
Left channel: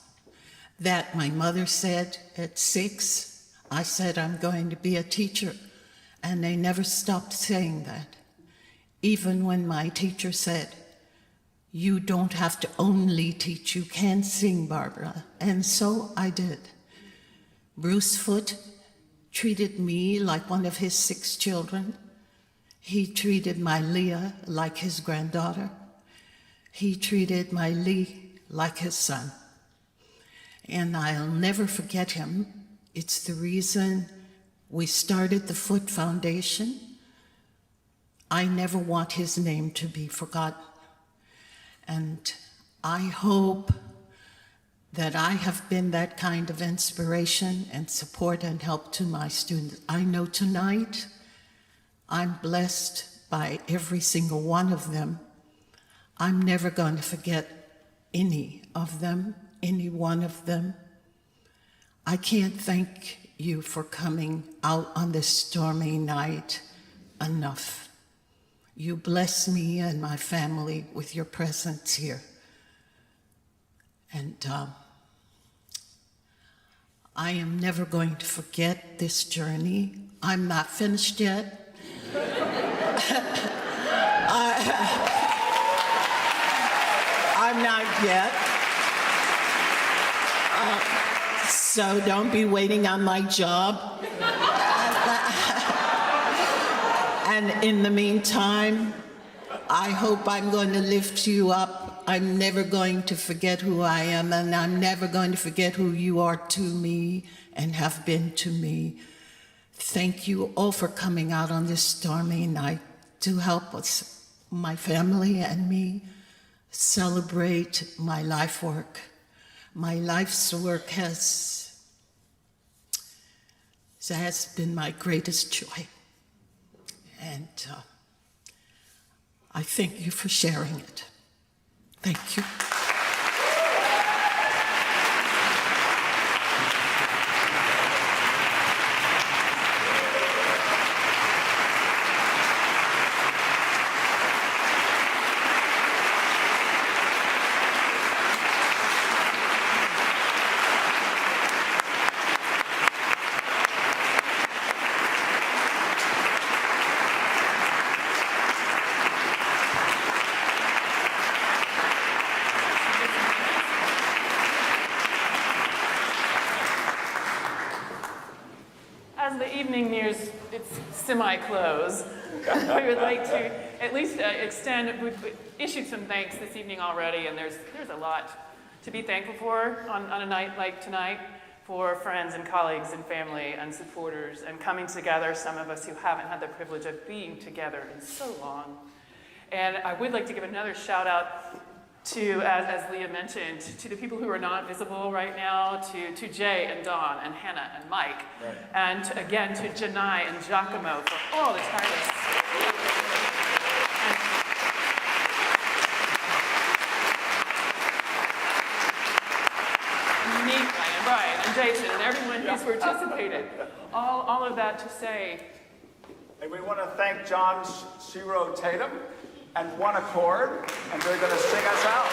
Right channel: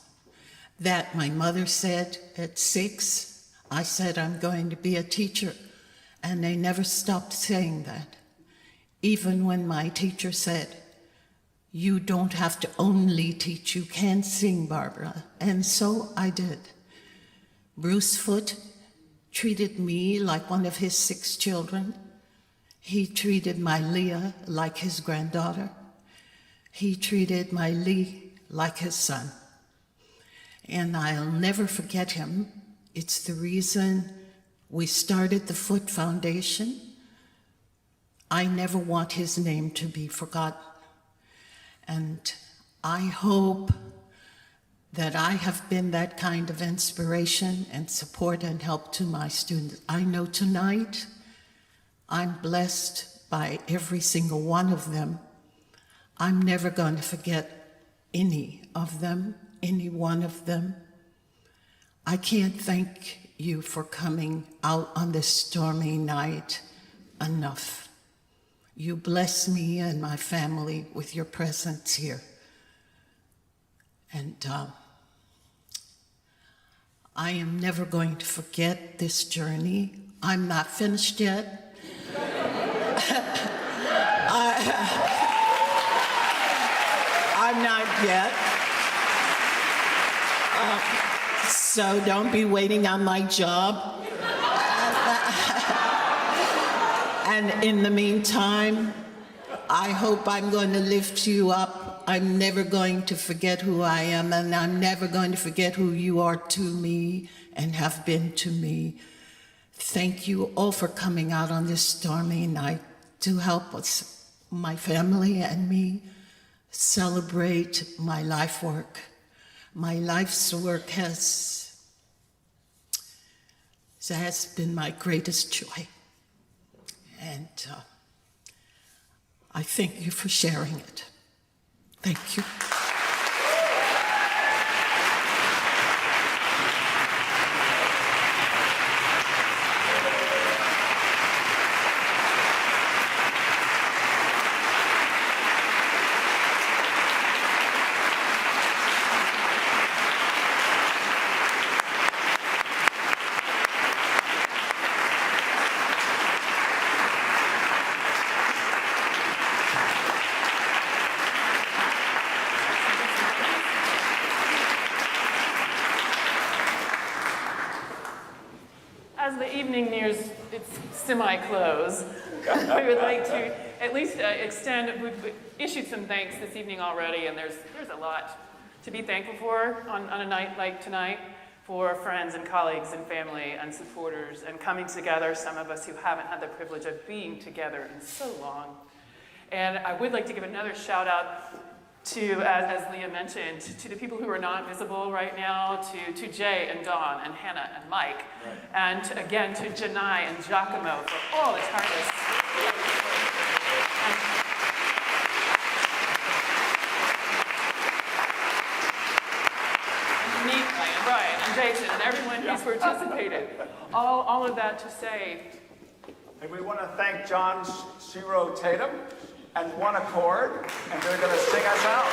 that my mother said at 6, I said I'm going to be a teacher, and they never stopped saying that. Even when my teacher said, you don't have to only teach, you can sing, Barbara. And so I did. Bruce Foote treated me like one of his 6 children. He treated my Leah like his granddaughter. He treated my Lee like his son. And I'll never forget him. It's the reason we started the Foote Foundation. I never want his name to be forgotten. And I hope that I have been that kind of inspiration and support and help to my students. I know tonight I'm blessed by every single one of them. I'm never going to forget any of them, any one of them. I can't thank you for coming out on this stormy night enough. You bless me and my family with your presence here. And I am never going to forget this journey. I'm not finished yet. I'm not yet. So don't be waiting on my job. And in the meantime, I hope I'm going to lift you up. I'm never going to forget who I am, and I'm never going to forget who you are to me and have been to me. Thank you all for coming out on this stormy night to help us, my family and me, celebrate my life work. My life's work has been my greatest joy. And I thank you for sharing it. Thank you. As the evening nears its semi-close, we would like to at least we've issued some thanks this evening already, and there's a lot to be thankful for on a night like tonight, for friends and colleagues and family and supporters and coming together, some of us who haven't had the privilege of being together in so long. And I would like to give another shout out to, as Leah mentioned, to the people who are not visible right now, to Jay and Dawn and Hannah and Mike, right. And again to Janai and Giacomo for all the tireless and Nika and Brian and Jason and everyone who's participated. All of that to say, And we want to thank John Shiro Tatum and One Accord, and they're going to sing us out.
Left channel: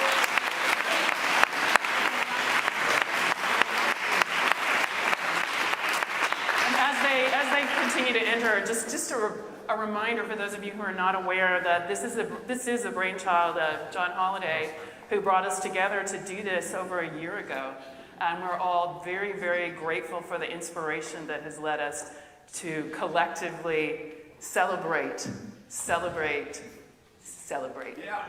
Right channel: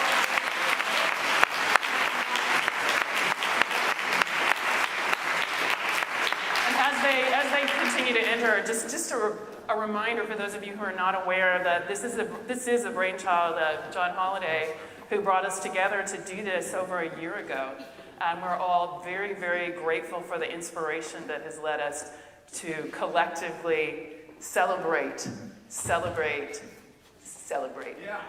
And as they continue to enter, just a reminder for those of you who are not aware that this is a brainchild of John Holliday, who brought us together to do this over a year ago. And we're all very, very grateful for the inspiration that has led us to collectively celebrate, celebrate, celebrate. Yeah.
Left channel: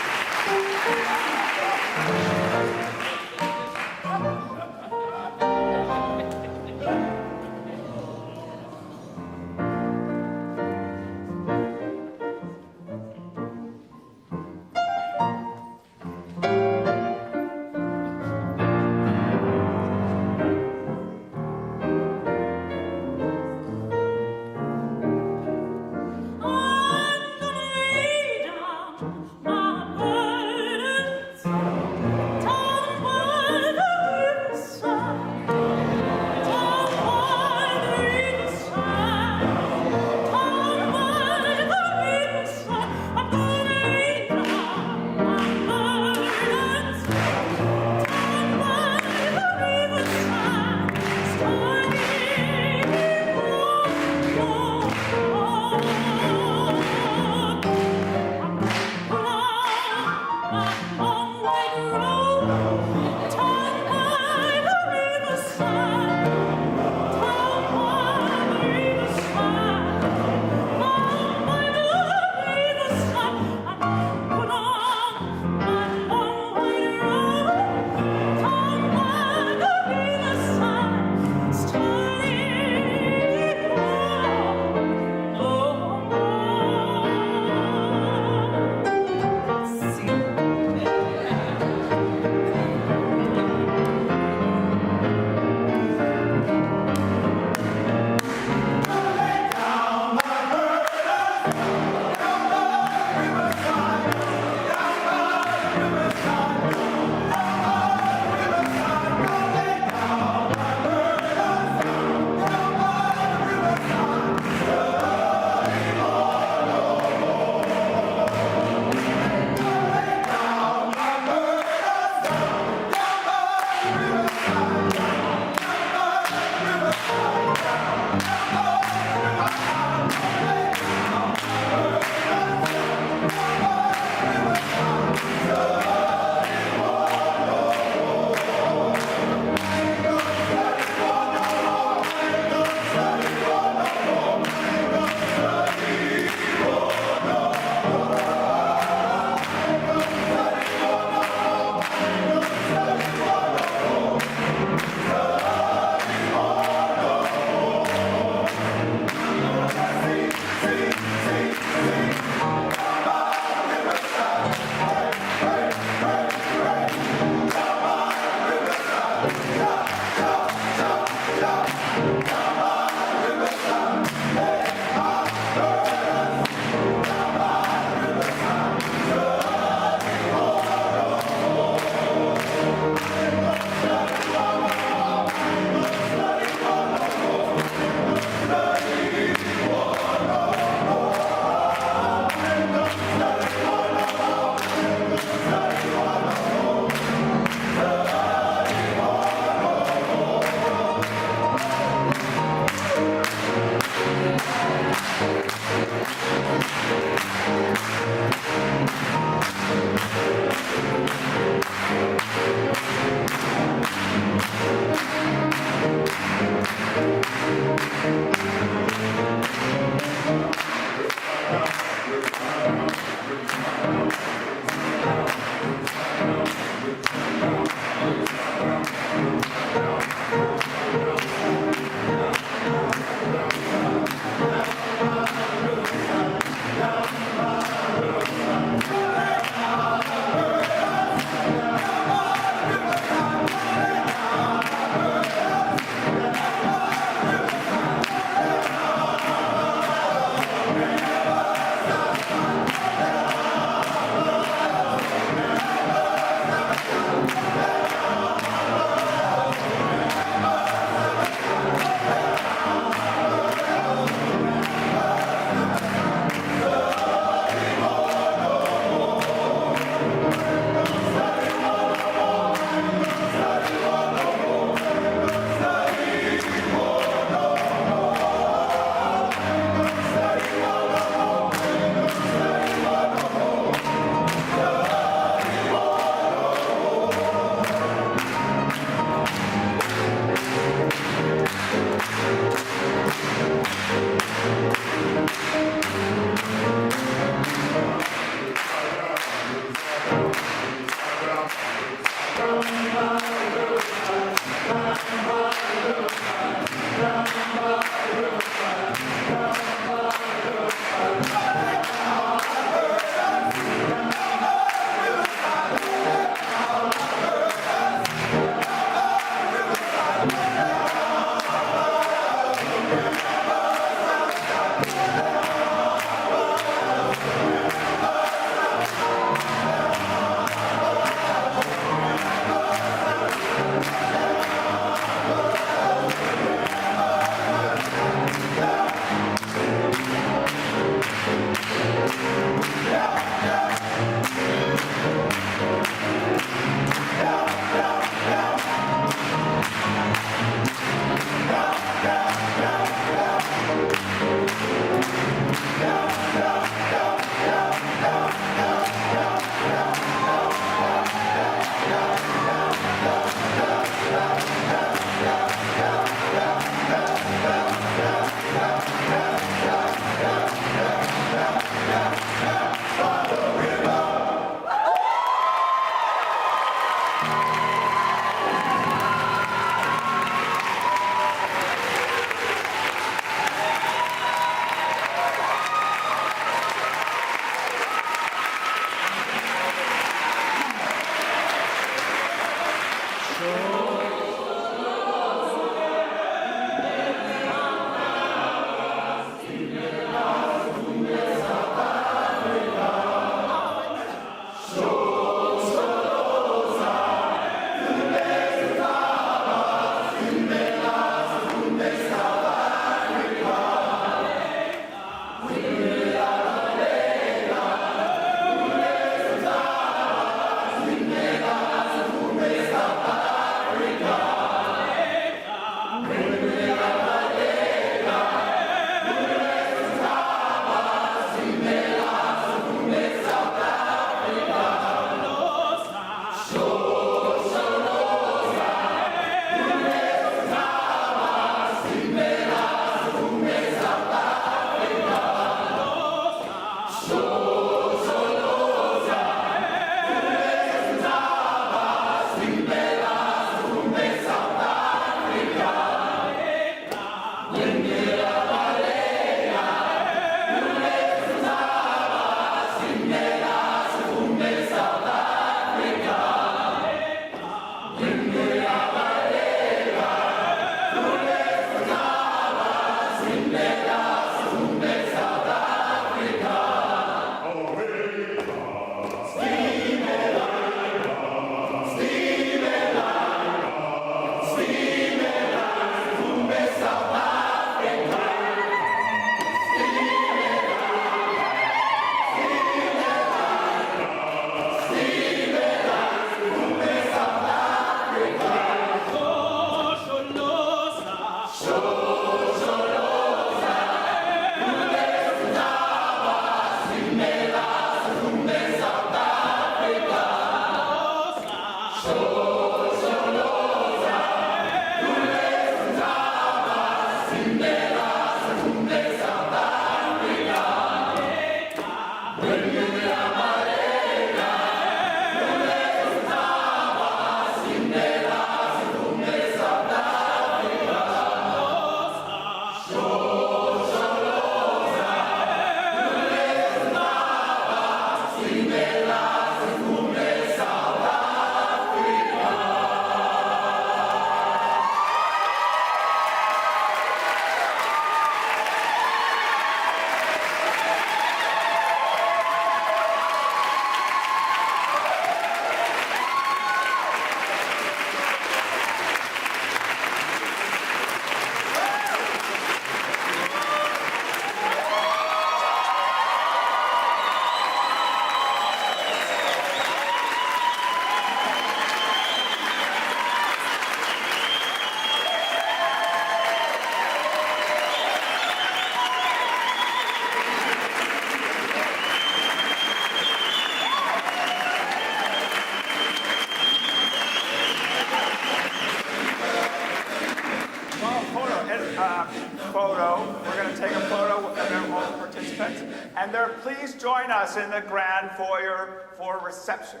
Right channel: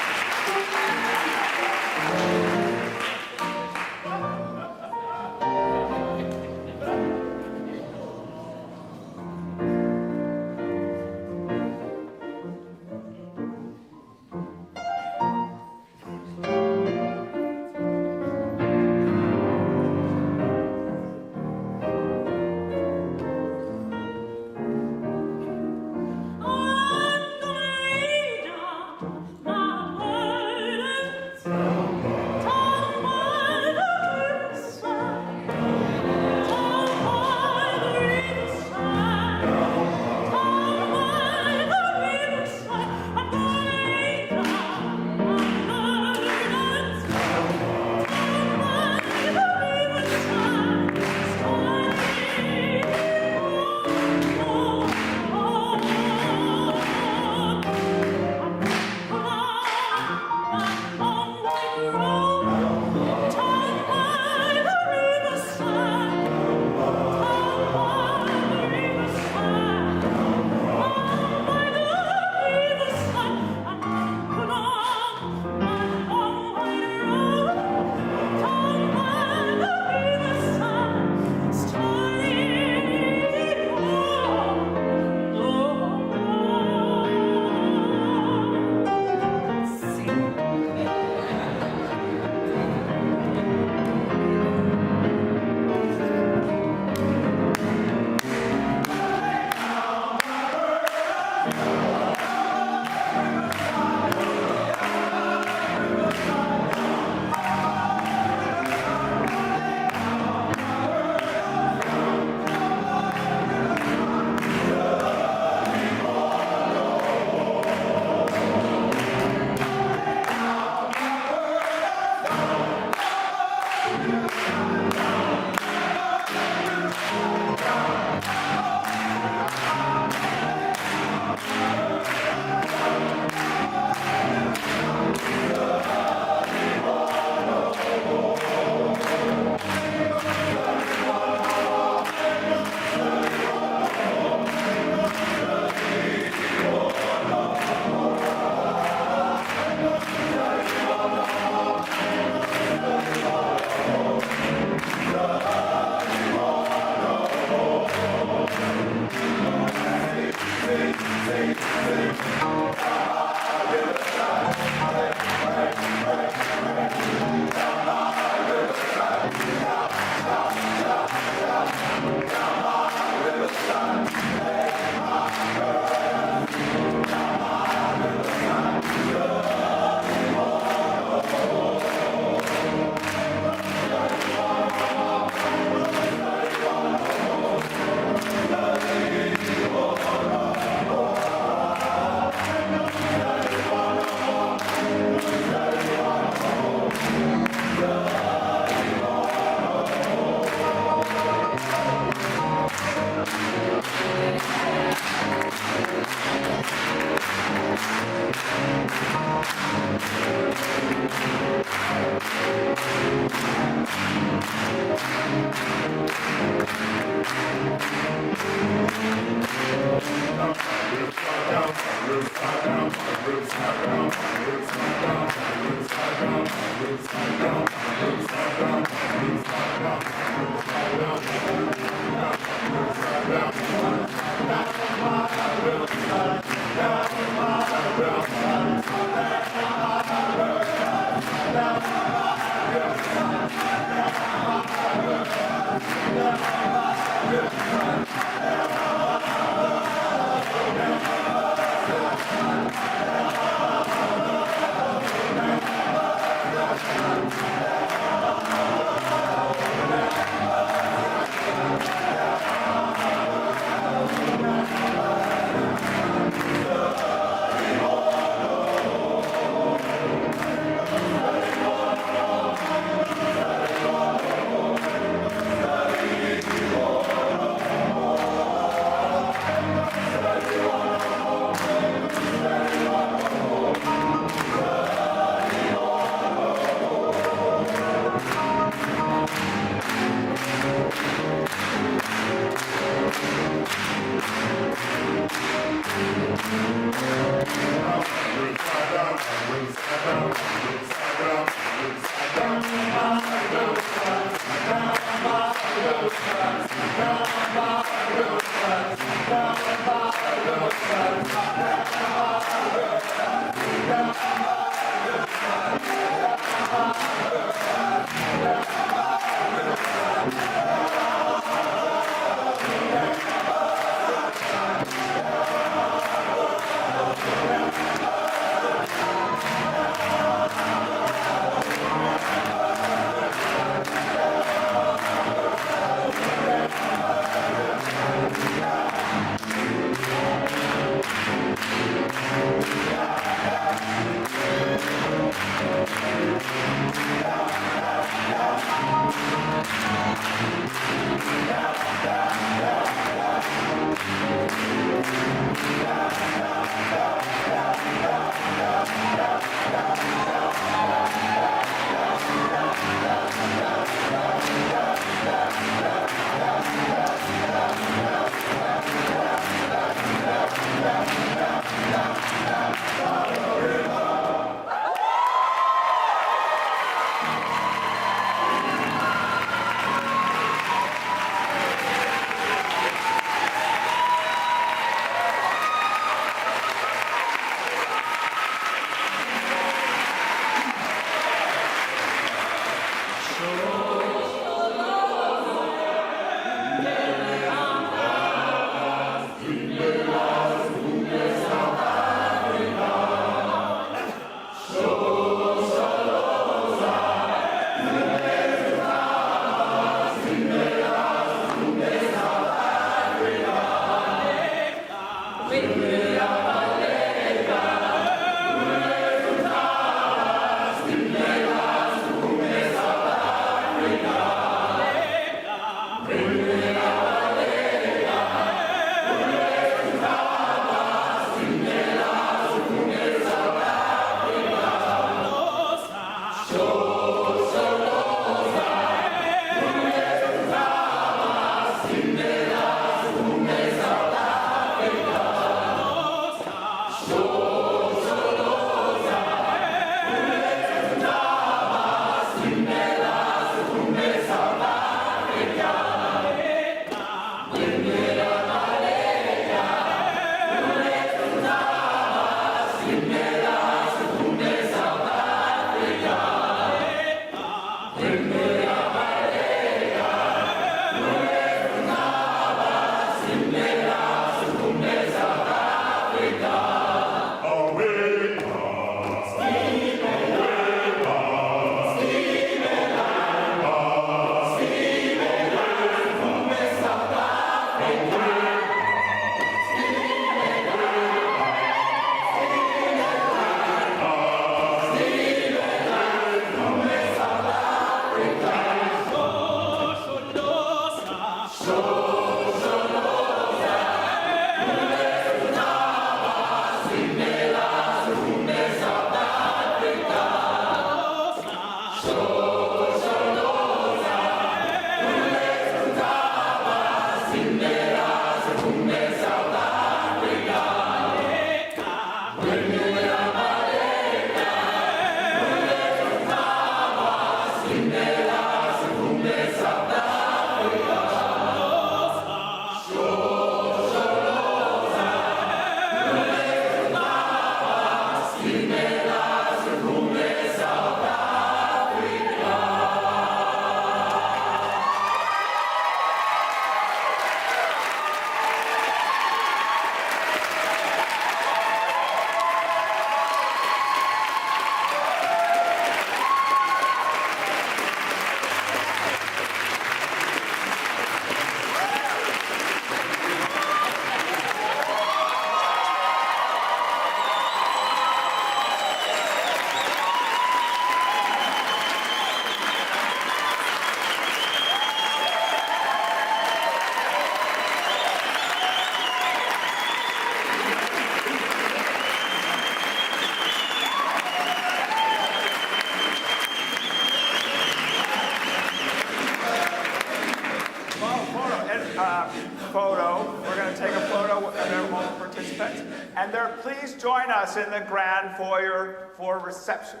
Photo. We're going to take a photo of all the participants. And please join us in the grand foyer for reception.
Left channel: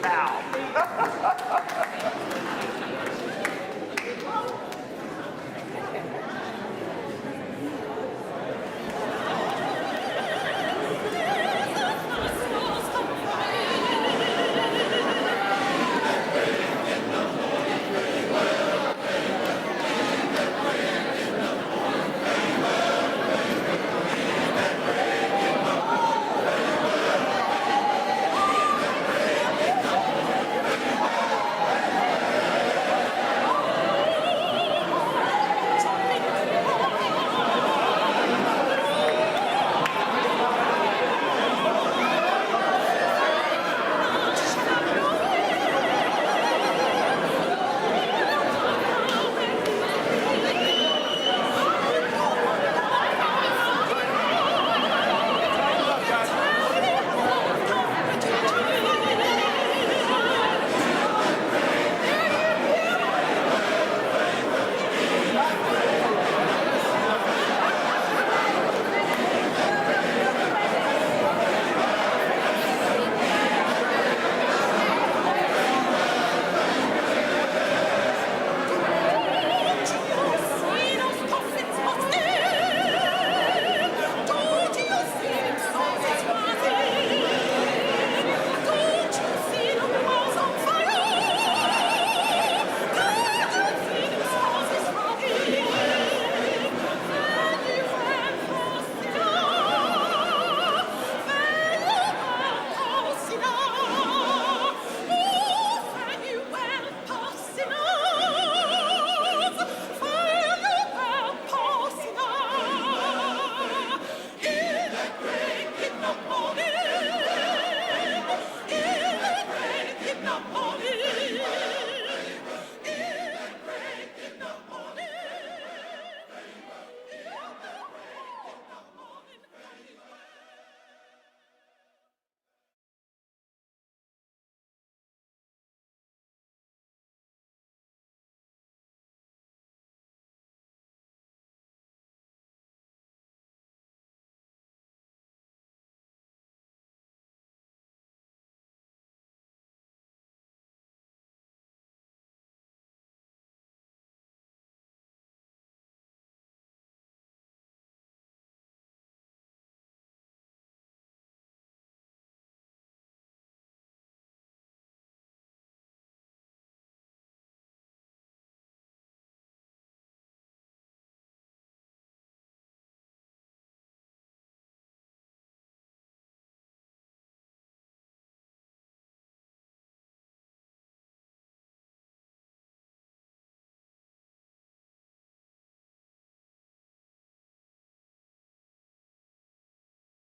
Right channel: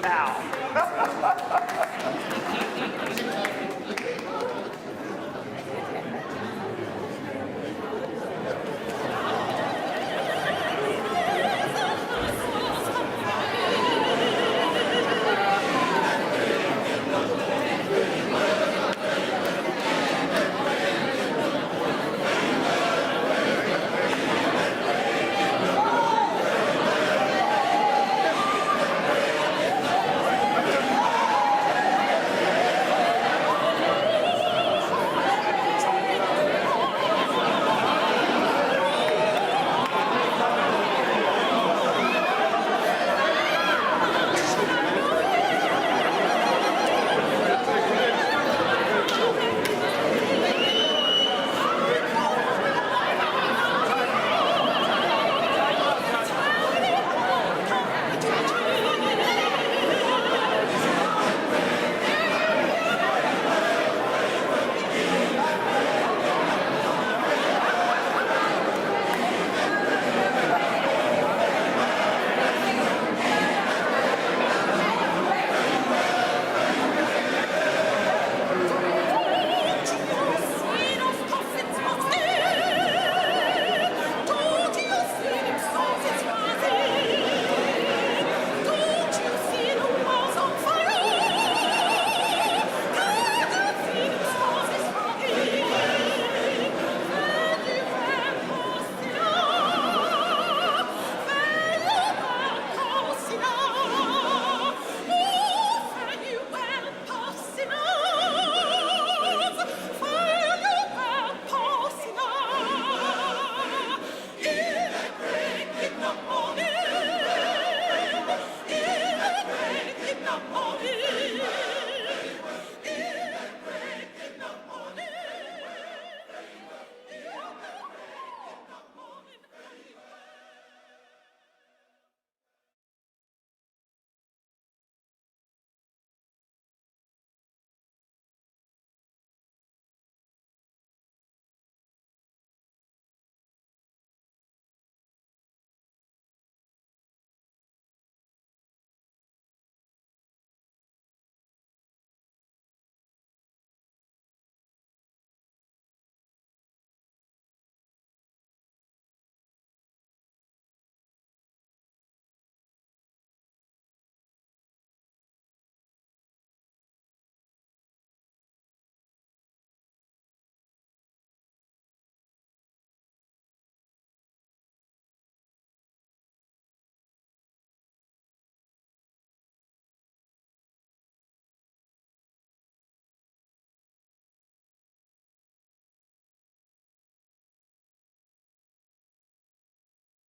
Now.